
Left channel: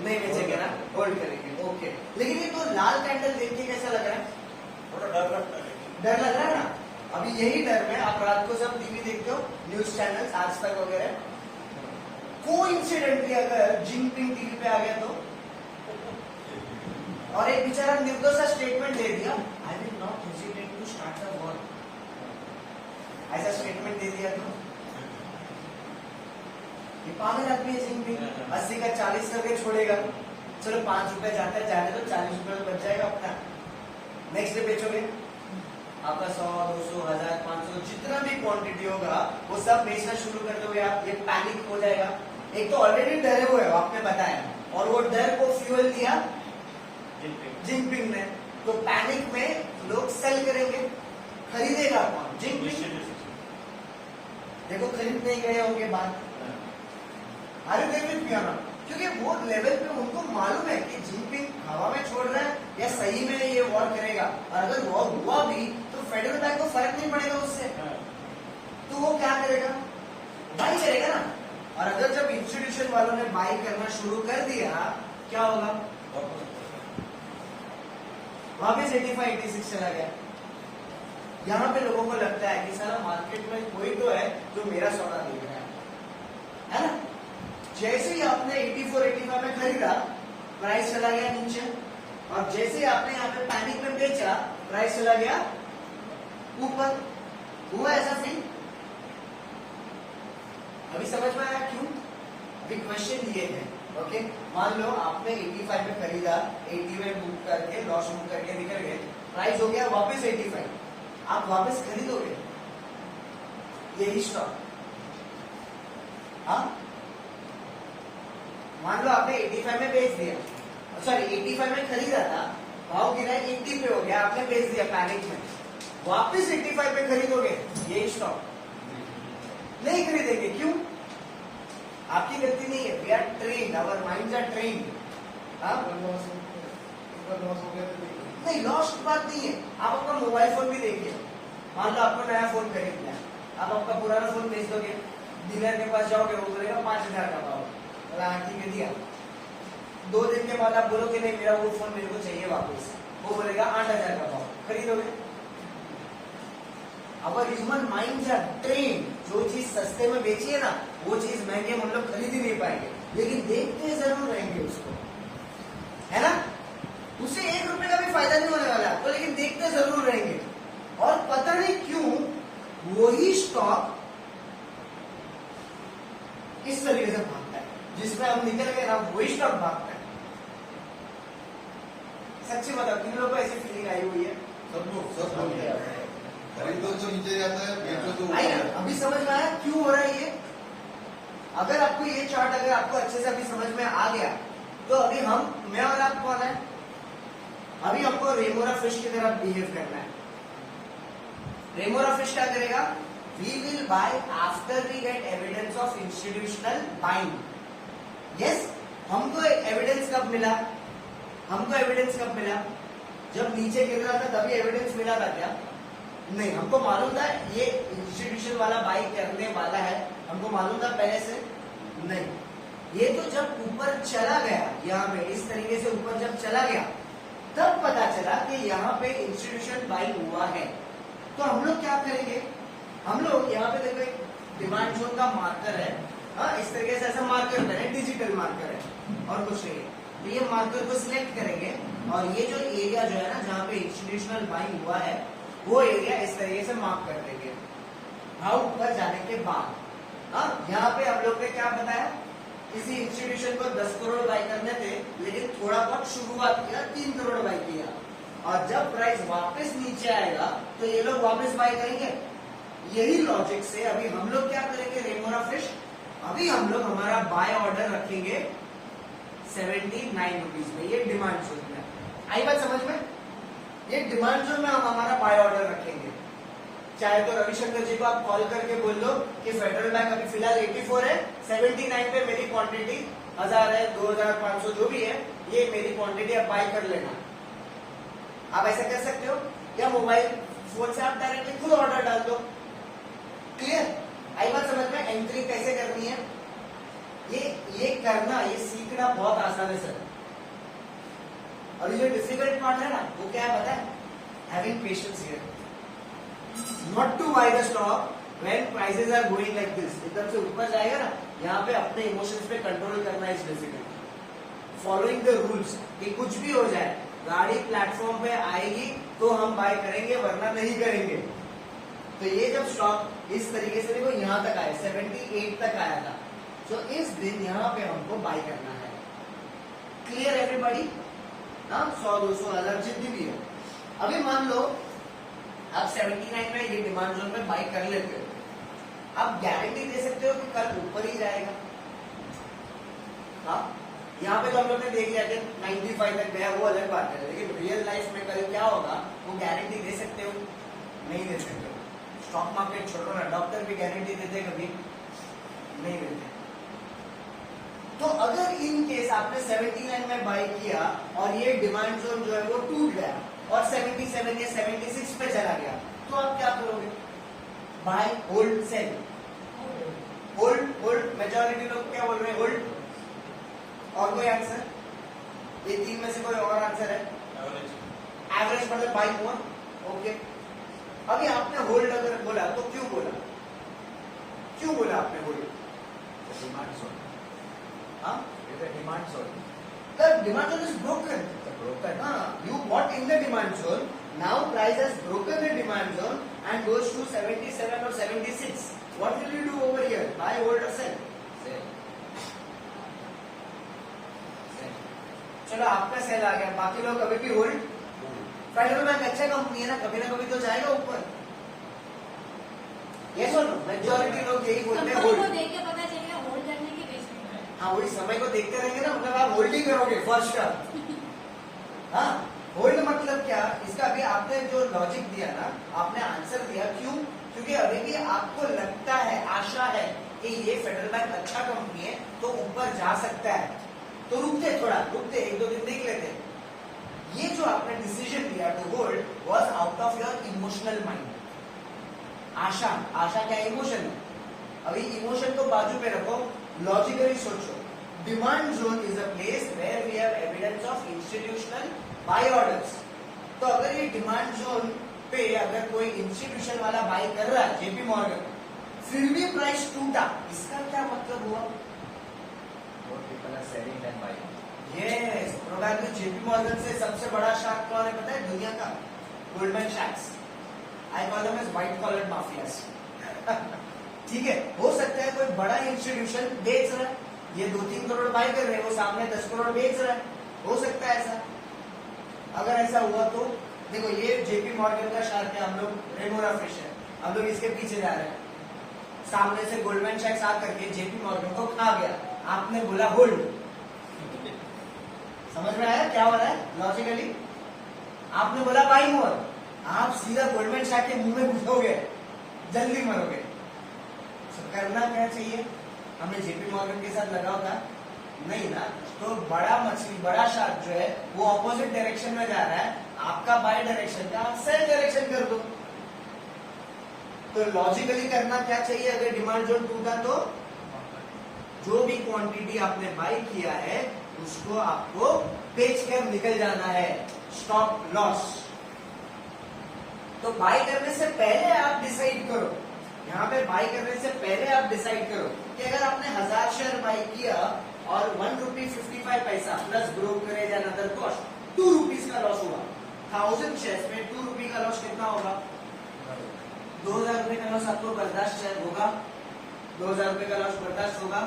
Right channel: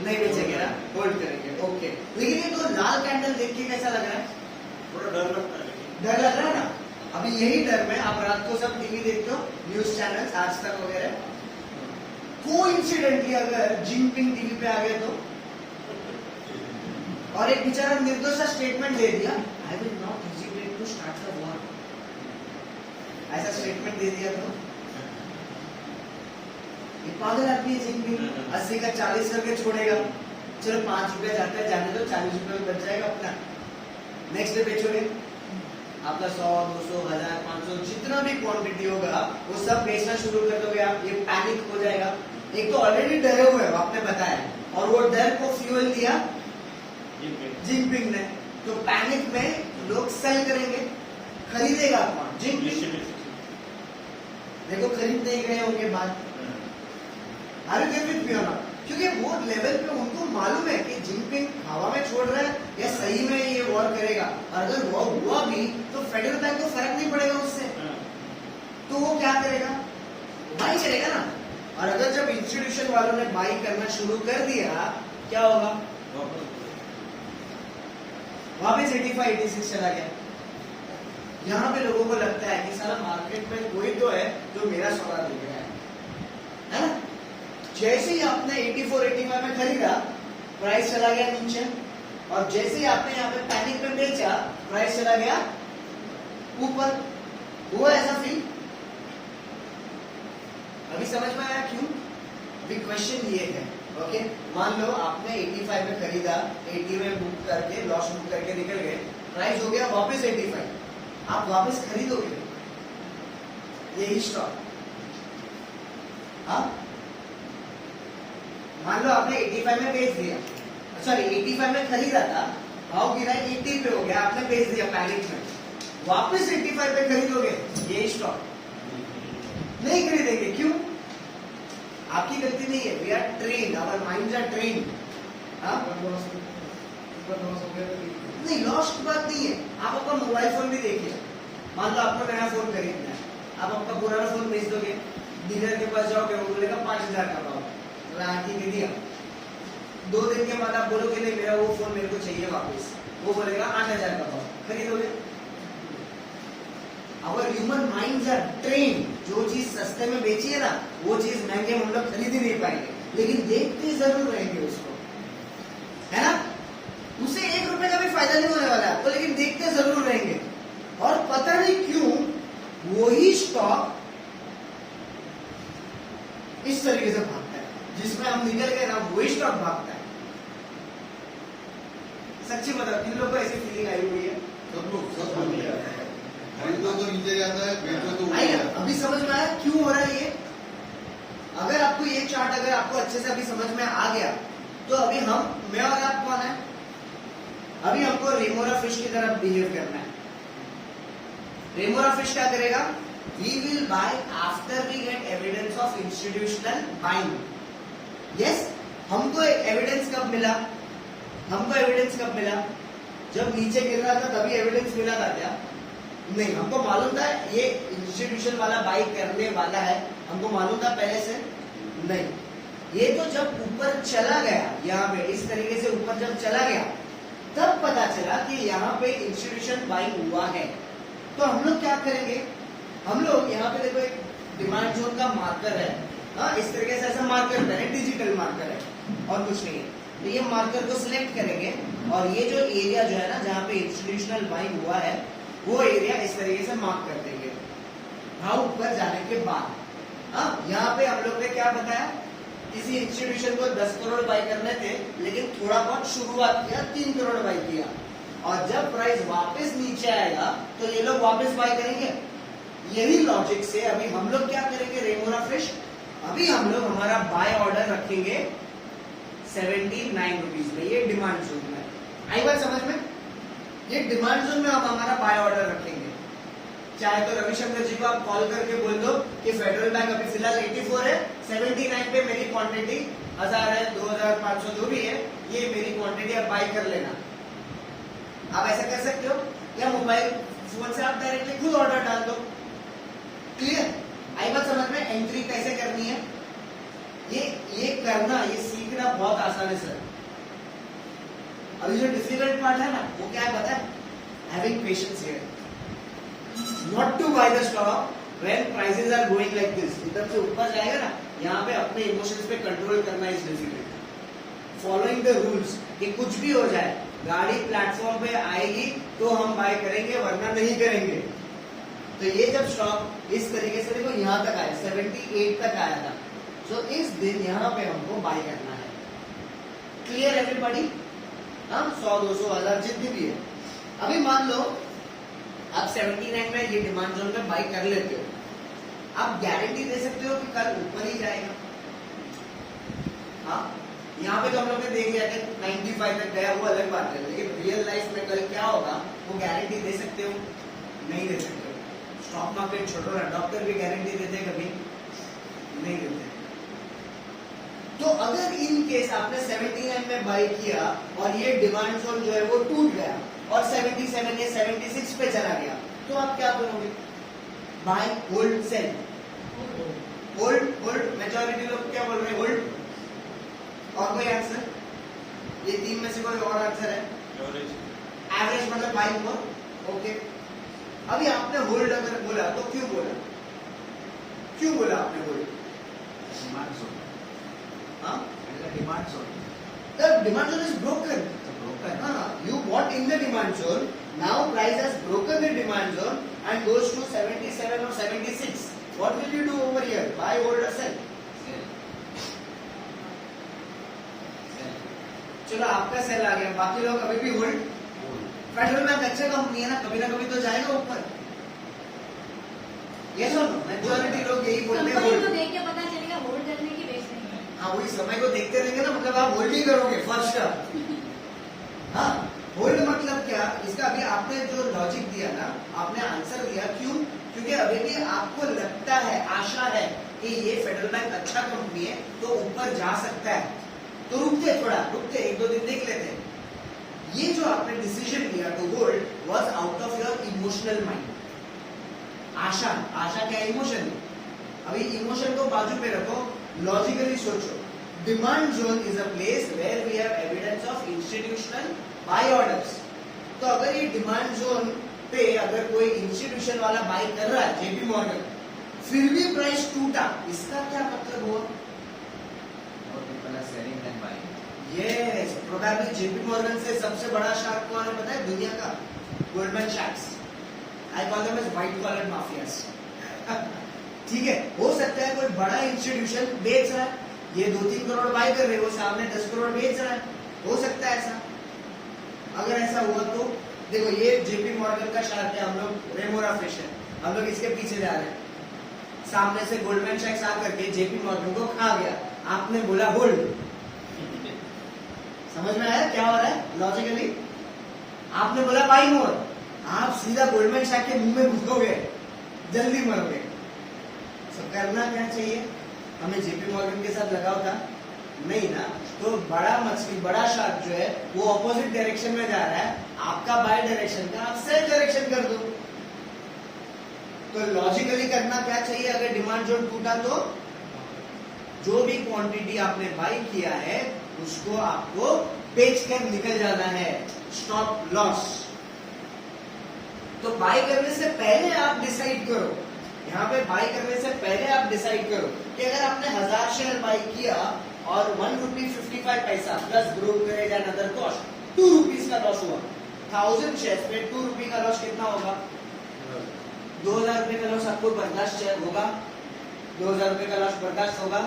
नहीं बेचेंगे ना, होल्ड करेंगे, ओके। लेकिन ये तो लाल कैंडल देख के कैसा लग रहा है? डर लग रहा है ना? अभी यही डर में आप रात को सब टीवी देखते हो, न्यूज चैनल आज तक वगैरह, कोइंसिडेंटली अगर जिनपिंग टीवी पे आ गया तो, और एक बेचारा निर्दोष सा स्टेटमेंट दे दिया, I will not hesitate to start the war, ऐसा स्टेटमेंट दे दिया तो ये पागल आदमी है। जिनपिंग 80 का 40 करके छोड़ेगा, चलो 5 रुपया जाता है, जाने दो, 40 रुपये तो बच जाएगा अपना। नेक्स्ट डे बेचोगे, आपका 100, 200, 1000, 500 जितना भी क्वांटिटी होगा वो सब बेचना शुरू कर दोगे आप, ये पैनिक हो जाएगा। एक तो ऑलरेडी डरे हुए हो, आपने बताया, और वो डर को फ्यूल दिया जिनपिंग ने, तो पैनिक में लोग सेल करेंगे, खरीदेगा कौन? जिनपिंग। देखो खरीद नहीं गए होंगे बात, अरे क्योंकि वो लेवल पे उनको मालूम है कि जिनपिंग हवा में छोड़ रहा है या सही में ये वॉर करेगा, और अगर वॉर हुआ भी तो फेडरल बैंक को फर्क नहीं पड़ेगा उससे, तो वो क्या करेगा? बाई करेगा ना। और अगर जब इंस्टीट्यूशन वालों ने बाई करना शुरू कर दिया, क्या होगा? वापस 85, 86 चला गया। यहाँ पे लोगों को लगता है कि सारा मार्केट में कोई तो है जो मेरा सौदा दे गया है ना। जैसे ही आपने 84, 85 में खरीदा, प्राइस चला गया नीचे, और जैसे ही आपने यहाँ पे पैनिक में बेचा, प्राइस चला गया ऊपर। हुआ ऐसा फील? अभी समझ में आया क्यों? अभी क्वेश्चन ये है, ओके, मान लो आपने 85 में खरीदा, 80 में बुक करके, लॉस बुक करके निकल गए, प्राइस हो गया वापस 85, आप वापस खरीदोगे यही स्टॉक? हाँ, मान लो आपने 85 में बेच दिया, सॉरी 85 में खरीदा था, भाव गिरा 80 पे हो गया, आपने बेच दिया पैनिक में, वापस 85 पे खरीदोगे यही स्टॉक? नहीं खरीदेंगे, क्यों? आपकी गलती नहीं है, we are trained, our minds are trained. नहीं, लॉस की बात नहीं है, आप अपना मोबाइल फोन भी देखिए, मान लो आपको नया फोन खरीदना है, आप अपना पुराना फोन बेच दोगे, डीलर के पास जाओगे, वो बोलेगा 5000 का भाव, ठीक है दिया, 2 दिन के बाद आप बोलोगे नहीं मेरा वो फोन मेरे को चाहिए वापस, वो बोलेगा 8000 का भाव, खरीदोगे? Our human minds are trained, जो चीज सस्ते में बेची है ना, वो चीज महंगे हम लोग खरीद ही नहीं पाएंगे, लेकिन देखते जरूर रहेंगे उसको, है ना। उससे 1 रुपए का भी फायदा नहीं होने वाला है आपको, लेकिन देखते जरूर रहेंगे। और पता नहीं क्यों वही स्टॉक इस तरीके से भागता है, जिसमें हम निकल गए ना, वही स्टॉक भागता है। सच्ची बताओ किन लोगों को ऐसी फीलिंग आई हुई है? सब बोल दिया खरीदो तो नीचे जाता है, बेचो तो आई ऊपर ना? जाता है। अभी समझ में आया क्यों हो रहा है ये? अगर आपको ये चार्ट अगर आपको अच्छे से अभी समझ में आ गया तो अभी मैं और आप कौन है? अभी हमको रेमोरा फिश की तरह बिहेव करना है। रेमोरा फिश क्या करेगा? We will buy after we get evidence of institutional buying. Yes, हमको एविडेंस कब मिला? जब नीचे गिर रहा था तभी एविडेंस मिला था क्या? नहीं, हमको मालूम था ये इंस्टीट्यूशन वाला बाई करने वाला है, हमको मालूम था पहले से? नहीं, ये तो जब ऊपर चला गया, यहाँ पे इस तरीके से ऊपर जब चला गया तब पता चला कि यहाँ पे इंस्टीट्यूशन बाई हुआ है। तो हम लोग क्या करेंगे? हम लोग यहाँ पे देखो एक डिमांड जोन का मार्कर है, हाँ, इस तरीके से ऐसा मार्कर करें, डिजिटल मार्कर है और कुछ नहीं है। तो ये मार्कर को सिलेक्ट करेंगे और ये जो एरिया जो है ना जहाँ पे इंस्टीट्यूशनल बाइंग हुआ है वो एरिया इस तरीके से मार्क कर देंगे। भाव ऊपर जाने के बाद यहाँ पे हम लोग ने क्या बताया? किसी इंस्टीट्यूशन को 10 करोड़ बाई करने थे, लेकिन थोड़ा बहुत शुरुआत किया, 3 करोड़ बाई किया, और जब प्राइस वापस नीचे आएगा तो ये लोग वापस बाई करेंगे। यही लॉजिक से अभी हम लोग क्या करेंगे? रेमोरा फिश अभी हम लोग हमारा बाय ऑर्डर रखेंगे 79 रुपीज में। ये डिमांड जोन में आई बात समझ में? ये डिमांड जोन में हम हमारा बाय ऑर्डर रखेंगे। चाहे तो रविशंकर जी को आप कॉल करके बोल दो कि फेडरल बैंक अभी फिलहाल 84 है, 79 पे मेरी क्वांटिटी 1000 है, 2500 जो भी है, ये मेरी क्वांटिटी आप बाय कर लेना। आप ऐसा कर सकते हो, या मोबाइल फोन से आप डायरेक्टली खुद ऑर्डर डाल दो। क्लियर? आई बात समझ में? एंट्री कैसे करनी है ये करना, ये सीखना बहुत आसान है सर। अभी जो डिफिकल्ट पार्ट है ना वो क्या है पता है? Having patience here, not to buy the stock when prices are going like this. एकदम से ऊपर जाएगा ना, यहाँ पे अपने इमोशंस पे कंट्रोल करना is difficult. Following the rules, कि कुछ भी हो जाए, गाड़ी प्लेटफॉर्म पे आएगी तो हम बाय करेंगे वरना नहीं करेंगे। तो ये जब स्टॉक इस तरीके से देखो यहाँ तक आया, 78 तक आया था, तो इस दिन यहाँ पे हमको बाय करना है। Clear everybody? 100, 200, 1000 जितनी भी है। अभी मान लो आप 79 में ये डिमांड जोन में बाय कर लेते हो, आप गारंटी दे सकते हो कि कल ऊपर ही जाएगा? हाँ, यहाँ पे तो हम लोग ने देख लिया कि 95 तक गया, वो अलग बात है, लेकिन रियल लाइफ में कल क्या होगा वो गारंटी दे सकते हो? नहीं दे सकते हो। स्टॉक मार्केट छोड़ो ना, डॉक्टर भी गारंटी देते कभी नहीं देते। तो अगर इन केस आपने 79 में बाय किया और ये डिमांड जोन जो है वो टूट गया और 77 या 76 पे चला गया, तो आप क्या करोगे? Buy, hold, sell? Hold. Majority लोग क्या बोल रहे हैं? होल्ड। और कोई आंसर? ये तीन में से कोई और आंसर है? एवरेज मतलब बाय मोर। ओके, अभी आपने होल्ड अगर बोला तो क्यों बोला आपने hold? Demand zone, demand zone, the demand zone is broken. You bought in the demand zone, now price has broken the demand zone and goes to 77 or 76. What will you do over here? Buy, hold or sell? चलो आपका cell आ गया, बाकी लोग अभी भी hold. Federal bank अच्छा company है ना, कभी ना कभी तो जाएगा ऊपर। ये सुनो, मेजॉरिटी लोग यही बोलते हैं कंपनी को होल्ड। देख के पता चलेगा होल्ड करने की बेस नहीं। हाँ, वही समय को देखते रहेंगे ना, मतलब आप होल्ड ही करोगे फर्स्ट का। हाँ, होल्ड मतलब क्या? इसका अभी आपने जो लॉजिक दिया ना, आपने आंसर दिया, क्यों? क्योंकि अभी भी आपको लगता है, आशा है कि ये फेडरल बैंक अच्छा कंपनी है तो ऊपर जा सकता है, तो रुकते 1-2 दिन देख लेते। ये जो आपने डिसीजन लिया to hold was out of your emotional mind. Asha क्या? इमोशन। अभी इमोशन को बाजू पे रखो, लॉजिकली सोचो। Demand zone is a place where we have evidence of institutional buy orders. तो अगर ये डिमांड जोन पे अगर कोई इंस्टीट्यूशन वाला बाय कर रहा है, जेपी मॉर्गन, फिर भी प्राइस टूटा, इसका क्या मतलब हुआ? यस, प्रोबेबली जेपी मॉर्गन से सबसे बड़ा शार्क कौन है पता है दुनिया का? गोल्डमैन सैक्स। I call them as white collar mafias. ठीक है, हो सकता है कोई बड़ा इंस्टीट्यूशन बेच रहा है, ये 2-3 करोड़ बाय कर रहे हैं, वो सामने 10 करोड़ बेच रहा है, हो सकता है ऐसा। अगर ऐसा हुआ तो देखो ये जेपी मॉर्गन का शार्क है, हम लोग रेमोरा फिश है, हम लोग इसके पीछे जा रहे हैं, सामने से गोल्डमैन सैक्स आ करके जेपी मॉर्गन को खा गया, आपने बोला होल्ड। समझ में आया क्या हो रहा है लॉजिकली? आपने बोला बाई मोर, आप सीधा गोल्डमैन सैक्स के मुंह में घुसोगे, जल्दी मरोगे। तो करना क्या चाहिए? हमें जेपी मॉर्गन के साथ लगाव था नहीं ना, तो बड़ा मछली बड़ा शार्क जो है वो ऑपोजिट डायरेक्शन में जा रहा है, आपका बाय डायरेक्शन का आप सेम डायरेक्शन कर दो। तो लॉजिकली करना क्या चाहिए? अगर डिमांड जोन टूटा तो जो भी क्वांटिटी आपने बाय किया है उसको आपको बेच कर निकल जाना है, स्टॉप लॉस। तो बाय करने से पहले आप डिसाइड करो, यहाँ पे बाय करने से पहले आप डिसाइड करो कि अगर आपने 1000 शेयर बाय किया और 1 रुपी 55 पैसा plus brokerage and other cost 2 rupees का लॉस हुआ, 1000 शेयर पे 2 रुपी का लॉस कितना होगा? 2000 रुपए का लॉस आपको बर्दाश्त होगा? 2000 रुपए का लॉस बर्दाश्त होगा?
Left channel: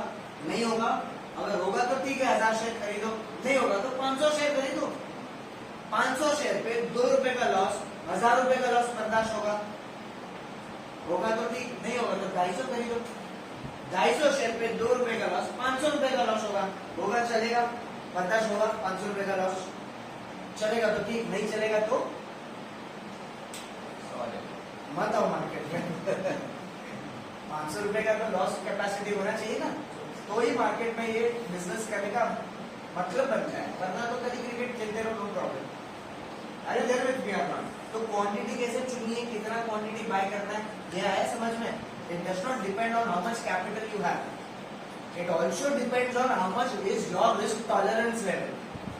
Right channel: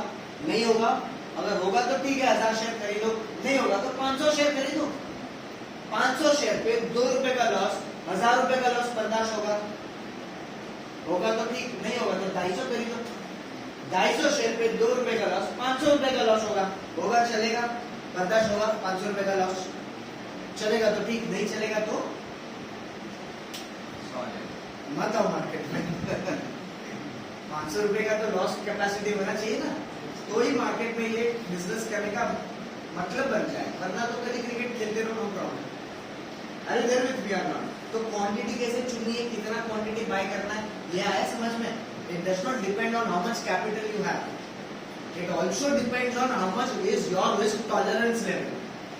नहीं होगा। अगर होगा तो ठीक है 1000 शेयर खरीदो, नहीं होगा तो 500 शेयर खरीदो। 500 शेयर पे 2 रुपए का लॉस, 1000 रुपए का लॉस बर्दाश्त होगा? होगा तो ठीक, नहीं होगा तो 250 खरीदो। 250 शेयर पे 2 रुपए का लॉस, 500 रुपए का लॉस होगा, होगा चलेगा, बर्दाश्त होगा। 500 रुपए का लॉस चलेगा तो ठीक, नहीं चलेगा तो मत आओ मार्केट में। 500 रुपए का तो लॉस कैपेसिटी होना चाहिए ना, तो ही मार्केट में ये बिजनेस करने का मतलब बन जाए। वरना तो कभी क्रिकेट खेलते रहो, नो प्रॉब्लम। अरे घर में भी आना, तो क्वांटिटी कैसे चुननी है, कितना क्वांटिटी बाय करना है, ये आया समझ में? It does not depend on how much capital you have. It also depends on how much is your risk tolerance level.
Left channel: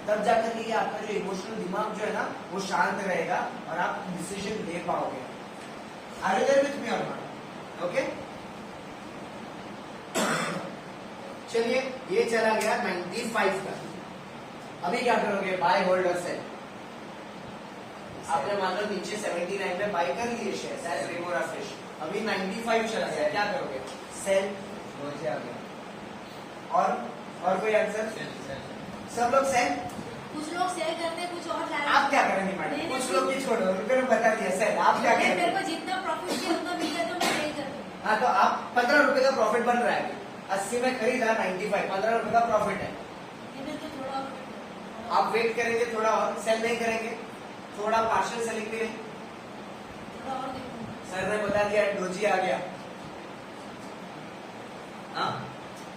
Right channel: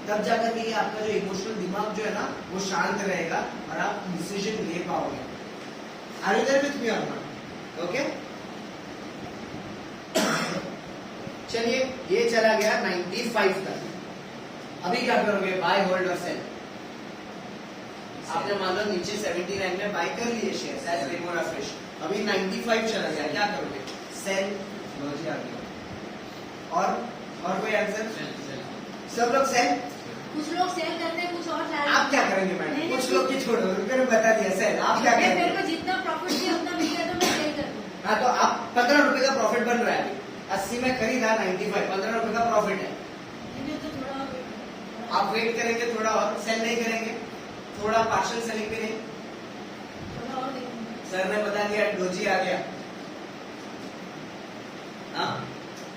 तब जाकर के आपका जो इमोशनल दिमाग जो है ना वो शांत रहेगा और आप डिसीजन ले पाओगे। Are you there with me or not? Okay? चलिए ये चला गया 95 तक। अभी क्या करोगे? बाय होल्ड और सेल। आपने मान लो नीचे 79 में बाय कर लिए शेयर एज रेमोरा फिश, अभी 95 चला गया, क्या करोगे? सेल। और कोई आंसर? सब लोग सेल। कुछ लोग सेल करते हैं, कुछ और डाल। आप क्या करेंगे मैडम? कुछ लोग की छोड़ दो, मैंने बता दिया सेल। आप क्या करेंगे? मेरे को जितना प्रॉफिट किया उतना मिल गया तो मैं सेल कर दूँ। हाँ तो आप 15 रुपए का प्रॉफिट बन रहा है, 80 में खरीदा 95, 15 रुपए का प्रॉफिट है। तो थोड़ा और आप वेट करेंगे थोड़ा और, सेल नहीं करेंगे, थोड़ा पार्शियल सेलिंग भी नहीं। थोड़ा और देखूंगा। सर ने बता दिया डोजी आ गया। हाँ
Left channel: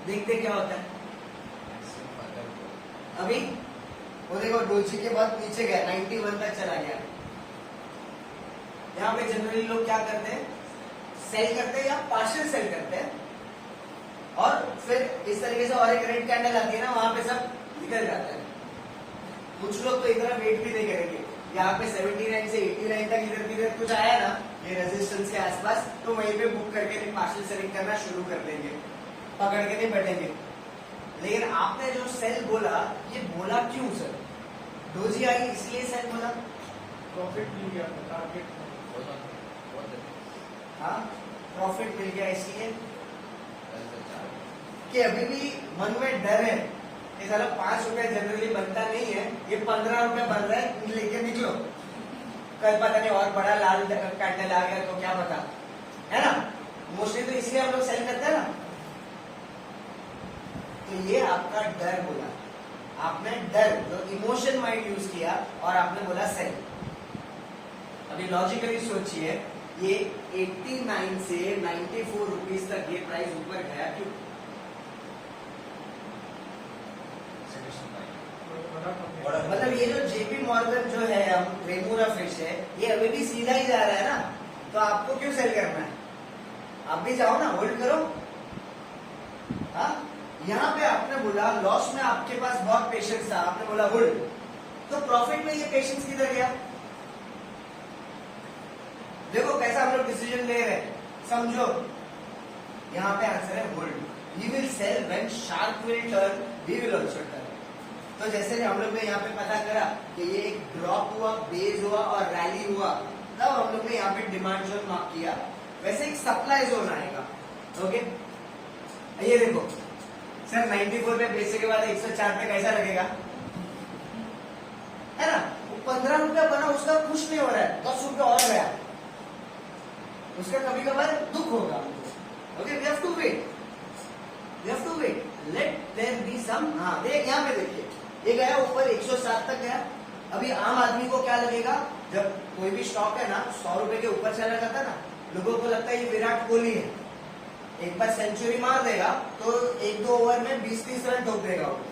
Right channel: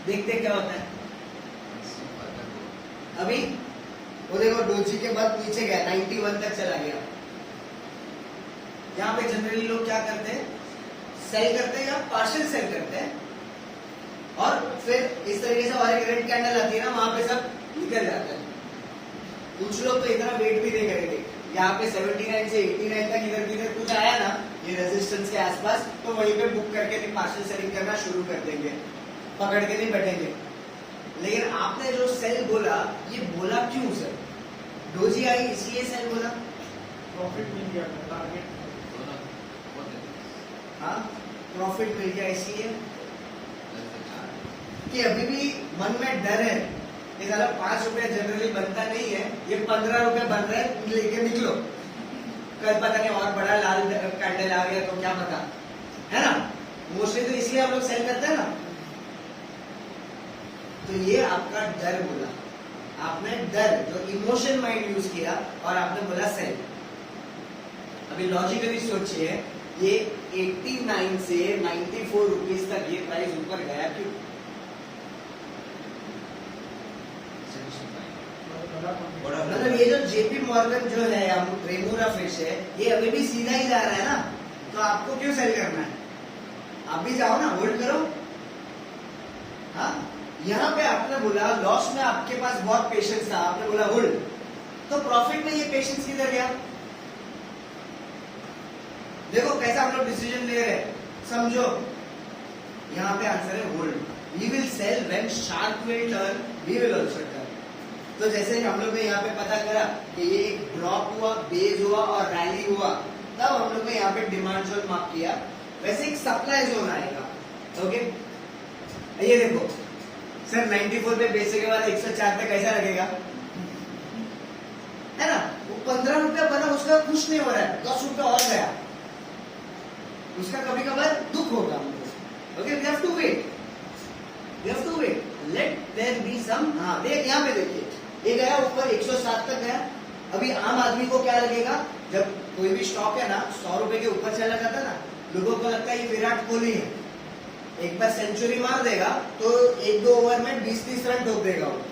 देखते क्या होता है। अभी वो देखो डोजी के बाद नीचे गया, 91 तक चला गया। यहाँ पे जनरली लोग क्या करते हैं? सेल करते हैं या पार्शियल सेल करते हैं, और फिर इस तरीके से और एक रेड कैंडल आती है ना, वहां पे सब निकल जाता है। कुछ लोग तो इतना वेट भी नहीं करेंगे, यहाँ पे 79 से 89 तक इधर किधर कुछ आया ना ये रेजिस्टेंस के आसपास, तो वहीं पे बुक करके पार्शियल सेलिंग करना शुरू कर देंगे, पकड़ के नहीं बैठेंगे। लेकिन आपने जो सेल बोला, ये बोला क्यों सर? डोजी आई इसलिए सेल बोला? प्रॉफिट मिल गया टारगेट। हाँ प्रॉफिट मिल गया इसलिए कि अभी भी मन में डर है कि साला 5 रुपया जनरली बनता नहीं है, ये 15 रुपए बन रहा है, लेके निकलो, कल पता नहीं और बड़ा लाल कैंडल आ गया तो क्या पता, है ना? मोस्टली तो इसलिए हम लोग सेल करते हैं ना। तो ये आपका डर बोला, आपने डर जो इमोशन माइंड यूज किया और आपने बोला सेल। अभी लॉजिकली सोचिए, ये 89 से 94 रुपीज तक ये प्राइस ऊपर गया क्यों? मतलब ये जो जेपी मॉर्गन जो है, हम रेमोरा फिश है, ये अभी भी सीधा ही जा रहा है ना, तो आपको क्यों सेल करना है? आप भी जाओ ना, होल्ड करो। हाँ यहाँ पे आपने बोला लॉस में आपके पास बहुत पेशेंस था, आपने बोला होल्ड, तो प्रॉफिट में ये पेशेंस किधर गया? देखो कैसा हम लोग डिसीजन ले रहे हैं, समझो। यहाँ पे आंसर है hold. We will sell when shark will turn, we will also turn. तो जैसे हम लोग ने यहाँ पे पता करा कि ये एक ड्रॉप हुआ, बेस हुआ और रैली हुआ, तब हम लोग ने यहाँ पे डिमांड जोन मार्क किया, वैसे एक सप्लाई जोन आएगा। ओके ये देखो सर, 94 पे बेचने के बाद 104 पे कैसा लगेगा, है ना? 15 रुपया बना, उसका खुश नहीं हो रहा है, 10 रुपया और गया, उसका कभी कभार दुख होगा हमको। Okay, we have to wait, we have to wait, let there be some. हाँ देख, यहाँ पे देखिए, ये गया ऊपर 107 तक गया। अभी आम आदमी को क्या लगेगा, जब कोई भी स्टॉक है ना 100 रुपए के ऊपर चला जाता है ना, लोगों को लगता है ये विराट कोहली है, एक बार सेंचुरी मार देगा तो 1-2 ओवर में 20-30 रन ठोक देगा वो।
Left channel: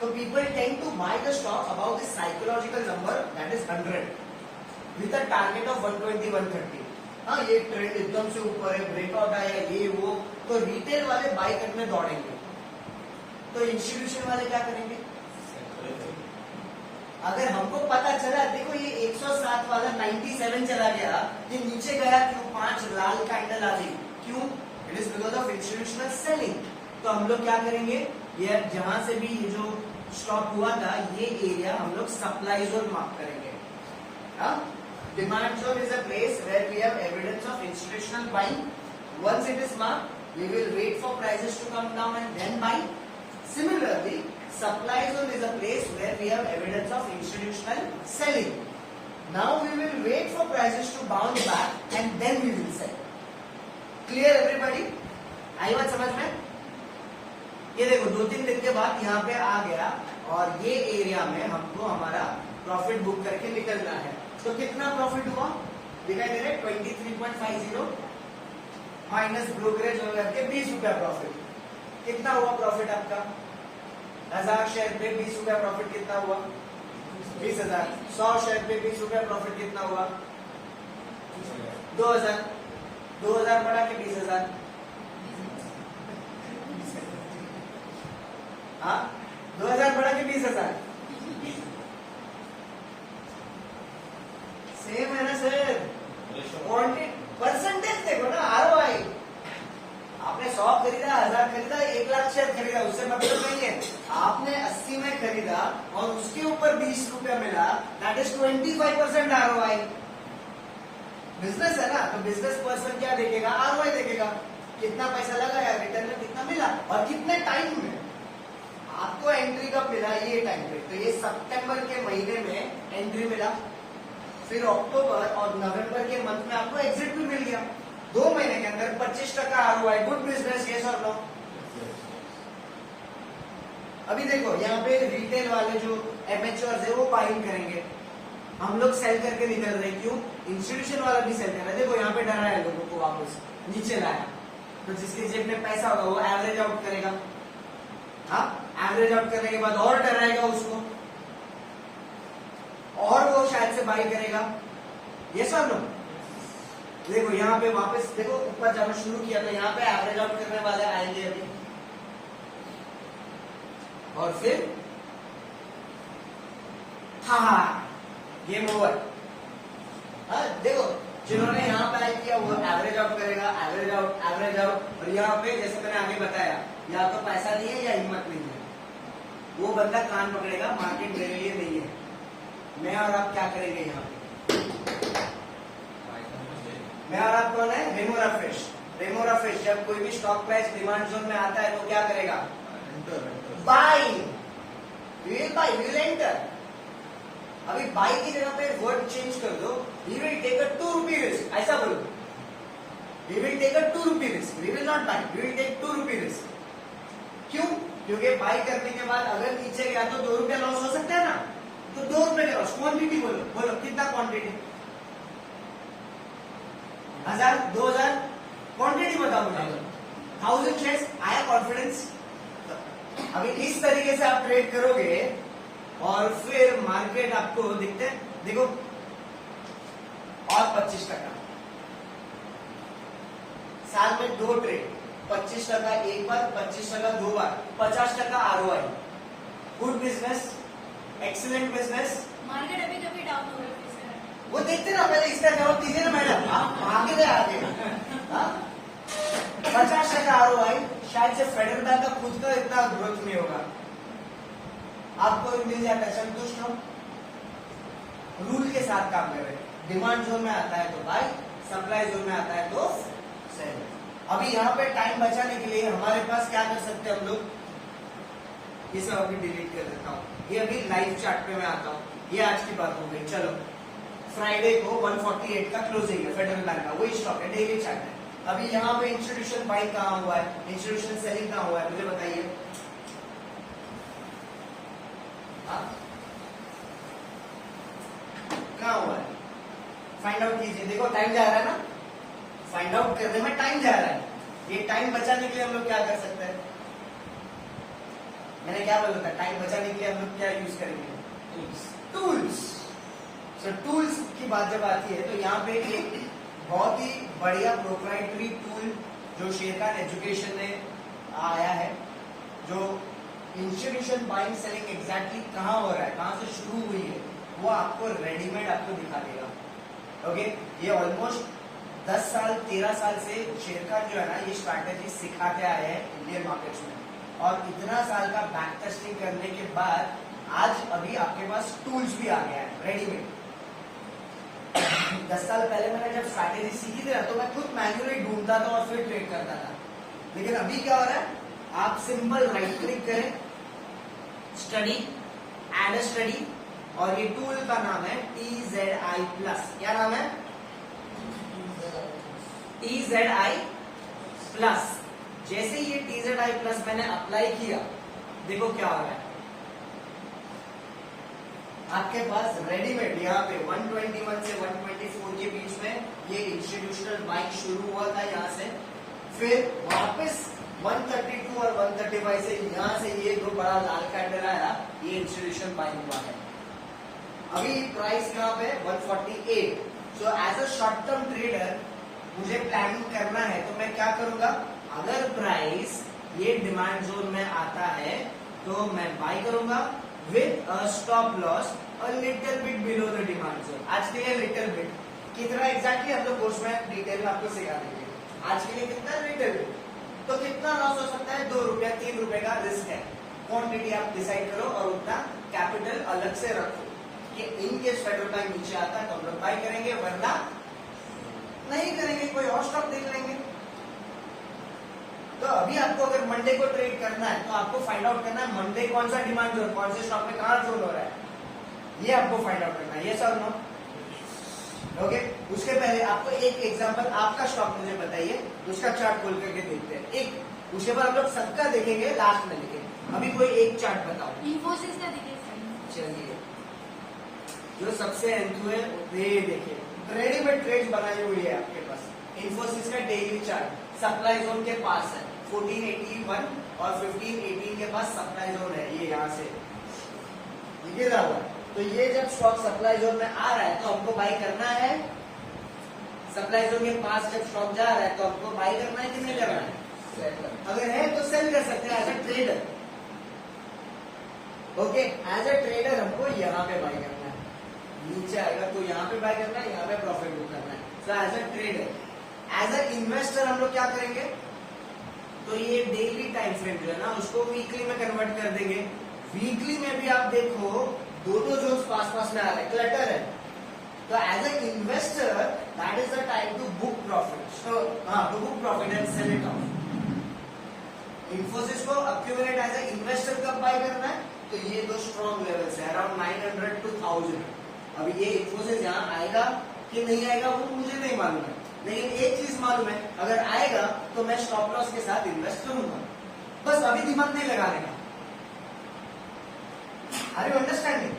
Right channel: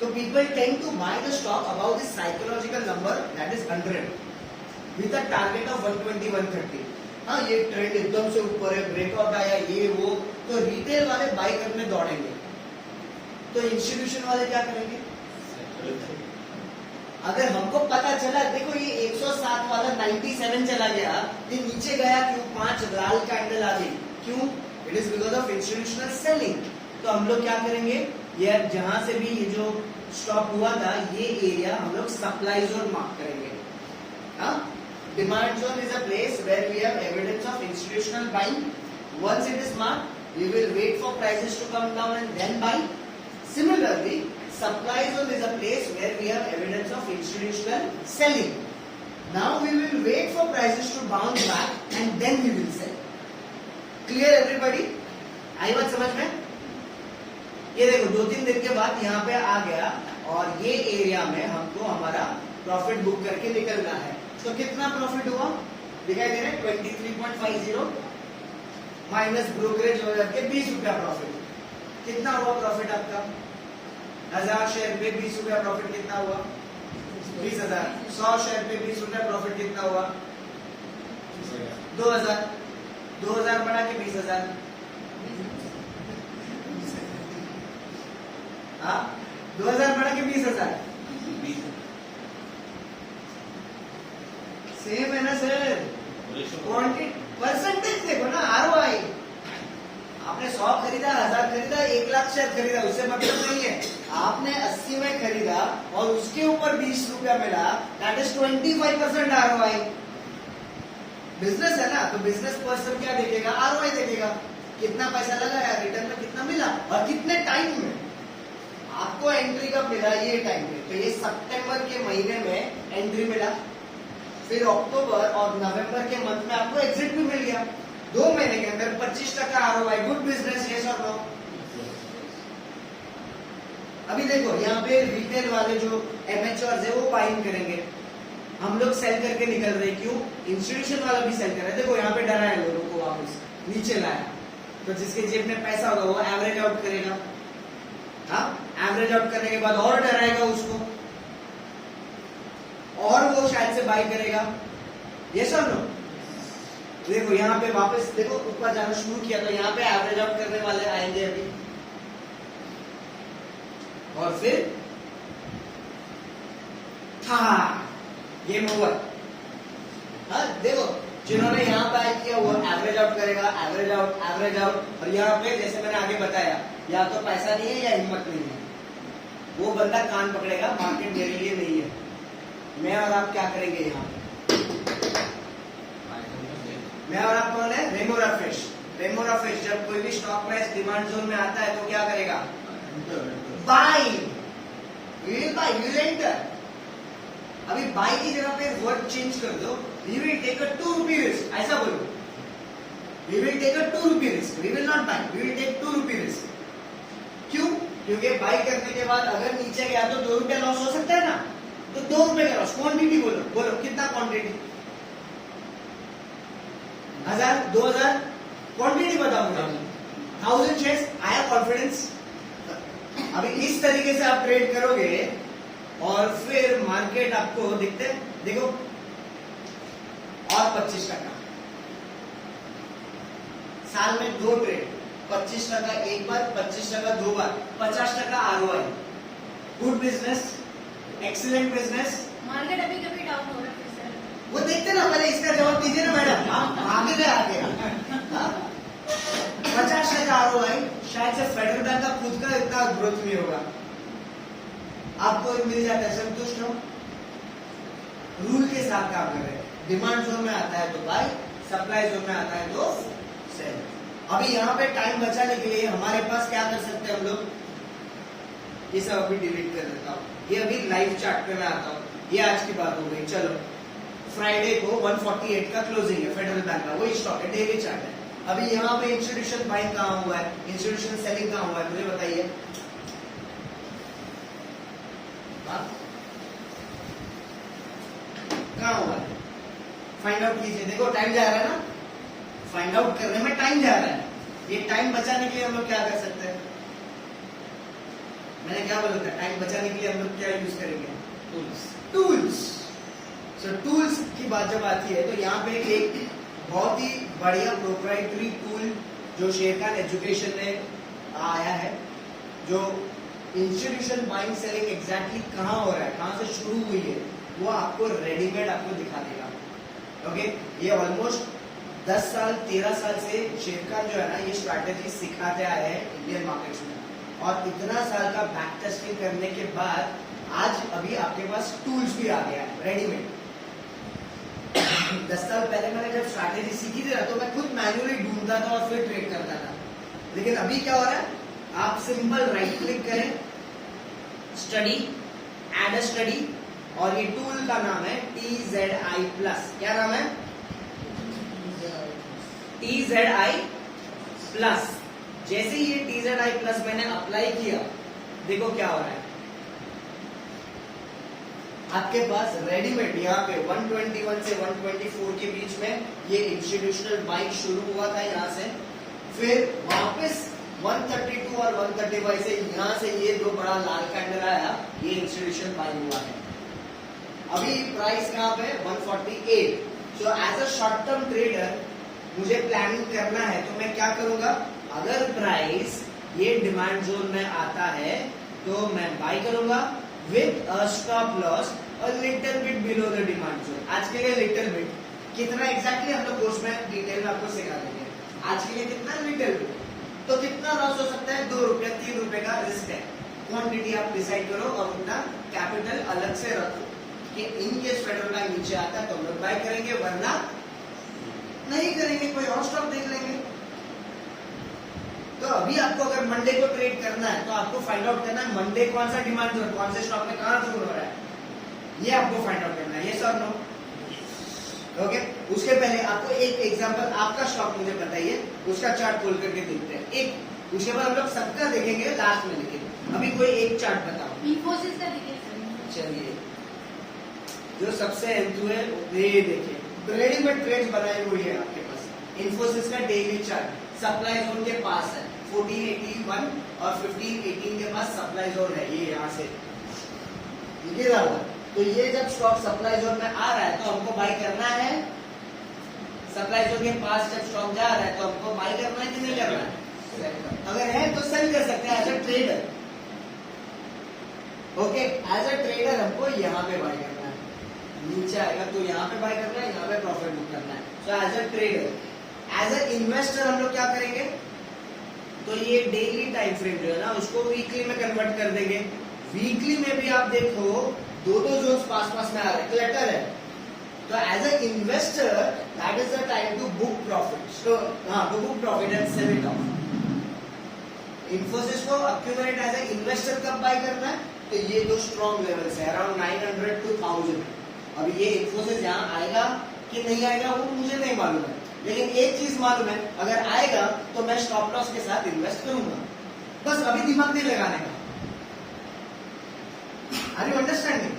तो people tend to buy the stock about this psychological number that is 100 with a target of 120-130। हाँ, ये ट्रेंड एकदम से ऊपर है, ब्रेकआउट आया, ये वो, तो रिटेल वाले बाय करने दौड़ेंगे। तो इंस्टीट्यूशन वाले क्या करेंगे? अगर हमको पता चला, देखो ये 107 वाला 97 चला गया, ये नीचे गया क्यों? 5 लाल कैंडल आ गई, क्यों? It is because of institutional selling. तो हम लोग क्या करेंगे, ये जहां से भी ये जो स्टॉप हुआ था, ये एरिया हम लोग सप्लाई जोन मार्क करेंगे। Demand zone is a place where we have evidence of institutional buying. Once it is marked, we will wait for prices to come down and then buy. Similarly, supply zone is a place where we have evidence of institutional selling. Now we will wait for prices to bounce back and then we will sell. Clear everybody? आई बात समझ में? ये देखो 2-3 दिन के बाद यहाँ पे आ गया और ये एरिया में हमको हमारा प्रॉफिट बुक करके निकलना है। तो कितना प्रॉफिट हुआ? दिखाई दे रहा है 23.50 माइनस ब्रोकरेज हो जाके 20 रुपया प्रॉफिट। कितना हुआ प्रॉफिट आपका? 1000 शेयर पे 20 रुपया प्रॉफिट कितना हुआ? 20,000। 100 शेयर पे 20 रुपया प्रॉफिट कितना हुआ? 2000। 2000 बढ़ा के 20,000। हाँ, 2000 बढ़ा के 20,000 सेम है ना सर? क्वांटिटी परसेंटेज देखो ना, आरओआई। आपने 100 खरीदा, 1000 खरीदा, 1 लाख शेयर खरीदा, उससे मतलब नहीं है। आपने 80 में खरीदा और उसके ऊपर 20 रुपया मिला, दैट इज 25% आरओआई। बिजनेस है ना, तो बिजनेस पर्सन क्या देखेगा? आरओआई देखेगा, कितना पैसा लगाया, रिटर्न में कितना मिला और कितने टाइम में। आपको एंट्री कब मिला? ये टाइम पे। तो ये सितंबर के महीने में एंट्री मिला, फिर अक्टूबर और नवंबर के मंथ में आपको एग्जिट भी मिल गया। 2 महीने के अंदर 25% आरओआई। गुड बिजनेस, यस और नो? अभी देखो यहाँ पे रिटेल वाले जो एमेच्योर्स है वो बाइंग करेंगे, हम लोग सेल करके निकल रहे। क्यों? इंस्टीट्यूशन वाला भी सेल कर रहा है। देखो यहाँ पे डराया लोगों को, वापस नीचे लाया, तो जिसके जेब में पैसा होगा वो एवरेज आउट करेगा। हाँ, एवरेज आउट करने के बाद और डराएगा उसको, और वो शायद से बाई करेगा। यस और नो? देखो यहाँ पे वापस देखो ऊपर जाना शुरू किया, तो यहाँ पे एवरेज आउट करने वाले आएंगे अभी, और फिर था गेम ओवर। हाँ देखो, जिन्होंने यहाँ पे किया वो एवरेज आउट करेगा, एवरेज आउट, एवरेज आउट। और यहाँ पे जैसे मैंने आगे बताया, या तो पैसा नहीं है या हिम्मत नहीं है, वो बंदा कान पकड़ेगा, मार्केट मेरे लिए नहीं है। मैं और आप क्या करेंगे यहाँ पे? मैं और आप कौन है? Remora fresh. रेमोरा फ्रेश जब कोई भी स्टॉक प्राइस डिमांड जोन में आता है तो क्या करेगा? बाई। Buy will enter. अभी बाई की जगह पे वर्ड चेंज कर दो, we will take a 2 rupee risk, ऐसा बोलो। We will take a 2 rupee risk, we will not buy, we will take 2 rupee risk. क्यों? क्योंकि बाई करने के बाद अगर नीचे गया तो 2 रुपया लॉस हो सकता है ना, तो 2 रुपए का लॉस। क्वांटिटी बोलो, बोलो कितना क्वांटिटी? 1000, 2000, क्वांटिटी बताओ मुझे। 1000 शेयर्स। आया कॉन्फिडेंस? अभी इस तरीके से आप ट्रेड करोगे और फिर मार्केट आपको दिखते हैं, देखो और 25%। साल में 2 ट्रेड, 25% एक बार, 25% 2 बार, 50% ROI. Good business, excellent business. Market अभी कभी डाउन हो रहा है सर। वो देखते ना, पहले इसका जवाब दीजिए ना मैडम, आगे गए आगे। 50% आरओआई, शायद से फेडरल बैंक का खुद का इतना ग्रोथ नहीं होगा, आपको मिल जाता है, संतुष्ट हो? रूल के साथ काम कर रहे हैं। डिमांड जोन में आता है तो बाय, सप्लाई जोन में आता है तो सेल। अभी यहाँ पे टाइम बचाने के लिए हमारे पास क्या कर सकते हैं हम लोग? ये सब अभी डिलीट कर देता हूँ, ये अभी लाइव चार्ट पे मैं आता हूँ। ये आज की बात हो गई। चलो फ्राइडे को 148 का क्लोजिंग है फेडरल बैंक का, वही स्टॉक है, डेली चार्ट है। अभी यहाँ पे इंस्टीट्यूशन बाइंग कहाँ हुआ है, इंस्टीट्यूशन सेलिंग कहाँ हुआ है, मुझे बताइए। कहाँ हुआ है, फाइंड आउट कीजिए। देखो टाइम जा रहा है ना, फाइंड आउट करने में टाइम जा रहा है। ये टाइम बचाने के लिए हम लोग क्या कर सकते हैं, मैंने क्या बोला था, टाइम बचाने के लिए हम लोग क्या यूज करेंगे, टूल्स। सो टूल्स की बात जब आती है तो यहाँ पे एक बहुत ही बढ़िया प्रोप्राइटरी टूल जो शेरखान एजुकेशन ने आया है, जो इंस्टीट्यूशन बाइंग सेलिंग एग्जैक्टली कहाँ हो रहा है, कहाँ से शुरू हुई है, वो आपको रेडीमेड आपको दिखा देगा। ओके, ये ऑलमोस्ट 10 साल 13 साल से शेरखान जो है ना, ये स्ट्रैटेजी सिखाते आए हैं इंडियन मार्केट्स में, और इतना साल का बैक टेस्टिंग करने के बाद आज अभी आपके पास टूल्स भी आ गया है रेडीमेड। 10 साल पहले मैंने जब स्ट्रैटेजी सीखी थी ना, तो मैं खुद मैन्युअली ढूंढता था और फिर ट्रेड करता था। लेकिन अभी क्या हो रहा है, आप सिंपल राइट क्लिक करें, स्टडी, ऐड अ स्टडी, और ये टूल का नाम है TZI प्लस। क्या नाम है, TZI प्लस। जैसे ही ये TZI प्लस मैंने अप्लाई किया, देखो क्या हो रहा है, आपके पास रेडीमेड यहाँ पे 121 से 124 के बीच में ये इंस्टीट्यूशनल बाइंग शुरू हुआ था यहाँ से, फिर वापस 132 और 135 से यहाँ से ये जो बड़ा लाल कैंडल आया, ये इंस्टीट्यूशनल बाइंग हुआ है। अभी प्राइस कहाँ पे, 148। So as a short term trader मुझे प्लानिंग करना है, तो मैं क्या करूंगा, अगर प्राइस ये डिमांड जोन में आता है तो मैं बाय करूंगा with a stop loss a little bit below the demand zone. आज के लिए लिटिल बिट कितना एग्जैक्टली हम लोग कोर्स में डिटेल में आपको सिखा देंगे। आज के लिए कितना, लिटिल बिट, तो कितना लॉस हो सकता है, 2 रुपए 3 रुपए का रिस्क है। क्वांटिटी आप डिसाइड करो और उतना कैपिटल अलग से रखो कि इन केस फेडरल बैंक नीचे आता है तो हम लोग बाय करेंगे, वरना नहीं करेंगे, कोई और स्टॉक देख लेंगे। तो अभी आपको अगर मंडे को ट्रेड करना है तो आपको फाइंड आउट करना है मंडे कौन सा डिमांड जोन, कौन से स्टॉक में कहां जोन हो रहा है, ये आपको फाइंड आउट करना है। ये सर नो, ओके। उसके पहले आपको एक एग्जांपल, आपका स्टॉक मुझे बताइए, उसका चार्ट खोल करके देखते हैं एक, उसके बाद हम लोग सबका देखेंगे लास्ट में, लेकिन अभी कोई एक चार्ट बताओ। इन्फोसिस का देखिए सर। चलिए, जो सबसे एंथू है ये देखिए, रेडीमेड ट्रेड्स बनाई हुई है आपके पास। इन्फोसिस का डेली चार्ट सप्लाई जोन के पास है, 1481 और 1518 के पास सप्लाई जोन है, ये यहाँ से ये रहा हुआ। तो ये जब स्टॉक सप्लाई जोन में आ रहा है तो हमको बाय करना है, सप्लाई जोन के पास जब स्टॉक जा रहा है तो हमको बाय करना है कि नहीं करना है, अगर है तो सेल कर सकते हैं as a trader. Okay, as a trader हमको यहाँ पे बाय करना है, नीचे आएगा तो यहाँ पे बाय करना है, यहाँ पे प्रॉफिट बुक करना है। So as a trader, as a investor हम लोग क्या करेंगे, तो ये डेली टाइम फ्रेम जो है ना, उसको वीकली में कन्वर्ट कर देंगे। वीकली में भी आप देखो दो जोन्स पास पास में आ रहे हैं, क्लटर है, तो as a investor that is the time to book profit. So to book profit and sell it off. Infosys को अक्यूमुलेट एज अ इन्वेस्टर कब बाय करना है, तो ये जो स्ट्रॉन्ग लेवल्स है अराउंड 900 to 1000। अभी ये इन्फोसिस यहाँ आएगा कि नहीं आएगा वो मुझे नहीं मालूम है, लेकिन एक चीज मालूम है, अगर आएगा तो मैं स्टॉप लॉस के साथ इन्वेस्ट करूंगा। बस अभी दिमाग नहीं लगाने का, आर यू अंडरस्टैंडिंग?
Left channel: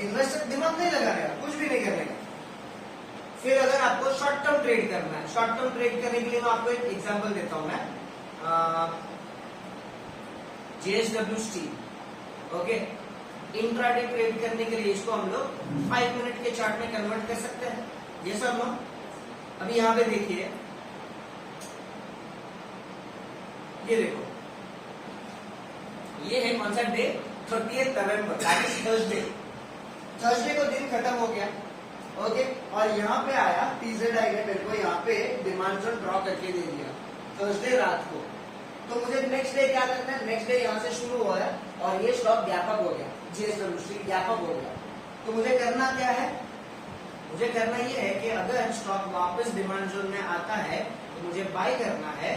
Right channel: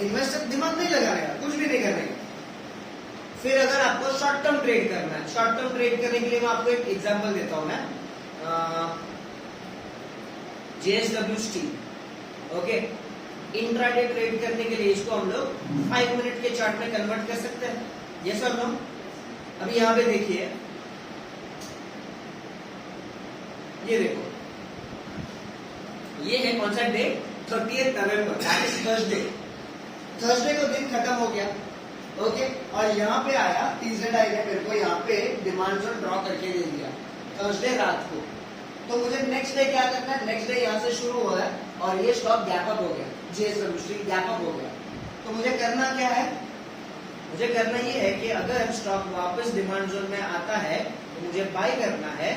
इन्वेस्टर दिमाग नहीं लगाने का, कुछ भी नहीं करने का। फिर अगर आपको शॉर्ट टर्म ट्रेड करना है, शॉर्ट टर्म ट्रेड करने के लिए मैं आपको एक एग्जांपल देता हूं मैं, JSW steel. Okay, intraday trade करने के लिए इसको हम लोग 5 मिनट के चार्ट में कन्वर्ट कर सकते हैं, ये सब हम। अभी यहाँ पे देखिए, ये देखो, ये है कौन सा डे, 30 नवंबर, थर्सडे। थर्सडे को दिन खत्म हो गया, ओके, और यहाँ पे आया TZI ने मेरे को यहाँ पे डिमांड जोन ड्रॉ करके दे दिया थर्सडे रात को। तो मुझे नेक्स्ट डे क्या करना है, नेक्स्ट डे यहाँ से शुरू हो रहा है और ये स्टॉक गैप अप हो गया, JSW स्टील गैप अप हो गया। तो मुझे करना क्या है, मुझे करना ये है कि अगर स्टॉक वापस डिमांड जोन में आता है तो मुझे बाय करना है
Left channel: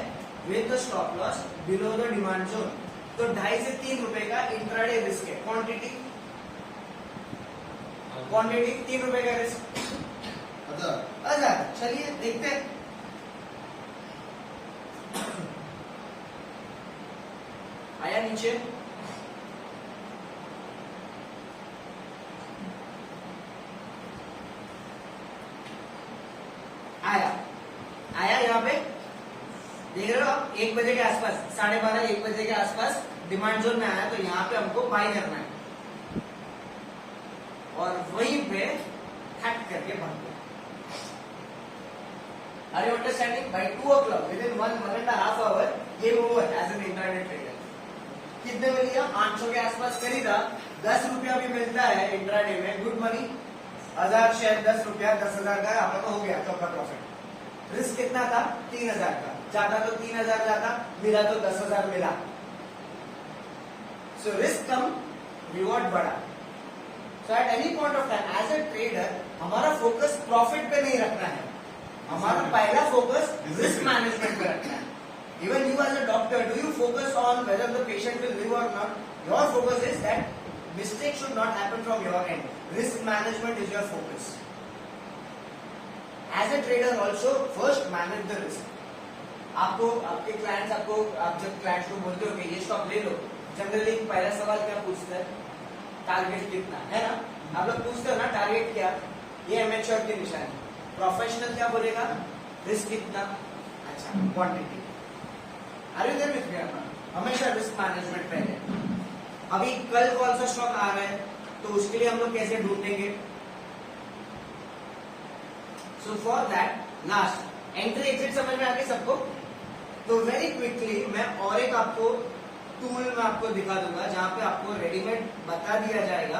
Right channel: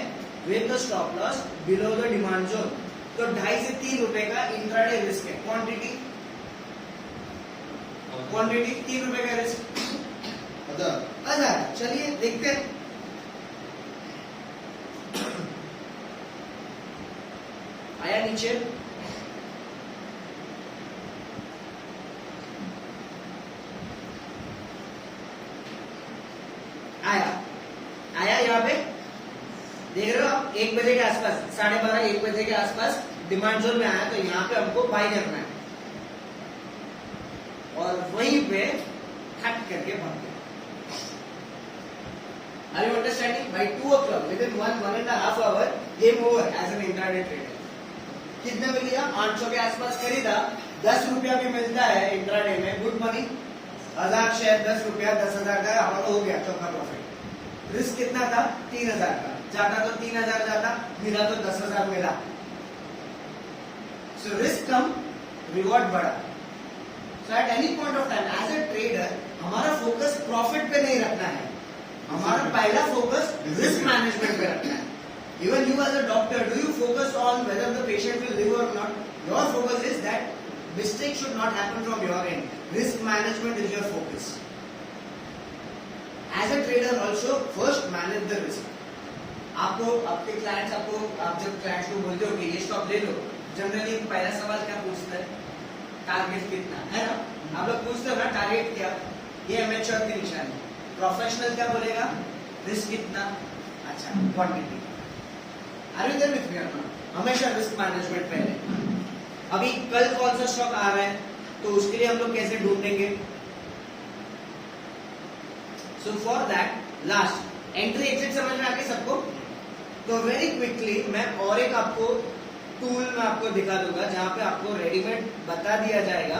with the stop loss below the demand zone. तो 2.5 से 3 रुपए का इंट्राडे रिस्क है, क्वांटिटी क्वांटिटी 3 रुपए का रिस्क, अच्छा 1000। चलिए देखते हैं। आया नीचे, आया यहाँ पे देख रहे हो आप, 1 बजे के आसपास, 12:30 1 बजे के आसपास डिमांड जोन में आया, तो यहाँ पे हमको बाय करना है और वहीं पे हट करके भाग गया। Are you understanding? By 2 o'clock, within 1.5 hour, game over as an intraday trader. कितने में लिया? 800 के आसपास खरीदा, 10 रुपया भी मिलता है इंट्राडे में, गुड मनी। 1000 शेयर 10 रुपया, 10,000 का आपका हो गया चौका प्रॉफिट। रिस्क कितना था? 3,000 का। जाता तो 3,000 जाता, मिला तो 10,000 मिला। सो रिस्क कम, रिवॉर्ड बढ़ा। So at any point of time as a trader हमारा फोकस प्रॉफिट पे नहीं रखना है, हमारा पहला फोकस रिस्क मैनेजमेंट पे रखना है। Even you as a doctor, do you focus on whether the patient will live or not? Your focus is that mistake should not happen from your end. Risk management is your focus. As a trader also, first manage the risk. आपको आपके clients आप जब clients को बोलते हो कि ये stock ले लो, जनरली पहला सवाल क्या पूछता है? टारगेट कितना है ना? आप लोग पूछते हो ना टारगेट क्या? ये एमेच्योर की निशानी। प्रोफेशनल क्या बोलेगा? रिस्क कितना? अच्छा, quantity. Are you there with me or not? हमेशा रिस्क मैनेजमेंट पहले। अभी कल कौन सा स्टॉक आ रहा है, तो उसके लिए हम लोग कैसे ढूंढेंगे? So for that last entry exit समझ में आ गई सबको? तो वेरी क्विकली मैं और एक आपको टूल में आपको दिखा दूंगा जहां पे आपको रेडीमेड बता दिया जाएगा।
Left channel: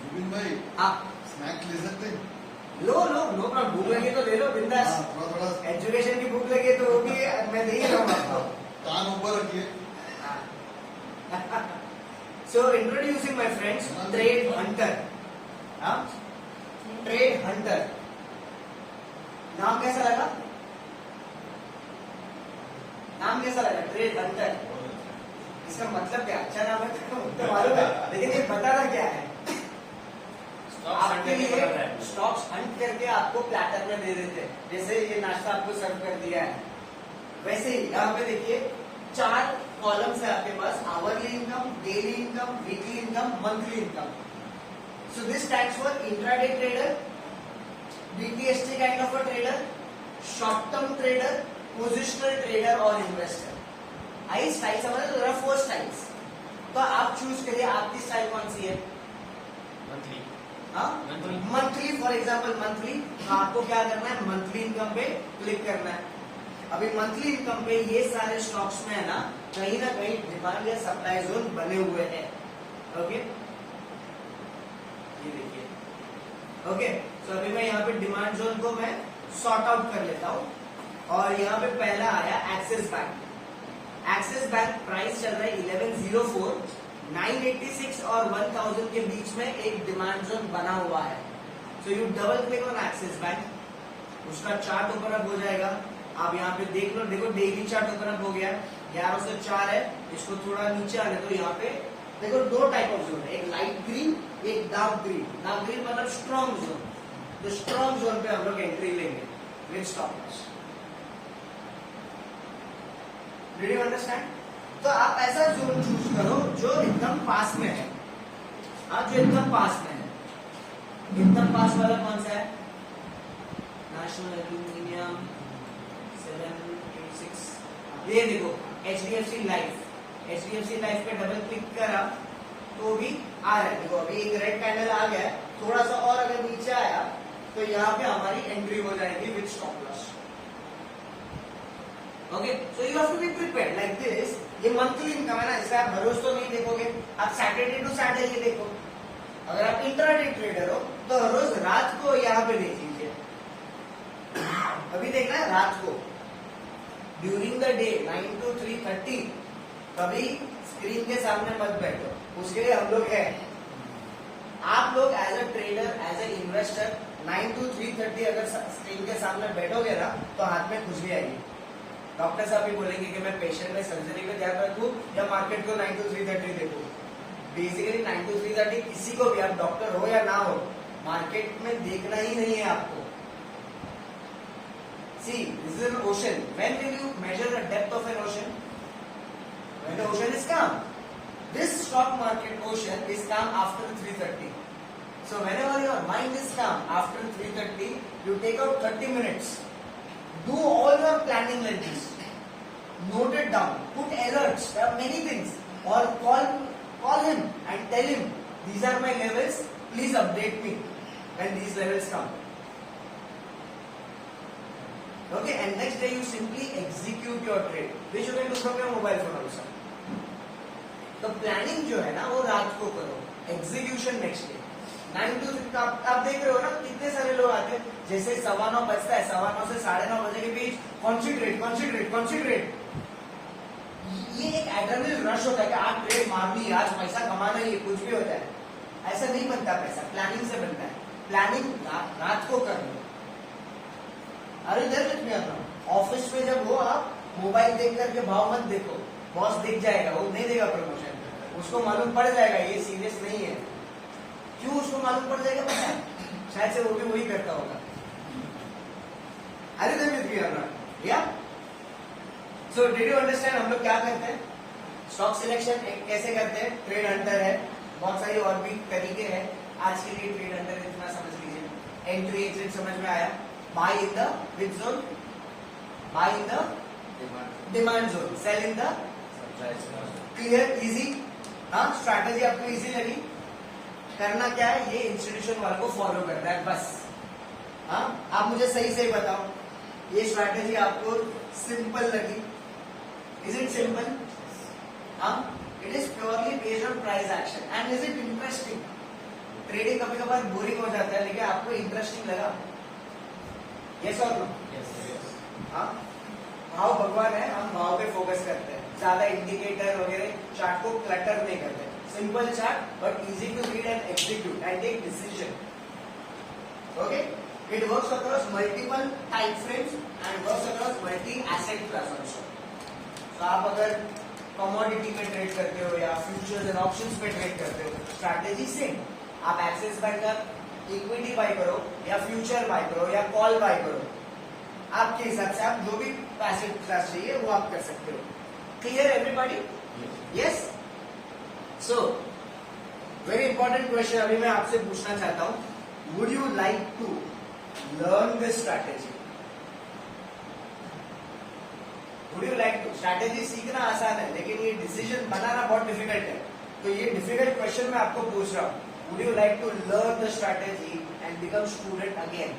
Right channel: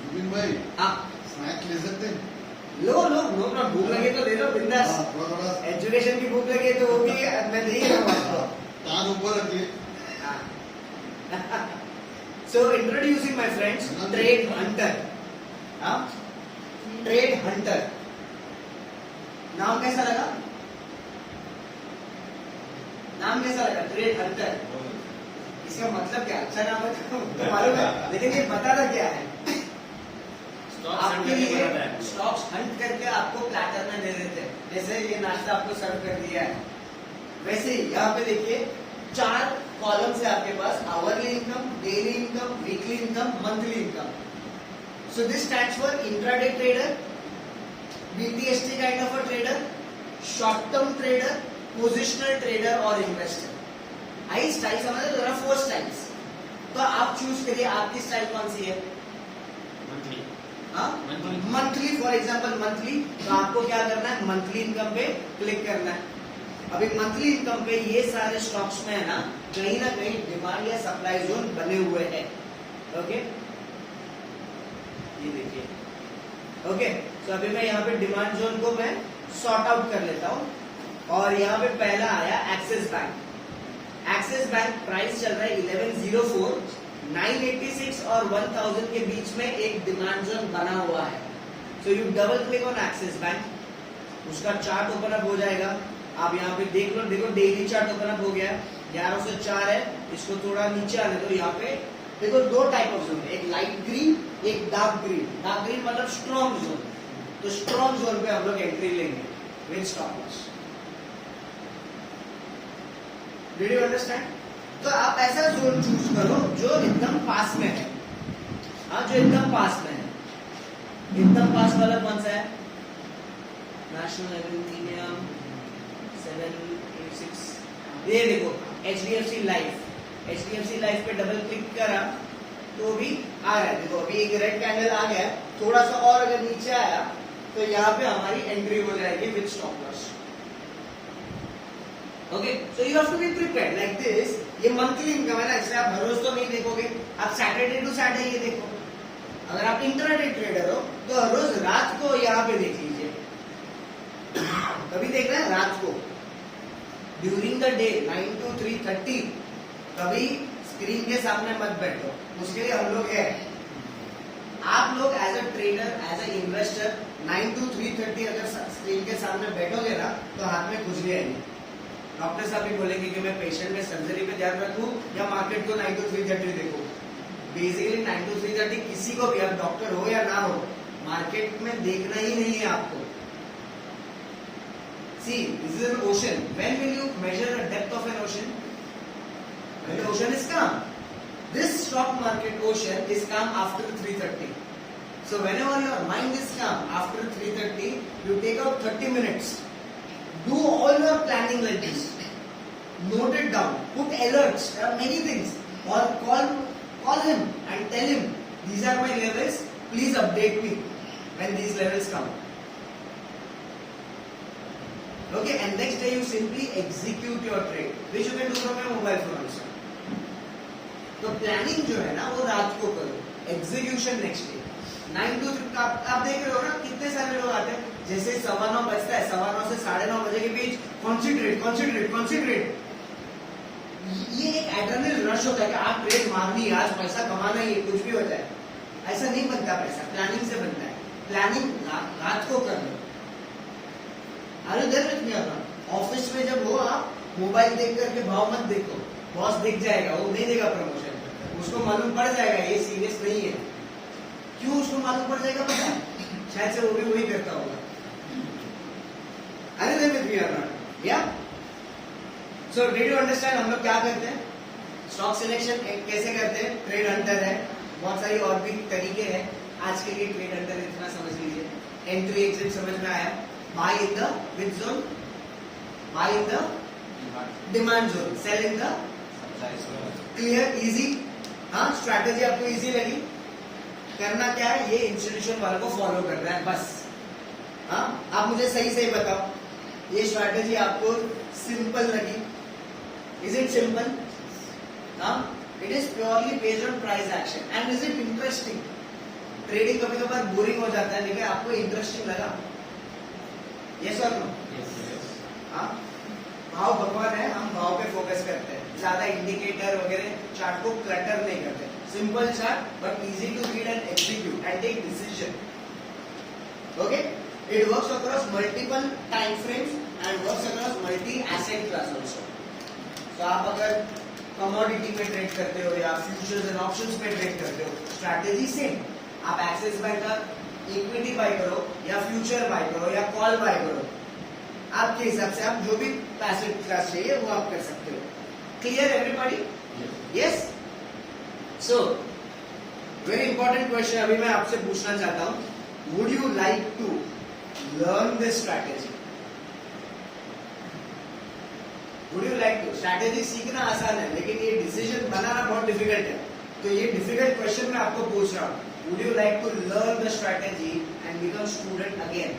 जुबिन भाई हाँ, स्नैक्स ले सकते हैं? लो नो प्रॉब्लम, भूख लगे तो ले लो बिंदास। थोड़ा एजुकेशन की भूख लगे तो वो भी मैं दे ही रहा हूँ आपको। कान ऊपर रखिए। So introducing my friends, Trade Hunter. Trade Hunter. नाम कैसा लगा? नाम कैसा लगा? Trade Hunter. इसका मतलब क्या? अच्छा नाम है तो मालूम है, लेकिन ये बताना क्या है? आपके लिए स्टॉक्स हंट करके आपको प्लेटर में दे देते हैं। जैसे ये नाश्ता आपको सर्व कर दिया है, वैसे ही यहाँ पे देखिए 4 कॉलम्स है आपके पास, hourly income, daily income, weekly income, monthly income. So this stands for intraday trader, BTST kind of a trader, short term trader, positional trader और इन्वेस्टर। आई स्टाइल समझ रहे? Rough four styles. तो आप choose करिए आपकी style कौन सी है। मंथली, फॉर एग्जाम्पल मंथली, तो आपको क्या करना है? मंथली इनकम पे क्लिक करना है। अभी मंथली इनकम पे ये सारे स्टॉक्स में है ना कहीं डिमांड या सप्लाई जोन बने हुए हैं। ओके, ये देखिए। ओके, तो अभी मैं यहाँ पे डिमांड जोन को मैं सॉर्ट आउट कर लेता हूँ और यहाँ पे पहला आया axis bank. Axis bank price चल रहा है 1104, 986 और 1000 के बीच में एक डिमांड जोन बना हुआ है। So U double click on axis bank, उसका चार्ट ओपन अप हो जाएगा। आप यहाँ पे देख लो, देखो डेली चार्ट ओपन अप हो गया, 1104 है। इसको थोड़ा नीचे आने दो। यहाँ पे देखो 2 टाइप ऑफ जोन है, एक लाइट ग्रीन, एक डार्क ग्रीन। डार्क ग्रीन मतलब स्ट्रॉन्ग जोन। तो स्ट्रॉन्ग जोन पे हम लोग एंट्री लेंगे with stop loss. Did you understand? तो आप ऐसा जोन चूज करो जो एकदम पास में है। हाँ, जो एकदम पास में है। एकदम पास वाला कौन सा है? National aluminium 786। ये देखो HDFC लाइफ। HDFC लाइफ पे डबल क्लिक करा तो भी आ रहा है। देखो अभी एक रेड कैंडल आ गया है, थोड़ा सा और अगर नीचे आया तो यहाँ पे हमारी एंट्री हो जाएगी with stop loss. Okay, so you have to be prepared like this. ये मंथली इनकम है ना, इसलिए आप हर रोज तो नहीं देखोगे, आप सैटरडे टू सैटरडे देखो। अगर आप इंट्राडे ट्रेडर हो तो हर रोज रात को यहाँ पे देख लीजिए। कभी देखना है रात को, ड्यूरिंग द डे 9 to 3:30 कभी स्क्रीन के सामने मत बैठो, उसके लिए हम लोग है। आप लोग as a trader, as a investor 9 to 3:30 अगर स्क्रीन के सामने बैठोगे ना तो हाथ में खुजली आएगी। डॉक्टर साहब भी बोलेंगे कि मैं पेशेंट में सर्जरी पे ध्यान रखूं या मार्केट को 9 to 3:30 देखूं। बेसिकली 9 to 3:30 किसी को भी, आप डॉक्टर हो या ना हो, मार्केट में देखना ही नहीं है आपको. See, this is an ocean. When will you measure the depth of an ocean? When the ocean is calm. This stock market ocean is calm after 3:30. So whenever your mind is calm after 3:30, you take out 30 minutes. Do all your planning like this. Note it down. Put alerts. There are many things. Or call him and tell him, these are my levels. Please update me when these levels come. Okay, and next day you simply execute your trade, which you can do from your mobile phone also. तो planning जो है ना वो रात को करो, execution next day. 9 to 3 आप देख रहे हो ना कितने सारे लोग आते हैं. जैसे 9:15 बजता है, 9:15 से 9:30 बजे के बीच कॉन्सेंट्रेट. ये एक एड्रेनलिन रश होता है कि आज ट्रेड मारनी है, आज पैसा कमाना है, कुछ भी होता है. ऐसा नहीं बनता पैसा, प्लानिंग से बनता है. प्लानिंग रात को करना. अरे देर में अपना ऑफिस में जब हो आप मोबाइल देख करके भाव मत देखो. बॉस दिख जाएगा, वो नहीं देगा प्रमोशन. उसको मालूम पड़ जाएगा ये सीरियस नहीं है. क्यों उसको मालूम पड़ जाएगा पता है? शायद से वो भी वही करता होगा. अरे देर में अपना या सो डिड यू अंडरस्टैंड हम लोग क्या करते हैं? स्टॉक सिलेक्शन कैसे करते हैं? ट्रेड हंटर है, बहुत सारी और भी तरीके हैं. आज के लिए ट्रेड हंटर इतना समझ लीजिए. एंट्री एग्जिट समझ में आया. Buy in the which zone? Buy in the demand zone. Sell in the clear, easy. हाँ, स्ट्रैटेजी आपको इजी लगी? करना क्या है? ये इंस्टीट्यूशन वालों को फॉलो करना है बस. हाँ, आप मुझे सही बताओ, ये स्ट्रैटेजी आपको सिंपल लगी? Is it simple? हाँ, it is purely based on price action. And is it interesting? Trading कभी कभार बोरिंग हो जाता है, लेकिन आपको इंटरेस्टिंग लगा? यस और नो? हाँ, भाव भगवान है, हम भाव पे फोकस करते हैं. ज्यादा इंडिकेटर वगैरह चार्ट को क्लटर नहीं करते. Simple chart but easy to read and execute and take decision. Okay, it works across multiple time frames and works across multi asset class also. तो आप अगर कमोडिटी पे ट्रेड करते हो या फ्यूचर्स एंड ऑप्शंस पे ट्रेड करते हो, स्ट्रैटेजी सेम. आप एक्सेस बाय कर, इक्विटी बाय करो या फ्यूचर बाय करो या कॉल बाय करो, आपके हिसाब से आप जो भी पैसिव क्लास चाहिए वो आप कर सकते हो. Clear everybody? Yes. So very important question अभी मैं आपसे पूछना चाहता हूं. Would you like to learn this strategy? Would you like to? Strategy सीखना आसान है, लेकिन ये डिसीजन बनाना बहुत डिफिकल्ट है. तो ये डिफिकल्ट क्वेश्चन मैं आपको पूछ रहा हूं. Would you like to learn the strategy and become student again?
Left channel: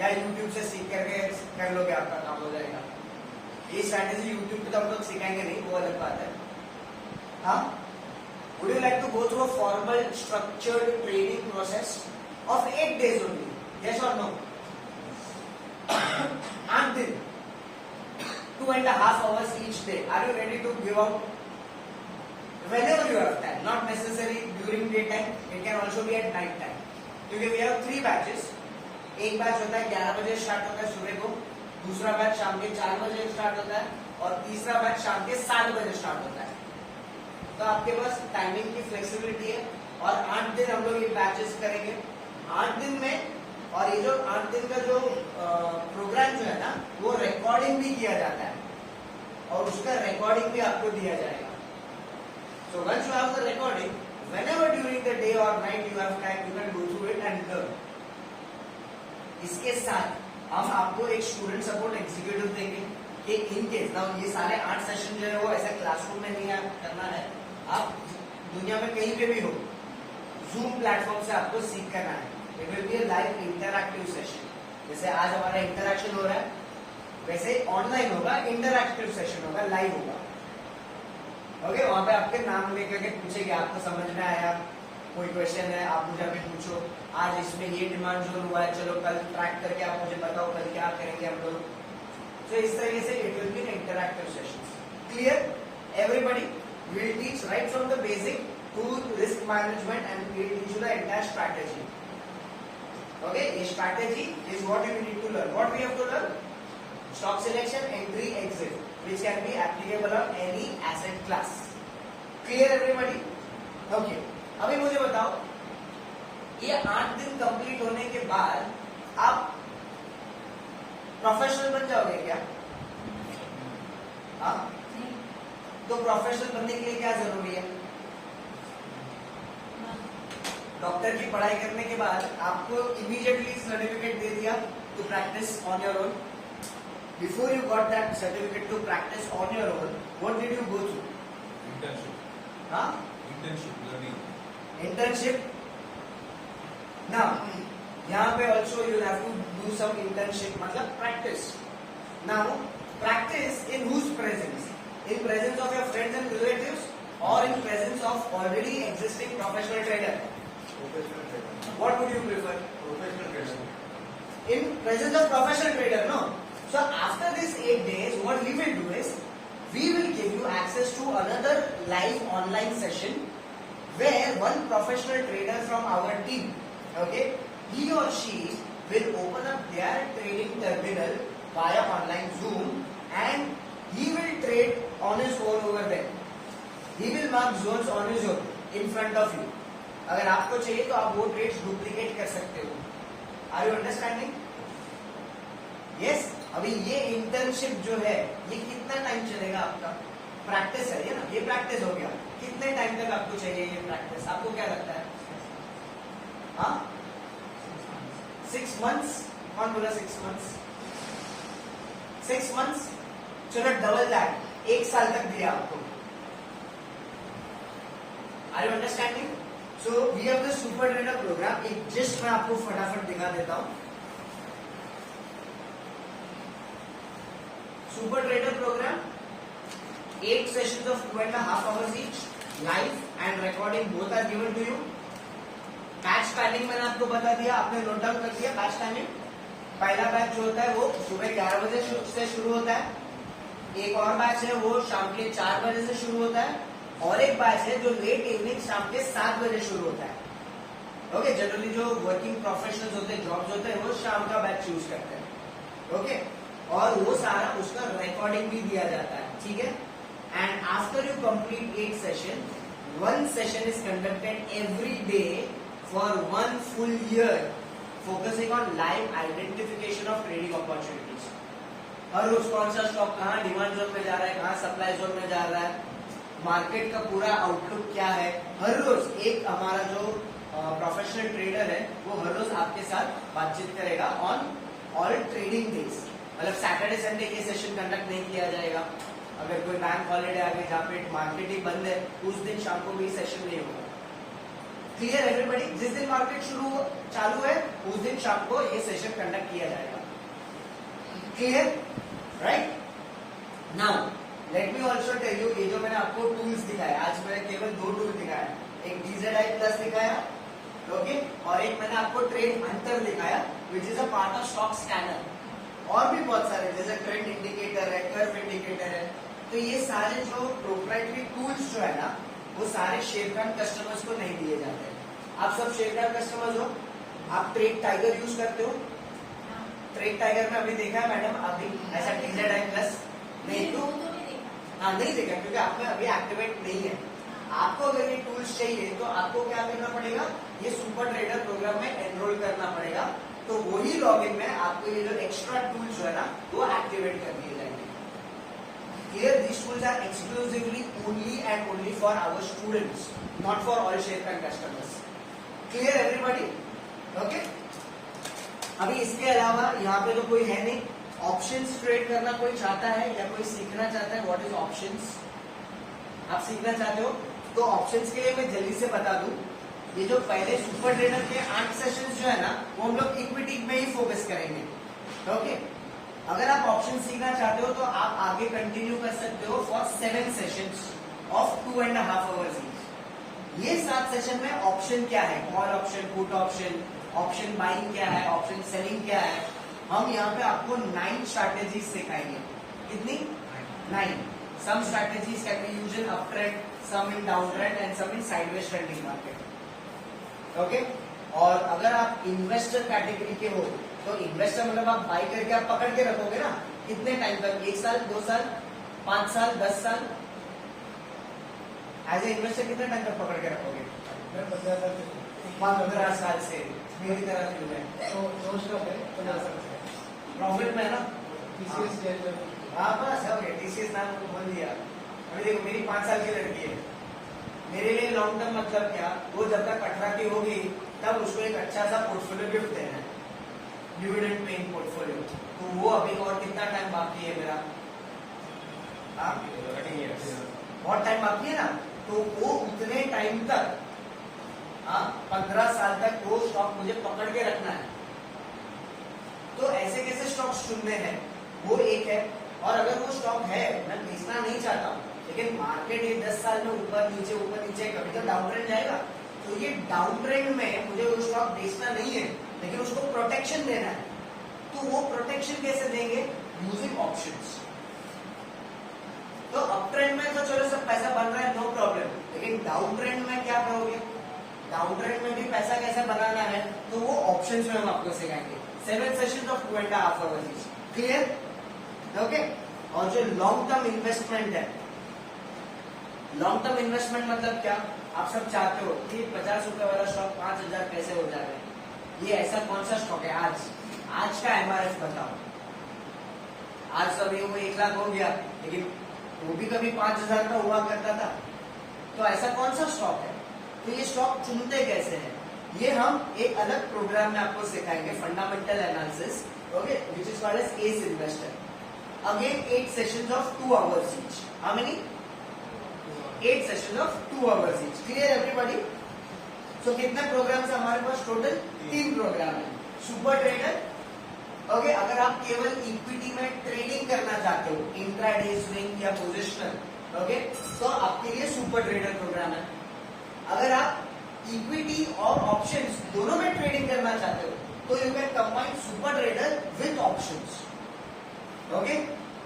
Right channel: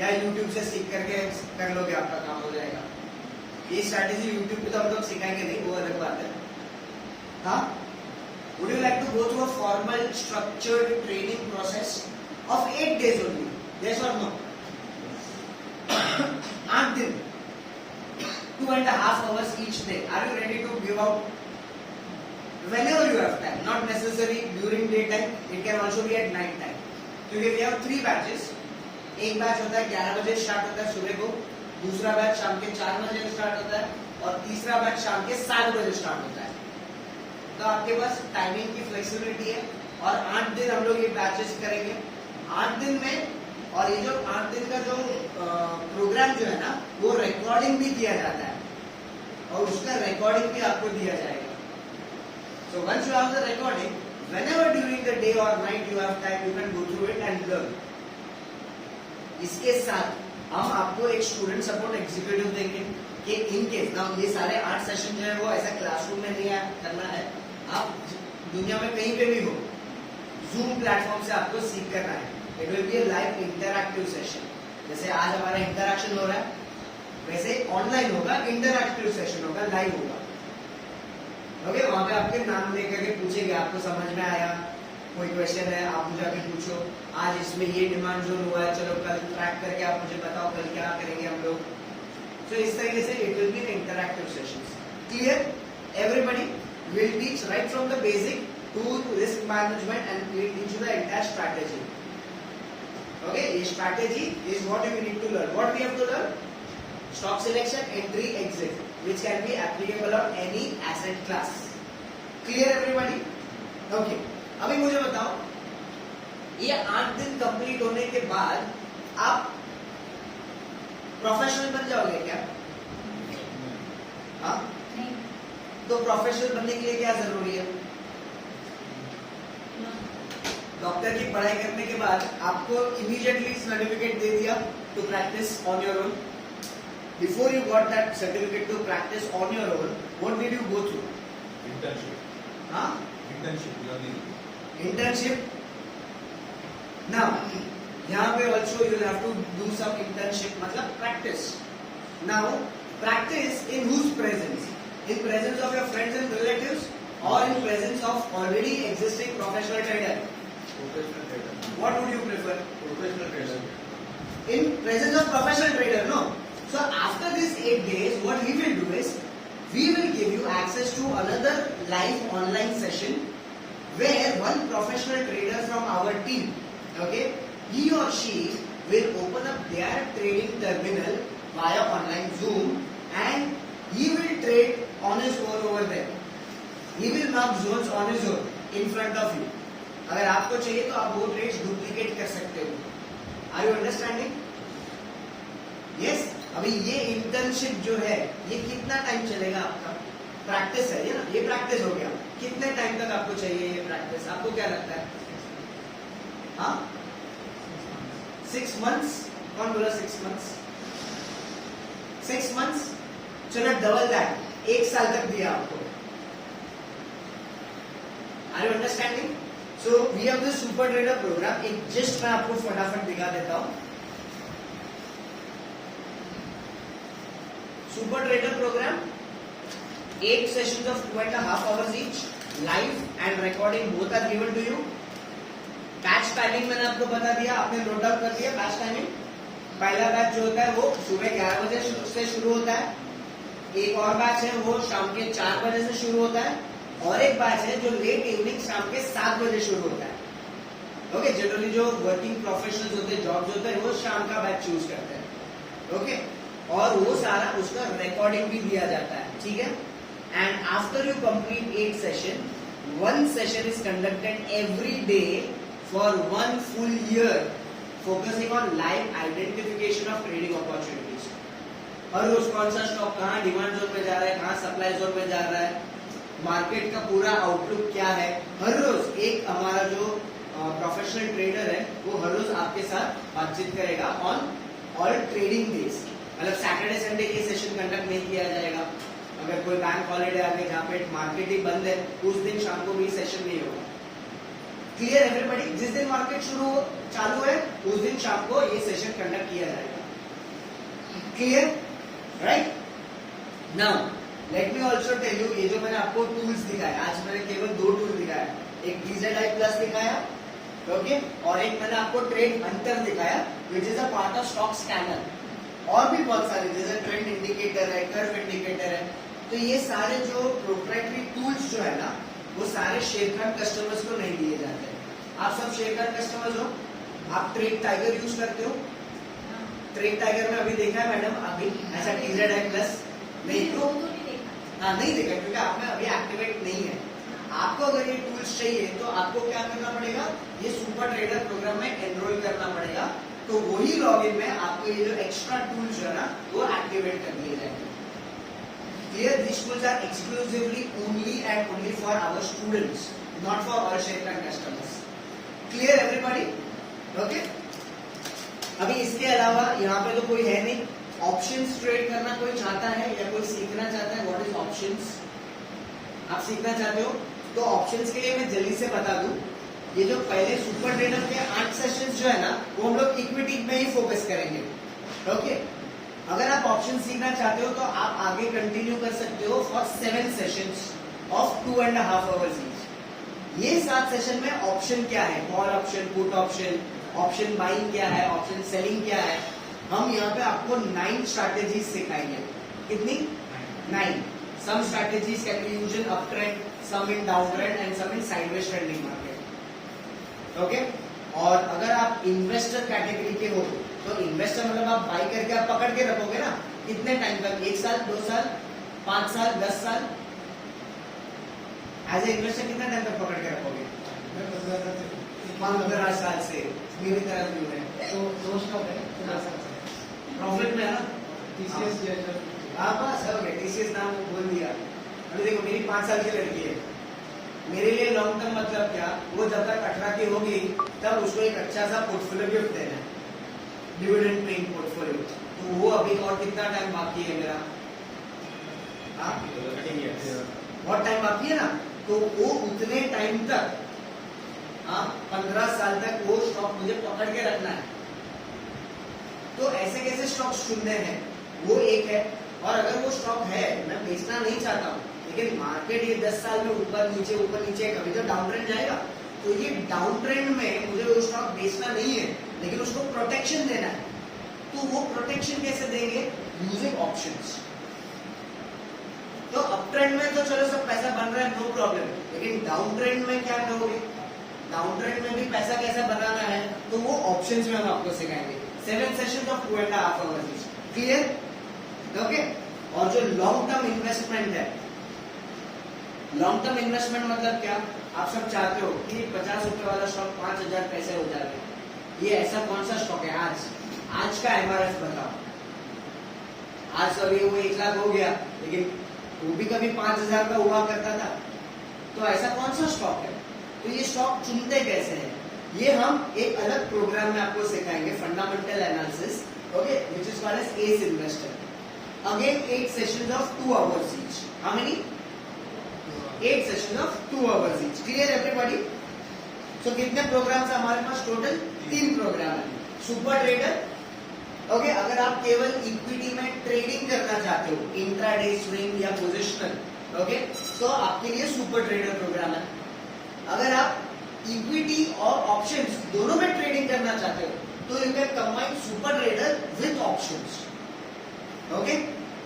या यूट्यूब से सीख करके कर लोगे, आपका काम हो जाएगा? ये स्ट्रैटेजी यूट्यूब पे तो हम लोग सिखाएंगे नहीं, वो अलग बात है. हाँ, would you like to go through a formal structured training process of 8 days only? Yes और नो? 8 दिन, 2.5 hours each day. Are you ready to give out? Whenever you have time, not necessarily during daytime. It can also be at night time. क्योंकि we have 3 batches. एक batch होता है 11 बजे start होता है सुबह को, दूसरा बैच शाम के 4 बजे स्टार्ट होता है और तीसरा बैच शाम के 7 बजे स्टार्ट होता है. तो आपके पास टाइमिंग की फ्लेक्सिबिलिटी है. और 8 दिन हम लोग ये बैचेस करेंगे. 8 दिन में, और ये जो 8 दिन का जो प्रोग्राम जो है ना, वो रिकॉर्डिंग भी किया जाता है और उसका रिकॉर्डिंग भी आपको दिया जाएगा. So once you have the recording, whenever during the day और night you have time, you can go through it and learn. इसके साथ हम आपको एक स्टूडेंट सपोर्ट एग्जीक्यूटिव देंगे कि इन केस ना ये सारे 8 सेशन जो है वो ऐसा क्लासरूम में नहीं करना है. आप दुनिया में कहीं पे भी हो, जूम प्लेटफॉर्म से आपको सीख करना है. It will be a live interactive session. जैसे आज हमारा इंटरैक्शन हो रहा है, वैसे ऑनलाइन होगा, इंटरैक्टिव सेशन होगा, लाइव होगा. ओके, वहां पे आपके नाम लेकर के पूछेंगे, आपको समझ में आया, कोई क्वेश्चन है आप मुझे अभी पूछो, आज इसमें ये डिमांड जोन हुआ है, चलो कल ट्रैक करके आप मुझे बताओ कल क्या करेंगे हम लोग. तो इस तरीके से it will be interactive sessions. Clear? Everybody will teach right from the basic to risk management and will teach you the entire strategy. Okay, ये strategy is what you need to learn. What we have to learn? Stock selection, entry, exit, which can be applicable on any asset class. Clear everybody? Okay, अभी मुझे बताओ, ये 8 दिन complete होने के बाद आप प्रोफेशनल बन जाओगे क्या? हाँ, नहीं, तो प्रोफेशनल बनने के लिए क्या जरूरी है? डॉक्टर की पढ़ाई करने के बाद आपको इमीडिएटली सर्टिफिकेट दे दिया to practice on your own. Before you got that certificate to practice on your own, what did you go through? Internship. हाँ, Internship learning. internship. Now, यहाँ पे also you have to do some internship, मतलब practice. Now, practice in whose presence? In presence of your friends and relatives, or in presence of already existing professional trader? Professional trader. What would you prefer? Professional trader. In presence of professional trader, no? So after these 8 days, what we will do is, we will give you access to another live online session where one professional trader from our team, okay, he or she will open up their trading terminal via online Zoom and he will trade on his own over there. He will mark zones on his own in front of you. अगर आपको चाहिए तो आप वो trades duplicate कर सकते हो. Are you understanding? Yes. अभी ये इंटर्नशिप जो है, ये कितना टाइम चलेगा आपका? प्रैक्टिस है ये ना, ये प्रैक्टिस हो गया. कितने टाइम तक आपको चाहिए ये प्रैक्टिस? आपको क्या लगता है? हाँ, 6 months. कौन बोला 6 months? 6 months. चलो डबल दैट, 1 साल तक दिया आपको. Are you understanding? So we have the super trader programme. एक जस्ट मैं आपको फटाफट दिखा देता हूं. Super Trader program, 8 sessions of 2.5 hours each, live and recording both are given to you. Batch timing मैंने आपको बता दिया, आपने नोट डाउन कर दिया. बैच टाइमिंग, पहला बैच जो होता है वो सुबह 11 बजे से शुरू होता है. एक और बैच है वो शाम के 4 बजे से शुरू होता है, और एक बैच है जो लेट इवनिंग शाम के 7 बजे शुरू होता है. ओके, जनरली जो वर्किंग प्रोफेशनल्स होते हैं, जॉब्स होते हैं, वो शाम का बैच चूज करते हैं. ओके, और वो सारा उसका रिकॉर्डिंग भी दिया जाता है. ठीक है. And after you complete 8 session, 1 session is conducted every day for 1 full year, focusing on live identification of trading opportunities. हर रोज कौन सा स्टॉक कहाँ डिमांड जोन में जा रहा है, कहाँ सप्लाई जोन में जा रहा है, मार्केट का पूरा आउटलुक क्या है. हर रोज एक हमारा जो प्रोफेशनल ट्रेडर है वो हर रोज आपके साथ बातचीत करेगा ऑन ऑल ट्रेडिंग डेज. मतलब सैटरडे संडे ये सेशन कंडक्ट नहीं किया जाएगा. अगर कोई बैंक हॉलीडे आ गई जहाँ पे मार्केट ही बंद है, उस दिन शाम को भी सेशन नहीं होगा. Clear everybody? जिस दिन मार्केट चालू है उस दिन शाम को ये सेशन कंडक्ट किया जाएगा. Clear? Right. Now let me also tell you, ये जो मैंने आपको टूल्स दिखाया, आज मैंने केवल 2 टूल दिखाया. एक DZI प्लस दिखाया, ओके, और एक मैंने आपको ट्रेड हंटर दिखाया which is a part of stock scanner. और भी बहुत सारे, जैसे ट्रेंड इंडिकेटर है, कर्व इंडिकेटर है. तो ये सारे जो प्रोप्राइटरी टूल्स जो है ना, वो सारे शेयरकार्ड कस्टमर्स को नहीं दिए जाते. आप सब शेयरकार्ड कस्टमर्स हो. आप ट्रेड टाइगर यूज करते हो? ट्रेड टाइगर में अभी देखा है मैडम, अभी ऐसा DZI प्लस नहीं तो हाँ नहीं देखा, क्योंकि आपने अभी एक्टिवेट नहीं है. आपको अगर ये टूल्स चाहिए तो आपको क्या करना पड़ेगा, ये सुपर ट्रेडर प्रोग्राम में एनरोल करना पड़ेगा. तो वही लॉगिन में आपको ये जो एक्स्ट्रा टूल्स है ना, वो एक्टिवेट कर दिए जाएंगे. Here these tools are exclusively only and only for our students, not for all Sharekhan customers. Clear everybody? Okay? अभी इसके अलावा यहाँ पे तो कोई है नहीं. ऑप्शंस ट्रेड करना कोई चाहता है या कोई सीखना चाहता है? What is options? आप सीखना चाहते हो तो ऑप्शंस के लिए मैं जल्दी से बता दूं. ये जो पहले सुपर ट्रेडर के 8 सेशंस जो है ना, वो हम लोग इक्विटी में ही फोकस करेंगे. ओके, अगर आप ऑप्शन सीखना चाहते हो तो आप आगे कंटिन्यू कर सकते हो for 7 sessions of 2.5 hours each. ये 7 सेशन में ऑप्शन क्या है, call option, put option, option buying क्या है, ऑप्शन सेलिंग क्या है, हम यहाँ पे आपको 9 स्ट्रैटेजीज सिखाएंगे. कितनी? 9. Some strategies can be used in up trend, some in down trend and some in sideways trending market. Okay, और अगर आप इन्वेस्टर कैटेगरी के हो तो इन्वेस्टर मतलब आप बाई करके आप पकड़ के रखोगे ना, कितने टाइम तक? 1 साल, 2 साल, 5 साल, 10 साल. एज ए इन्वेस्टर कितना टाइम तक पकड़ के रखोगे? मैं 15 साल से मेरी तरह क्यों है? तो दो स्टॉक है तो जा सकता है प्रॉफिट में है ना? टीसीएस जैसे हाँ बस हो गया, टीसीएस नाम बोल दिया। अभी देखो मेरी 5 साल की लड़की है, मेरे लिए लॉन्ग टर्म मतलब क्या, वो जब तक 18 की होगी तब उसको एक अच्छा सा पोर्टफोलियो गिफ्ट देना है, डिविडेंड पेइंग पोर्टफोलियो। तो वो अभी और कितना टाइम बाकी है मेरा? हाँ? बहुत टाइम बाकी है ना, तो वो उतने टाइम तक, हाँ 15 साल तक वो स्टॉक मुझे पकड़ के रखना है। तो ऐसे कैसे स्टॉक चुनने हैं वो एक है। और अगर वो स्टॉक है, मैं बेचना नहीं चाहता हूँ, लेकिन मार्केट ये 10 साल में ऊपर नीचे कभी तो डाउन ट्रेंड जाएगा, तो ये डाउन ट्रेंड में मुझे वो स्टॉक बेचना नहीं है, लेकिन उसको प्रोटेक्शन देना है। तो वो प्रोटेक्शन कैसे देंगे? Using options. तो अप ट्रेंड में तो चलो सब पैसा बन रहा है, नो प्रॉब्लम, लेकिन डाउन ट्रेंड में क्या करोगे? डाउन ट्रेंड में भी पैसा कैसे बनाना है, तो वो ऑप्शंस में हम आपको सिखाएंगे। 7 sessions of 2.5 hours। Clear? Okay. और जो लॉन्ग टर्म इन्वेस्टमेंट है, लॉन्ग टर्म इन्वेस्टमेंट मतलब क्या? आप सब चाहते हो कि 50 रुपए वाला स्टॉक 5000 पैसे हो जाएगा। ये ऐसा कौन सा स्टॉक है? आज का एमआरएफ बताओ। आज अभी वो 1 लाख हो गया, लेकिन वो भी कभी 5000 का हुआ करता था। तो ऐसा कौन सा स्टॉक है? तो ये स्टॉक चुनते कैसे हैं, ये हम एक अलग प्रोग्राम में आपको सिखाएंगे, fundamental analysis, okay, which is called as ace investor. Again 8 sessions of 2 hours each. How many? 8 sessions of 2 hours each. Clear everybody? So कितने प्रोग्राम्स हमारे पास टोटल? 3 प्रोग्राम है। सुपर ट्रेडर, ओके, अगर आप केवल इक्विटी में ट्रेडिंग करना चाहते हो, इंट्राडे, स्विंग या पोजिशनल, ओके, तो आपके लिए सुपर ट्रेडर प्रोग्राम है। अगर आप इक्विटी और ऑप्शंस दोनों में ट्रेडिंग करना चाहते हो, तो you can combine super trader with options. Okay,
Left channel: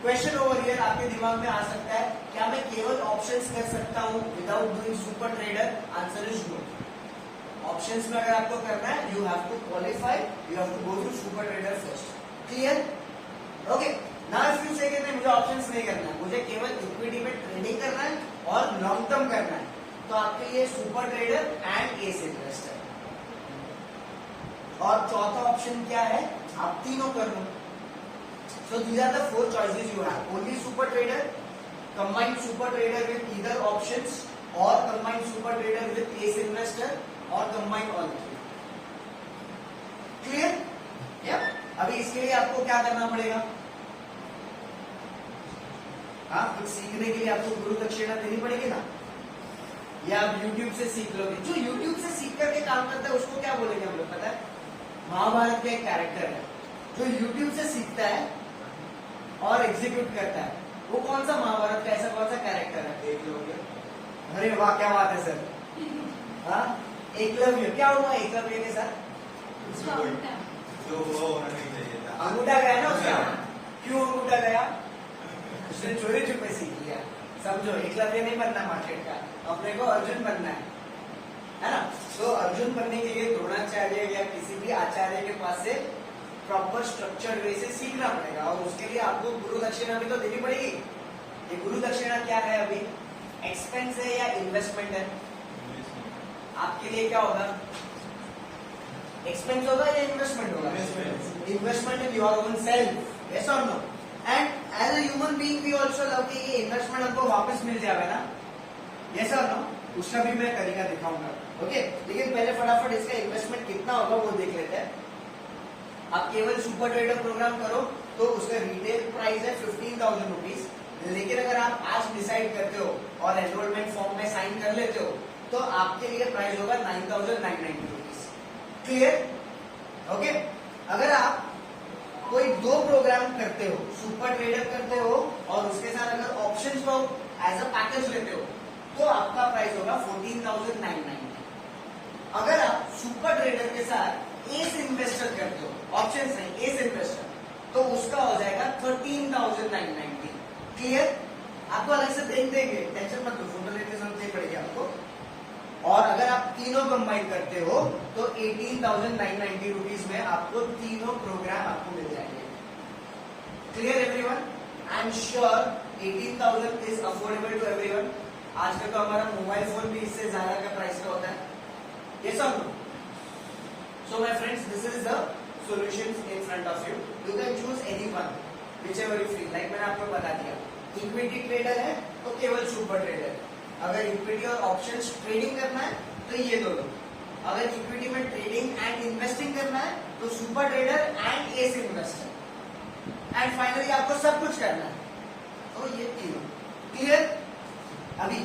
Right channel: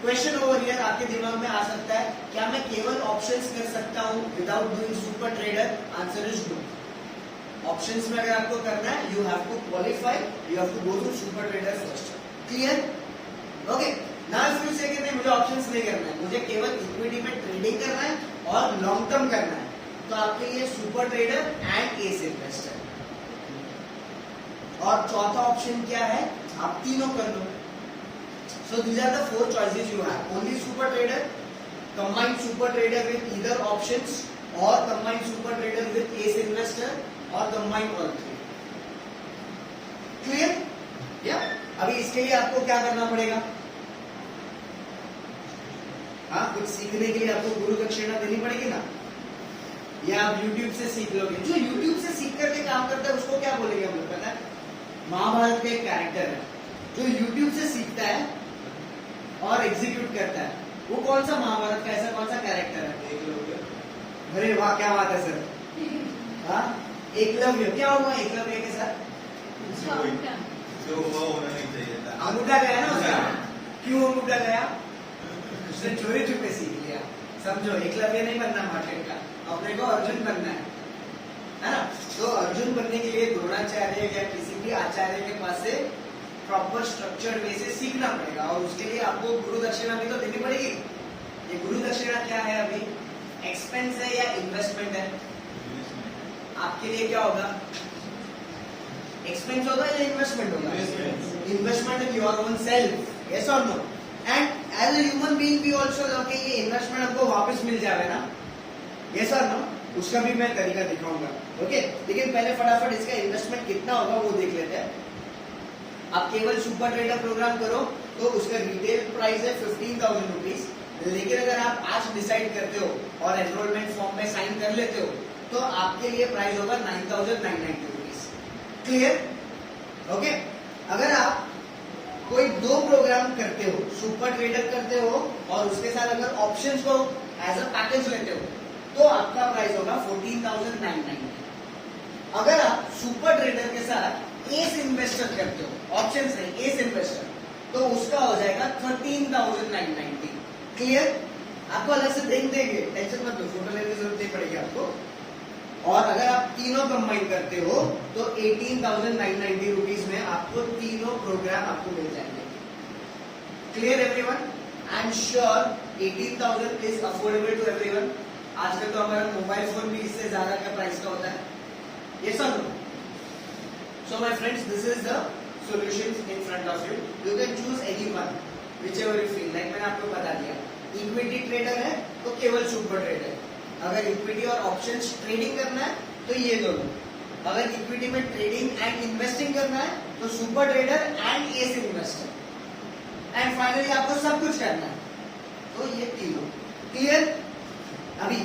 question over here आपके दिमाग में आ सकता है, क्या मैं केवल ऑप्शंस कर सकता हूं without doing super trader? Answer is no. Options में अगर आपको करना है, you have to qualify, you have to go to super trader first. Clear? Okay, now if you say कि नहीं मुझे ऑप्शंस नहीं करना है, मुझे केवल इक्विटी में ट्रेडिंग करना है और लॉन्ग टर्म करना है, तो आपके लिए super trader and S investor. और चौथा ऑप्शन क्या है? आप तीनों कर लो। So these are the 4 choices you have. Only super trader, combine super trader with either options, or combine super trader with ace investor, or combine all 3. Clear? Yeah. अभी इसके लिए आपको क्या करना पड़ेगा? हाँ, कुछ सीखने के लिए आपको गुरु दक्षिणा देनी पड़ेगी ना, या आप YouTube से सीख लोगे। जो YouTube से सीख करके काम करता है उसको क्या बोलेंगे हम लोग, पता है? महाभारत का एक कैरेक्टर है, जो YouTube से सीखता है और एग्जीक्यूट करता है, वो कौन सा महाभारत का ऐसा कौन सा कैरेक्टर है? एकलव्य। अरे वाह, क्या बात है सर। हाँ, एकलव्य। क्या हुआ एकलव्य के साथ? जो हुआ होना नहीं चाहिए था। अंगूठा गया ना उसका। क्यों अंगूठा गया? उसने चोरी छुपे सीख लिया। समझो, एकलव्य नहीं बनना मार्केट का, अपने को अर्जुन बनना है ना? तो अर्जुन बनने के लिए द्रोणाचार्य या किसी भी आचार्य के पास से प्रॉपर स्ट्रक्चर वे से सीखना पड़ेगा, और उसके लिए आपको गुरु दक्षिणा भी तो देनी पड़ेगी। ये गुरु दक्षिणा क्या है? अभी एक्सपेंस है या इन्वेस्टमेंट है? आपके लिए क्या होगा? एक्सपेंस होगा या इन्वेस्टमेंट होगा? Investment in your own self, yes और no? And as a human being we also love कि ये इन्वेस्टमेंट हमको वापस मिल जाएगा ना, यस और नो? उसका भी मैं तरीका दिखाऊंगा, ओके। लेकिन पहले फटाफट इसका इन्वेस्टमेंट कितना होगा वो देख लेते हैं। आप केवल सुपर ट्रेडर प्रोग्राम करो तो उसका रिटेल प्राइस है 15,000 रुपीज, लेकिन अगर आप आज डिसाइड करते हो और एनरोलमेंट फॉर्म में साइन कर लेते हो तो आपके लिए प्राइस होगा 9,990 रुपीज। क्लियर? ओके। अगर आप कोई 2 प्रोग्राम करते हो, सुपर ट्रेडर करते हो और उसके साथ अगर ऑप्शंस को एज अ पैकेज लेते हो, तो आपका प्राइस होगा 14,990। अगर आप सुपर ट्रेडर के साथ एस इन्वेस्टर करते हो, ऑप्शंस नहीं, एस इन्वेस्टर, तो उसका हो जाएगा 13,990। क्लियर? आपको अलग से देख देंगे, टेंशन मत लो, फोटो लेने की जरूरत नहीं पड़ेगी आपको। और अगर आप तीनों कंबाइन करते हो तो 18,990 रुपीज में आपको तीनों प्रोग्राम आपको मिल जाएंगे। Clear everyone? I am sure 18,000 is affordable to everyone. आजकल तो हमारा मोबाइल फोन भी इससे ज्यादा का प्राइस का होता है. Yes or no? So my friends, this is the solutions in front of you. You can choose any one, whichever you feel. Like मैंने आपको बता दिया, इक्विटी ट्रेडर है तो केवल सुपर ट्रेडर. अगर इक्विटी और ऑप्शंस ट्रेडिंग करना है तो ये दोनों. अगर इक्विटी में ट्रेडिंग एंड इन्वेस्टिंग करना है तो super trader and S investor. And finally आपको सब कुछ करना है तो ये तीनों. क्लियर? अभी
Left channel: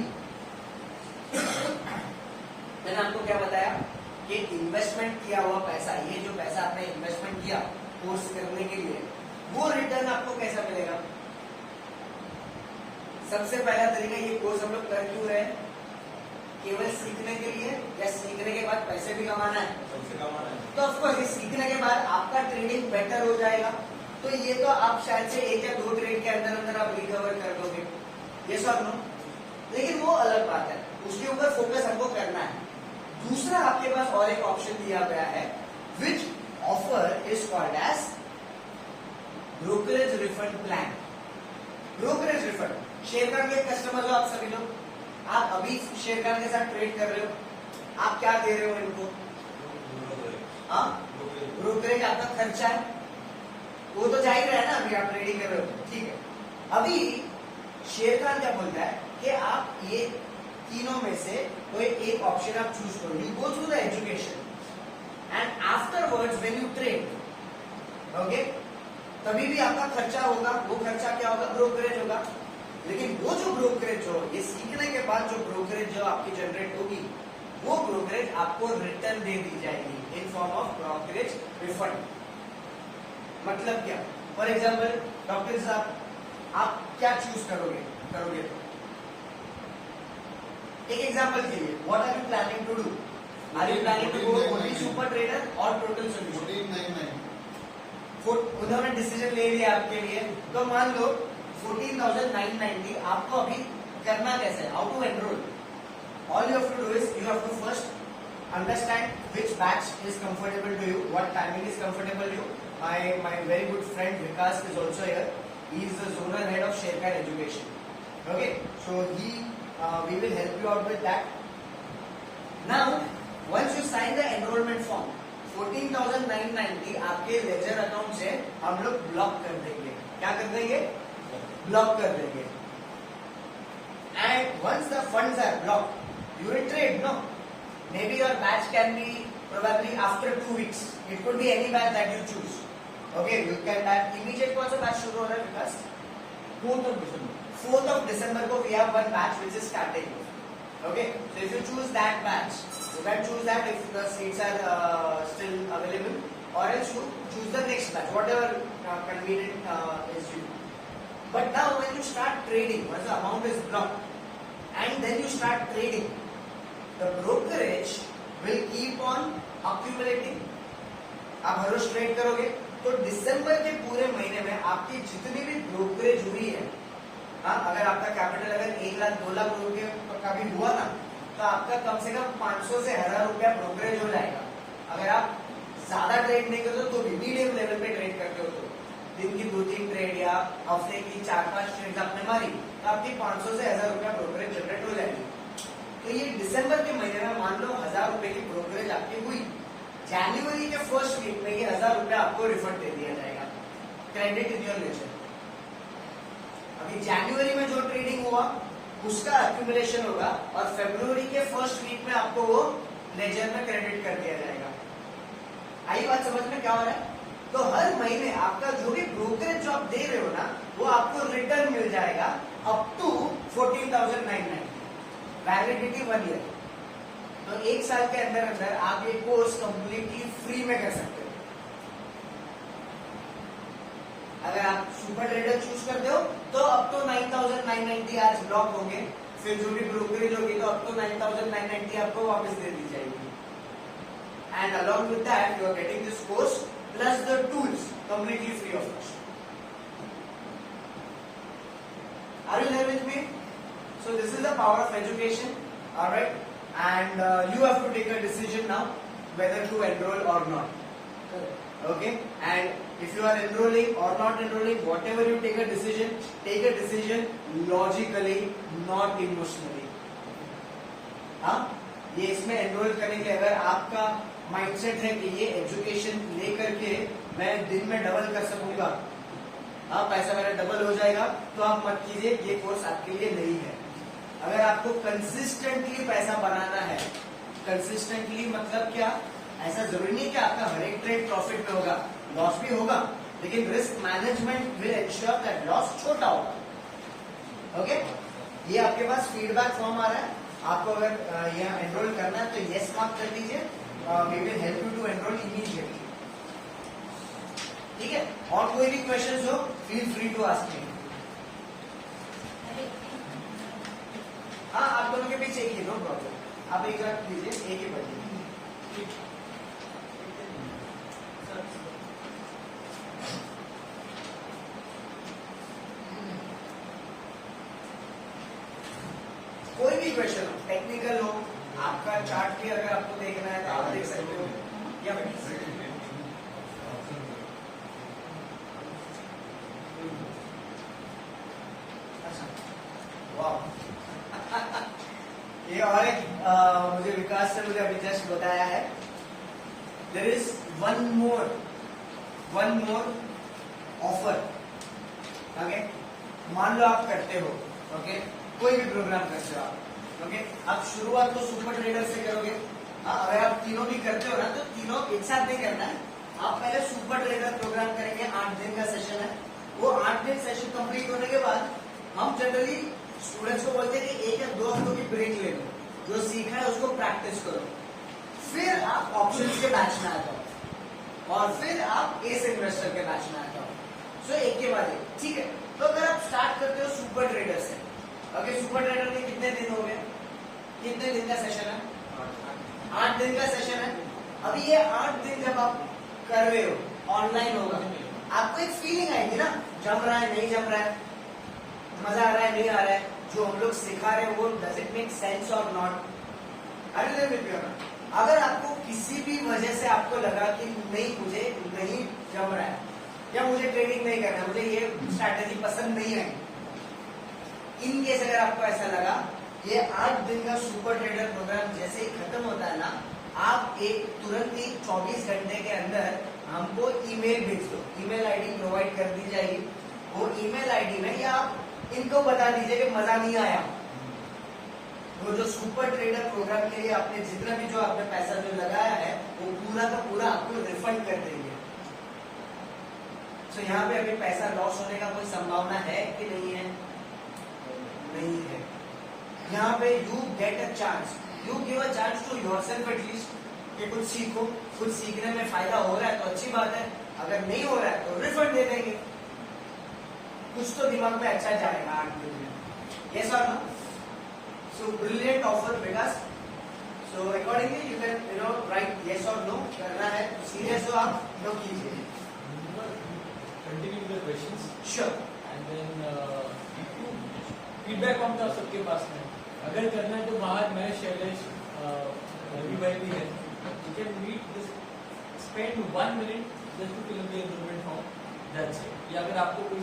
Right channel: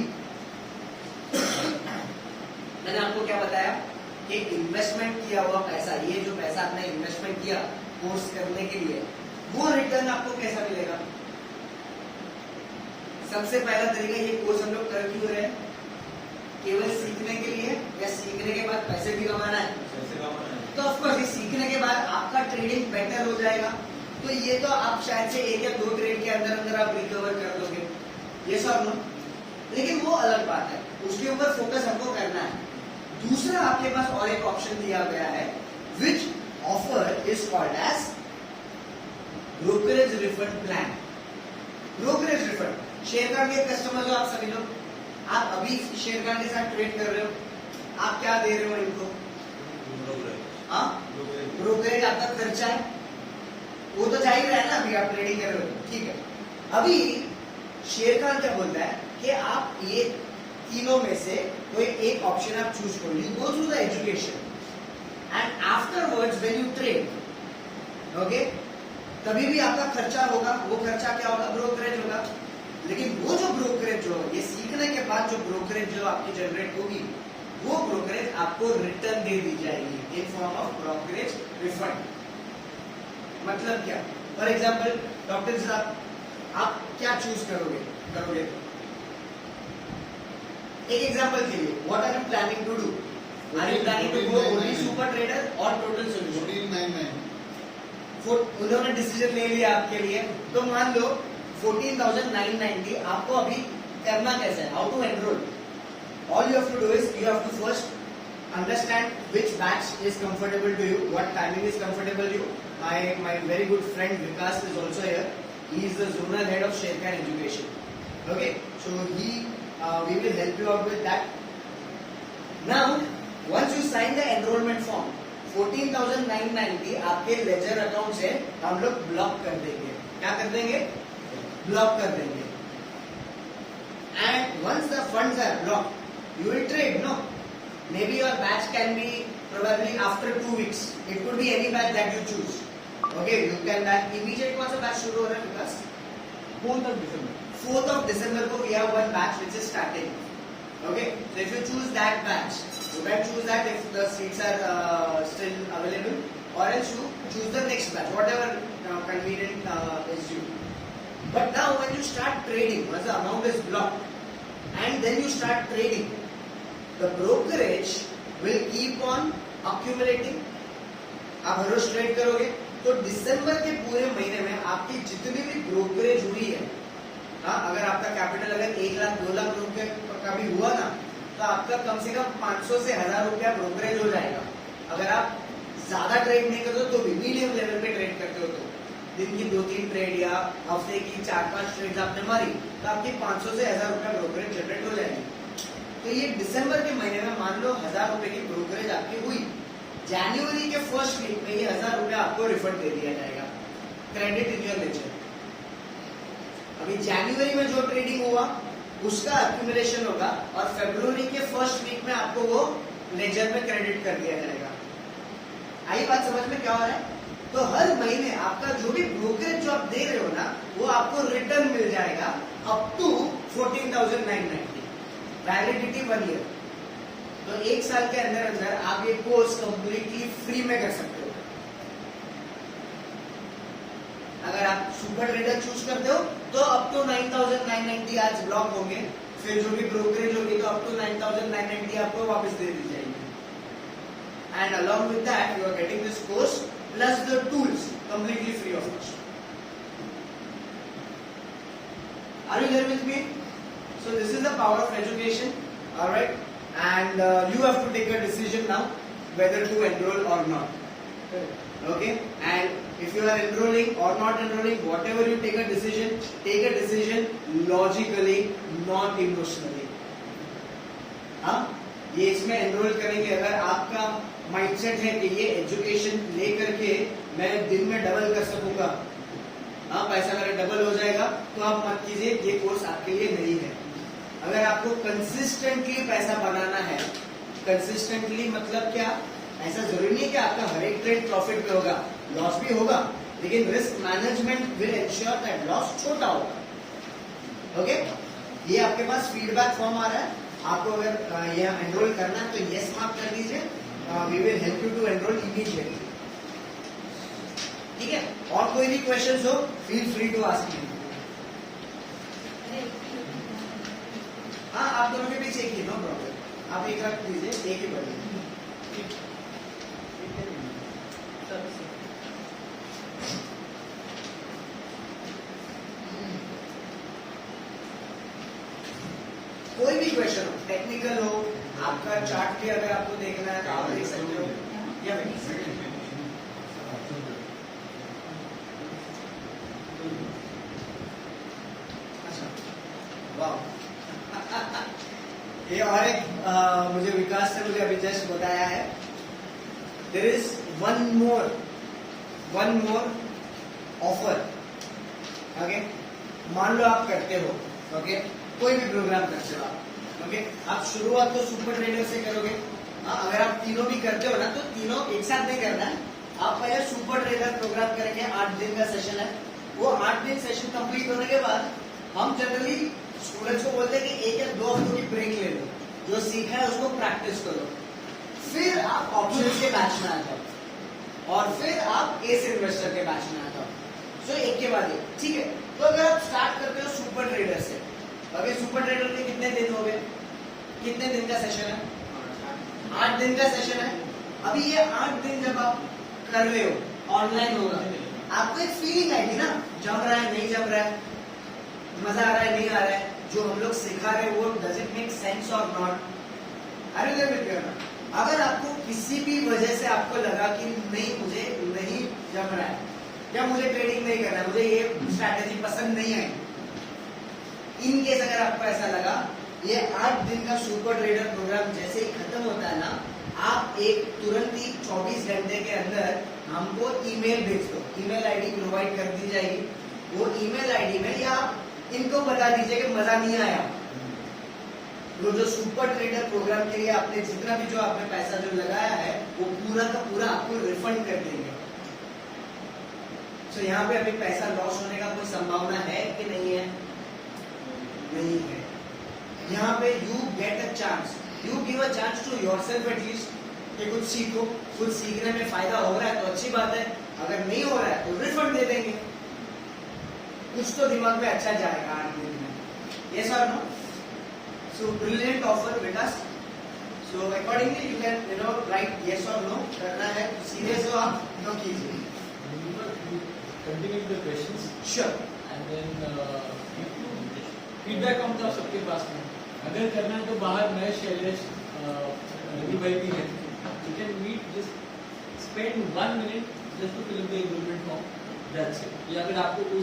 मैंने आपको क्या बताया कि इन्वेस्टमेंट किया हुआ पैसा, ये जो पैसा आपने इन्वेस्टमेंट किया कोर्स करने के लिए, वो रिटर्न आपको कैसा मिलेगा. सबसे पहला तरीका, ये कोर्स हम लोग कर क्यों रहे हैं? केवल सीखने के लिए या सीखने के बाद पैसे भी कमाना है? सबसे कमाना है. तो ऑफकोर्स सीखने के बाद आपका ट्रेडिंग बेटर हो जाएगा. तो ये तो आप शायद से 1 या 2 ट्रेड के अंदर अंदर आप रिकवर कर दोगे. ये और नो. लेकिन वो अलग बात है, उसके ऊपर फोकस हमको करना है. दूसरा आपके पास और एक ऑप्शन दिया गया है, which offer is called as brokerage refund plan. Brokerage refund. Share के कस्टमर जो आप सभी लोग, आप अभी शेयर के साथ ट्रेड कर रहे हो, आप क्या दे रहे हो इनको? हाँ, ब्रोकरेज आपका खर्चा है, वो तो जा ही रहा है ना. अभी आप ट्रेडिंग कर रहे हो, ठीक है. अभी शेयर खान क्या बोलता है कि आप ये तीनों में से कोई एक ऑप्शन आप चूज करो. You go through the education and afterwards when you trade, okay, तभी भी आपका खर्चा होगा. वो खर्चा क्या होगा? ब्रोकरेज होगा. लेकिन वो जो ब्रोकरेज जो ये सीखने के बाद जो ब्रोकरेज जो आपकी जनरेट होगी, वो ब्रोकरेज आपको रिटर्न दे दी जाएगी in form of brokerage refund. मतलब क्या? फॉर एग्जाम्पल डॉक्टर साहब, आप क्या चूज करोगे? एक एग्जाम्पल के लिए, what are you planning to do? Are you planning to go only super trader और टोटल सोल्यूशन? 1499. उन्होंने डिसीजन ले लिया आपके लिए. तो मान लो 14,990 आपको अभी करना कैसे है? How to enrol? All you have to do is you have to first understand which batch is comfortable to you, what timing is comfortable you. My very good friend Vikas is also here. He is the zonal head of Sharekhan Education. Okay, so we will help you out with that. Now, once you sign the enrollment form, 14,990 आपके ledger account से हम लोग block कर देंगे. क्या कर देंगे? Block कर देंगे. And once the funds are blocked, you will trade. No, maybe your batch can be probably after 2 weeks. It could be any batch that you choose. Okay, you can batch immediate also batch should go on because 4th of December. 4th of December ko we have one batch which is starting. Okay, so if you choose that batch, you can choose that if the seats are still available, or else you choose the next batch, whatever convenient is you. But now when you start trading, once the amount is blocked and then you start trading, the brokerage will keep on accumulating. आप हर रोज trade करोगे तो दिसंबर के पूरे महीने में आपकी जितनी भी ब्रोकरेज हुई है, हाँ, अगर आपका कैपिटल अगर 1 लाख 2 लाख रुपए का भी हुआ ना, तो आपका कम से कम 500 से 1000 रुपया ब्रोकरेज हो जाएगा. अगर आप ज्यादा ट्रेड नहीं करते तो भी मीडियम लेवल पे ट्रेड करते हो, तो दिन की 2-3 ट्रेड या हफ्ते की 4-5 ट्रेड आपने मारी तो आपकी 500 से 1000 रुपया ब्रोकरेज जनरेट हो जाएगी. तो ये दिसंबर के महीने में मान लो 1000 रुपए की ब्रोकरेज आपकी हुई. जनवरी के फर्स्ट वीक में ये 1000 रुपया आपको रिफंड दे दिया जाएगा. Credit in your ledger. अभी जनवरी में जो ट्रेडिंग हुआ उसका एक्यूमुलेशन होगा और फरवरी के फर्स्ट वीक में आपको वो लेजर में क्रेडिट कर दिया जाएगा. आई बात समझ में क्या हो रहा है? तो हर महीने आपका जो भी ब्रोकरेज जो आप दे रहे हो ना, वो आपको रिटर्न मिल जाएगा अप टू 14,990. Validity 1 year. तो 1 साल के अंदर अंदर आप ये कोर्स कंप्लीटली फ्री में कर सकते हो. अगर आप सुपर ट्रेडर चूज करते हो तो अप टू 9,990 आज ब्लॉक होंगे, फिर जो भी ब्रोकरेज होगी तो अप टू 9,990 आपको वापस दे दी जाएगी. And along with that you are getting this course plus the tools completely free of cost. Are you there with me? So this is the power of education, all right, and you have to take a decision now whether to enroll or not. Correct. Okay, and if you are enrolling or not enrolling, whatever you take a decision logically, not emotionally. हाँ, ये इसमें enrol करेंगे। अगर आपका mindset है कि ये education लेकर के मैं दिन में डबल कर सकूंगा, हाँ पैसा मेरा डबल हो जाएगा, तो आप मत कीजिए, ये कोर्स आपके लिए नहीं है। अगर आपको कंसिस्टेंटली पैसा बनाना है, कंसिस्टेंटली मतलब क्या, ऐसा जरूरी नहीं है कि आपका हर एक ट्रेड प्रॉफिट में होगा, लॉस भी होगा, लेकिन risk management will ensure that loss छोटा होगा। ओके, ये आपके पास फीडबैक फॉर्म आ रहा है, आपको अगर ये एनरोल करना है तो यस मार्क कर दीजिए, we will help you to enrol immediately. ठीक है, और कोई भी क्वेश्चंस हो feel free to ask me. हाँ, आप दोनों के पीछे एक ही, नो प्रॉब्लम, आप एक लाख कीजिए, एक ही कर दीजिए। कोई भी क्वेश्चन हो, टेक्निकल हो, आपका चार्ट भी अगर आपको देखना है तो आप देख सकते हो, या ये और एक मुझे विकास से मुझे अभी जस्ट बताया है, there is one more offer. Okay, मान लो आप करते हो, ओके, कोई भी प्रोग्राम करते हो आप, ओके, आप शुरुआत तो सुपर ट्रेडर से करोगे। अगर आप तीनों भी करते हो ना, तो तीनों एक साथ नहीं करना है, आप पहले सुपर ट्रेडर प्रोग्राम करेंगे, 8 दिन का सेशन है। वो 8 दिन सेशन कंप्लीट होने के बाद हम जनरली स्टूडेंट्स को बोलते हैं कि 1 या 2 हफ्तों की ब्रेक ले लो, जो सीखा है उसको प्रैक्टिस करो, फिर आप ऑप्शंस के बैच में आते हो, और फिर आप एस इन्वेस्टर के बैच में आते हो। सो एक के बाद एक, ठीक है। तो अगर आप स्टार्ट करते हो सुपर ट्रेडर से, ओके, सुपर ट्रेडर में कितने दिन हो गए, कितने दिन का सेशन है, 8 दिन का सेशन है। अभी ये 8 दिन जब आप कर रहे हो, ऑनलाइन होगा, आपको एक फीलिंग आएगी ना, जम रहा है नहीं जम रहा है, मजा आ रहा है नहीं आ रहा है, जो हम लोग सिखा रहे हैं वो डज इट मेक सेंस और नॉट। अगर आपको किसी भी वजह से आपको लगा कि नहीं, मुझे नहीं जम रहा है, या मुझे ट्रेडिंग नहीं करना है, मुझे ये स्ट्रैटेजी पसंद नहीं है, इन केस अगर आपको ऐसा लगा, ये 8 दिन का सुपर ट्रेडर प्रोग्राम जैसे ही खत्म होता है ना, आप एक तुरंत ही 24 घंटे के अंदर हमको ईमेल भेज दो, ईमेल आईडी प्रोवाइड कर दी जाएगी। वो ईमेल आईडी में या आप इनको बता दीजिए कि मजा नहीं आया, वो जो सुपर ट्रेडर प्रोग्राम के लिए आपने जितना भी जो आपने पैसा जो लगाया है, वो पूरा का पूरा आपको रिफंड कर देंगे। तो यहाँ पे अभी पैसा लॉस होने का कोई संभावना है कि नहीं है? नहीं है। यहाँ पे you get a chance, you give a chance to yourself at least, कि कुछ सीखो, कुछ सीखने में फायदा हो रहा है तो अच्छी बात है, अगर नहीं हो रहा है तो रिफंड दे देंगे, कुछ तो दिमाग पे अच्छा जाएगा 8 दिन में। यस और no? So brilliant offer Vikas. So accordingly you can write yes और नो, करना है सीरियस हो आप तो कीजिए। Continue with the questions sure. and then feedback कौन था सबके पास में? अगर करना है तो बाहर मैं शैलेश रवि भाई भी है, you can meet, just spend 1 minute just to fill the enrollment form, that's it। या अगर आपको कोई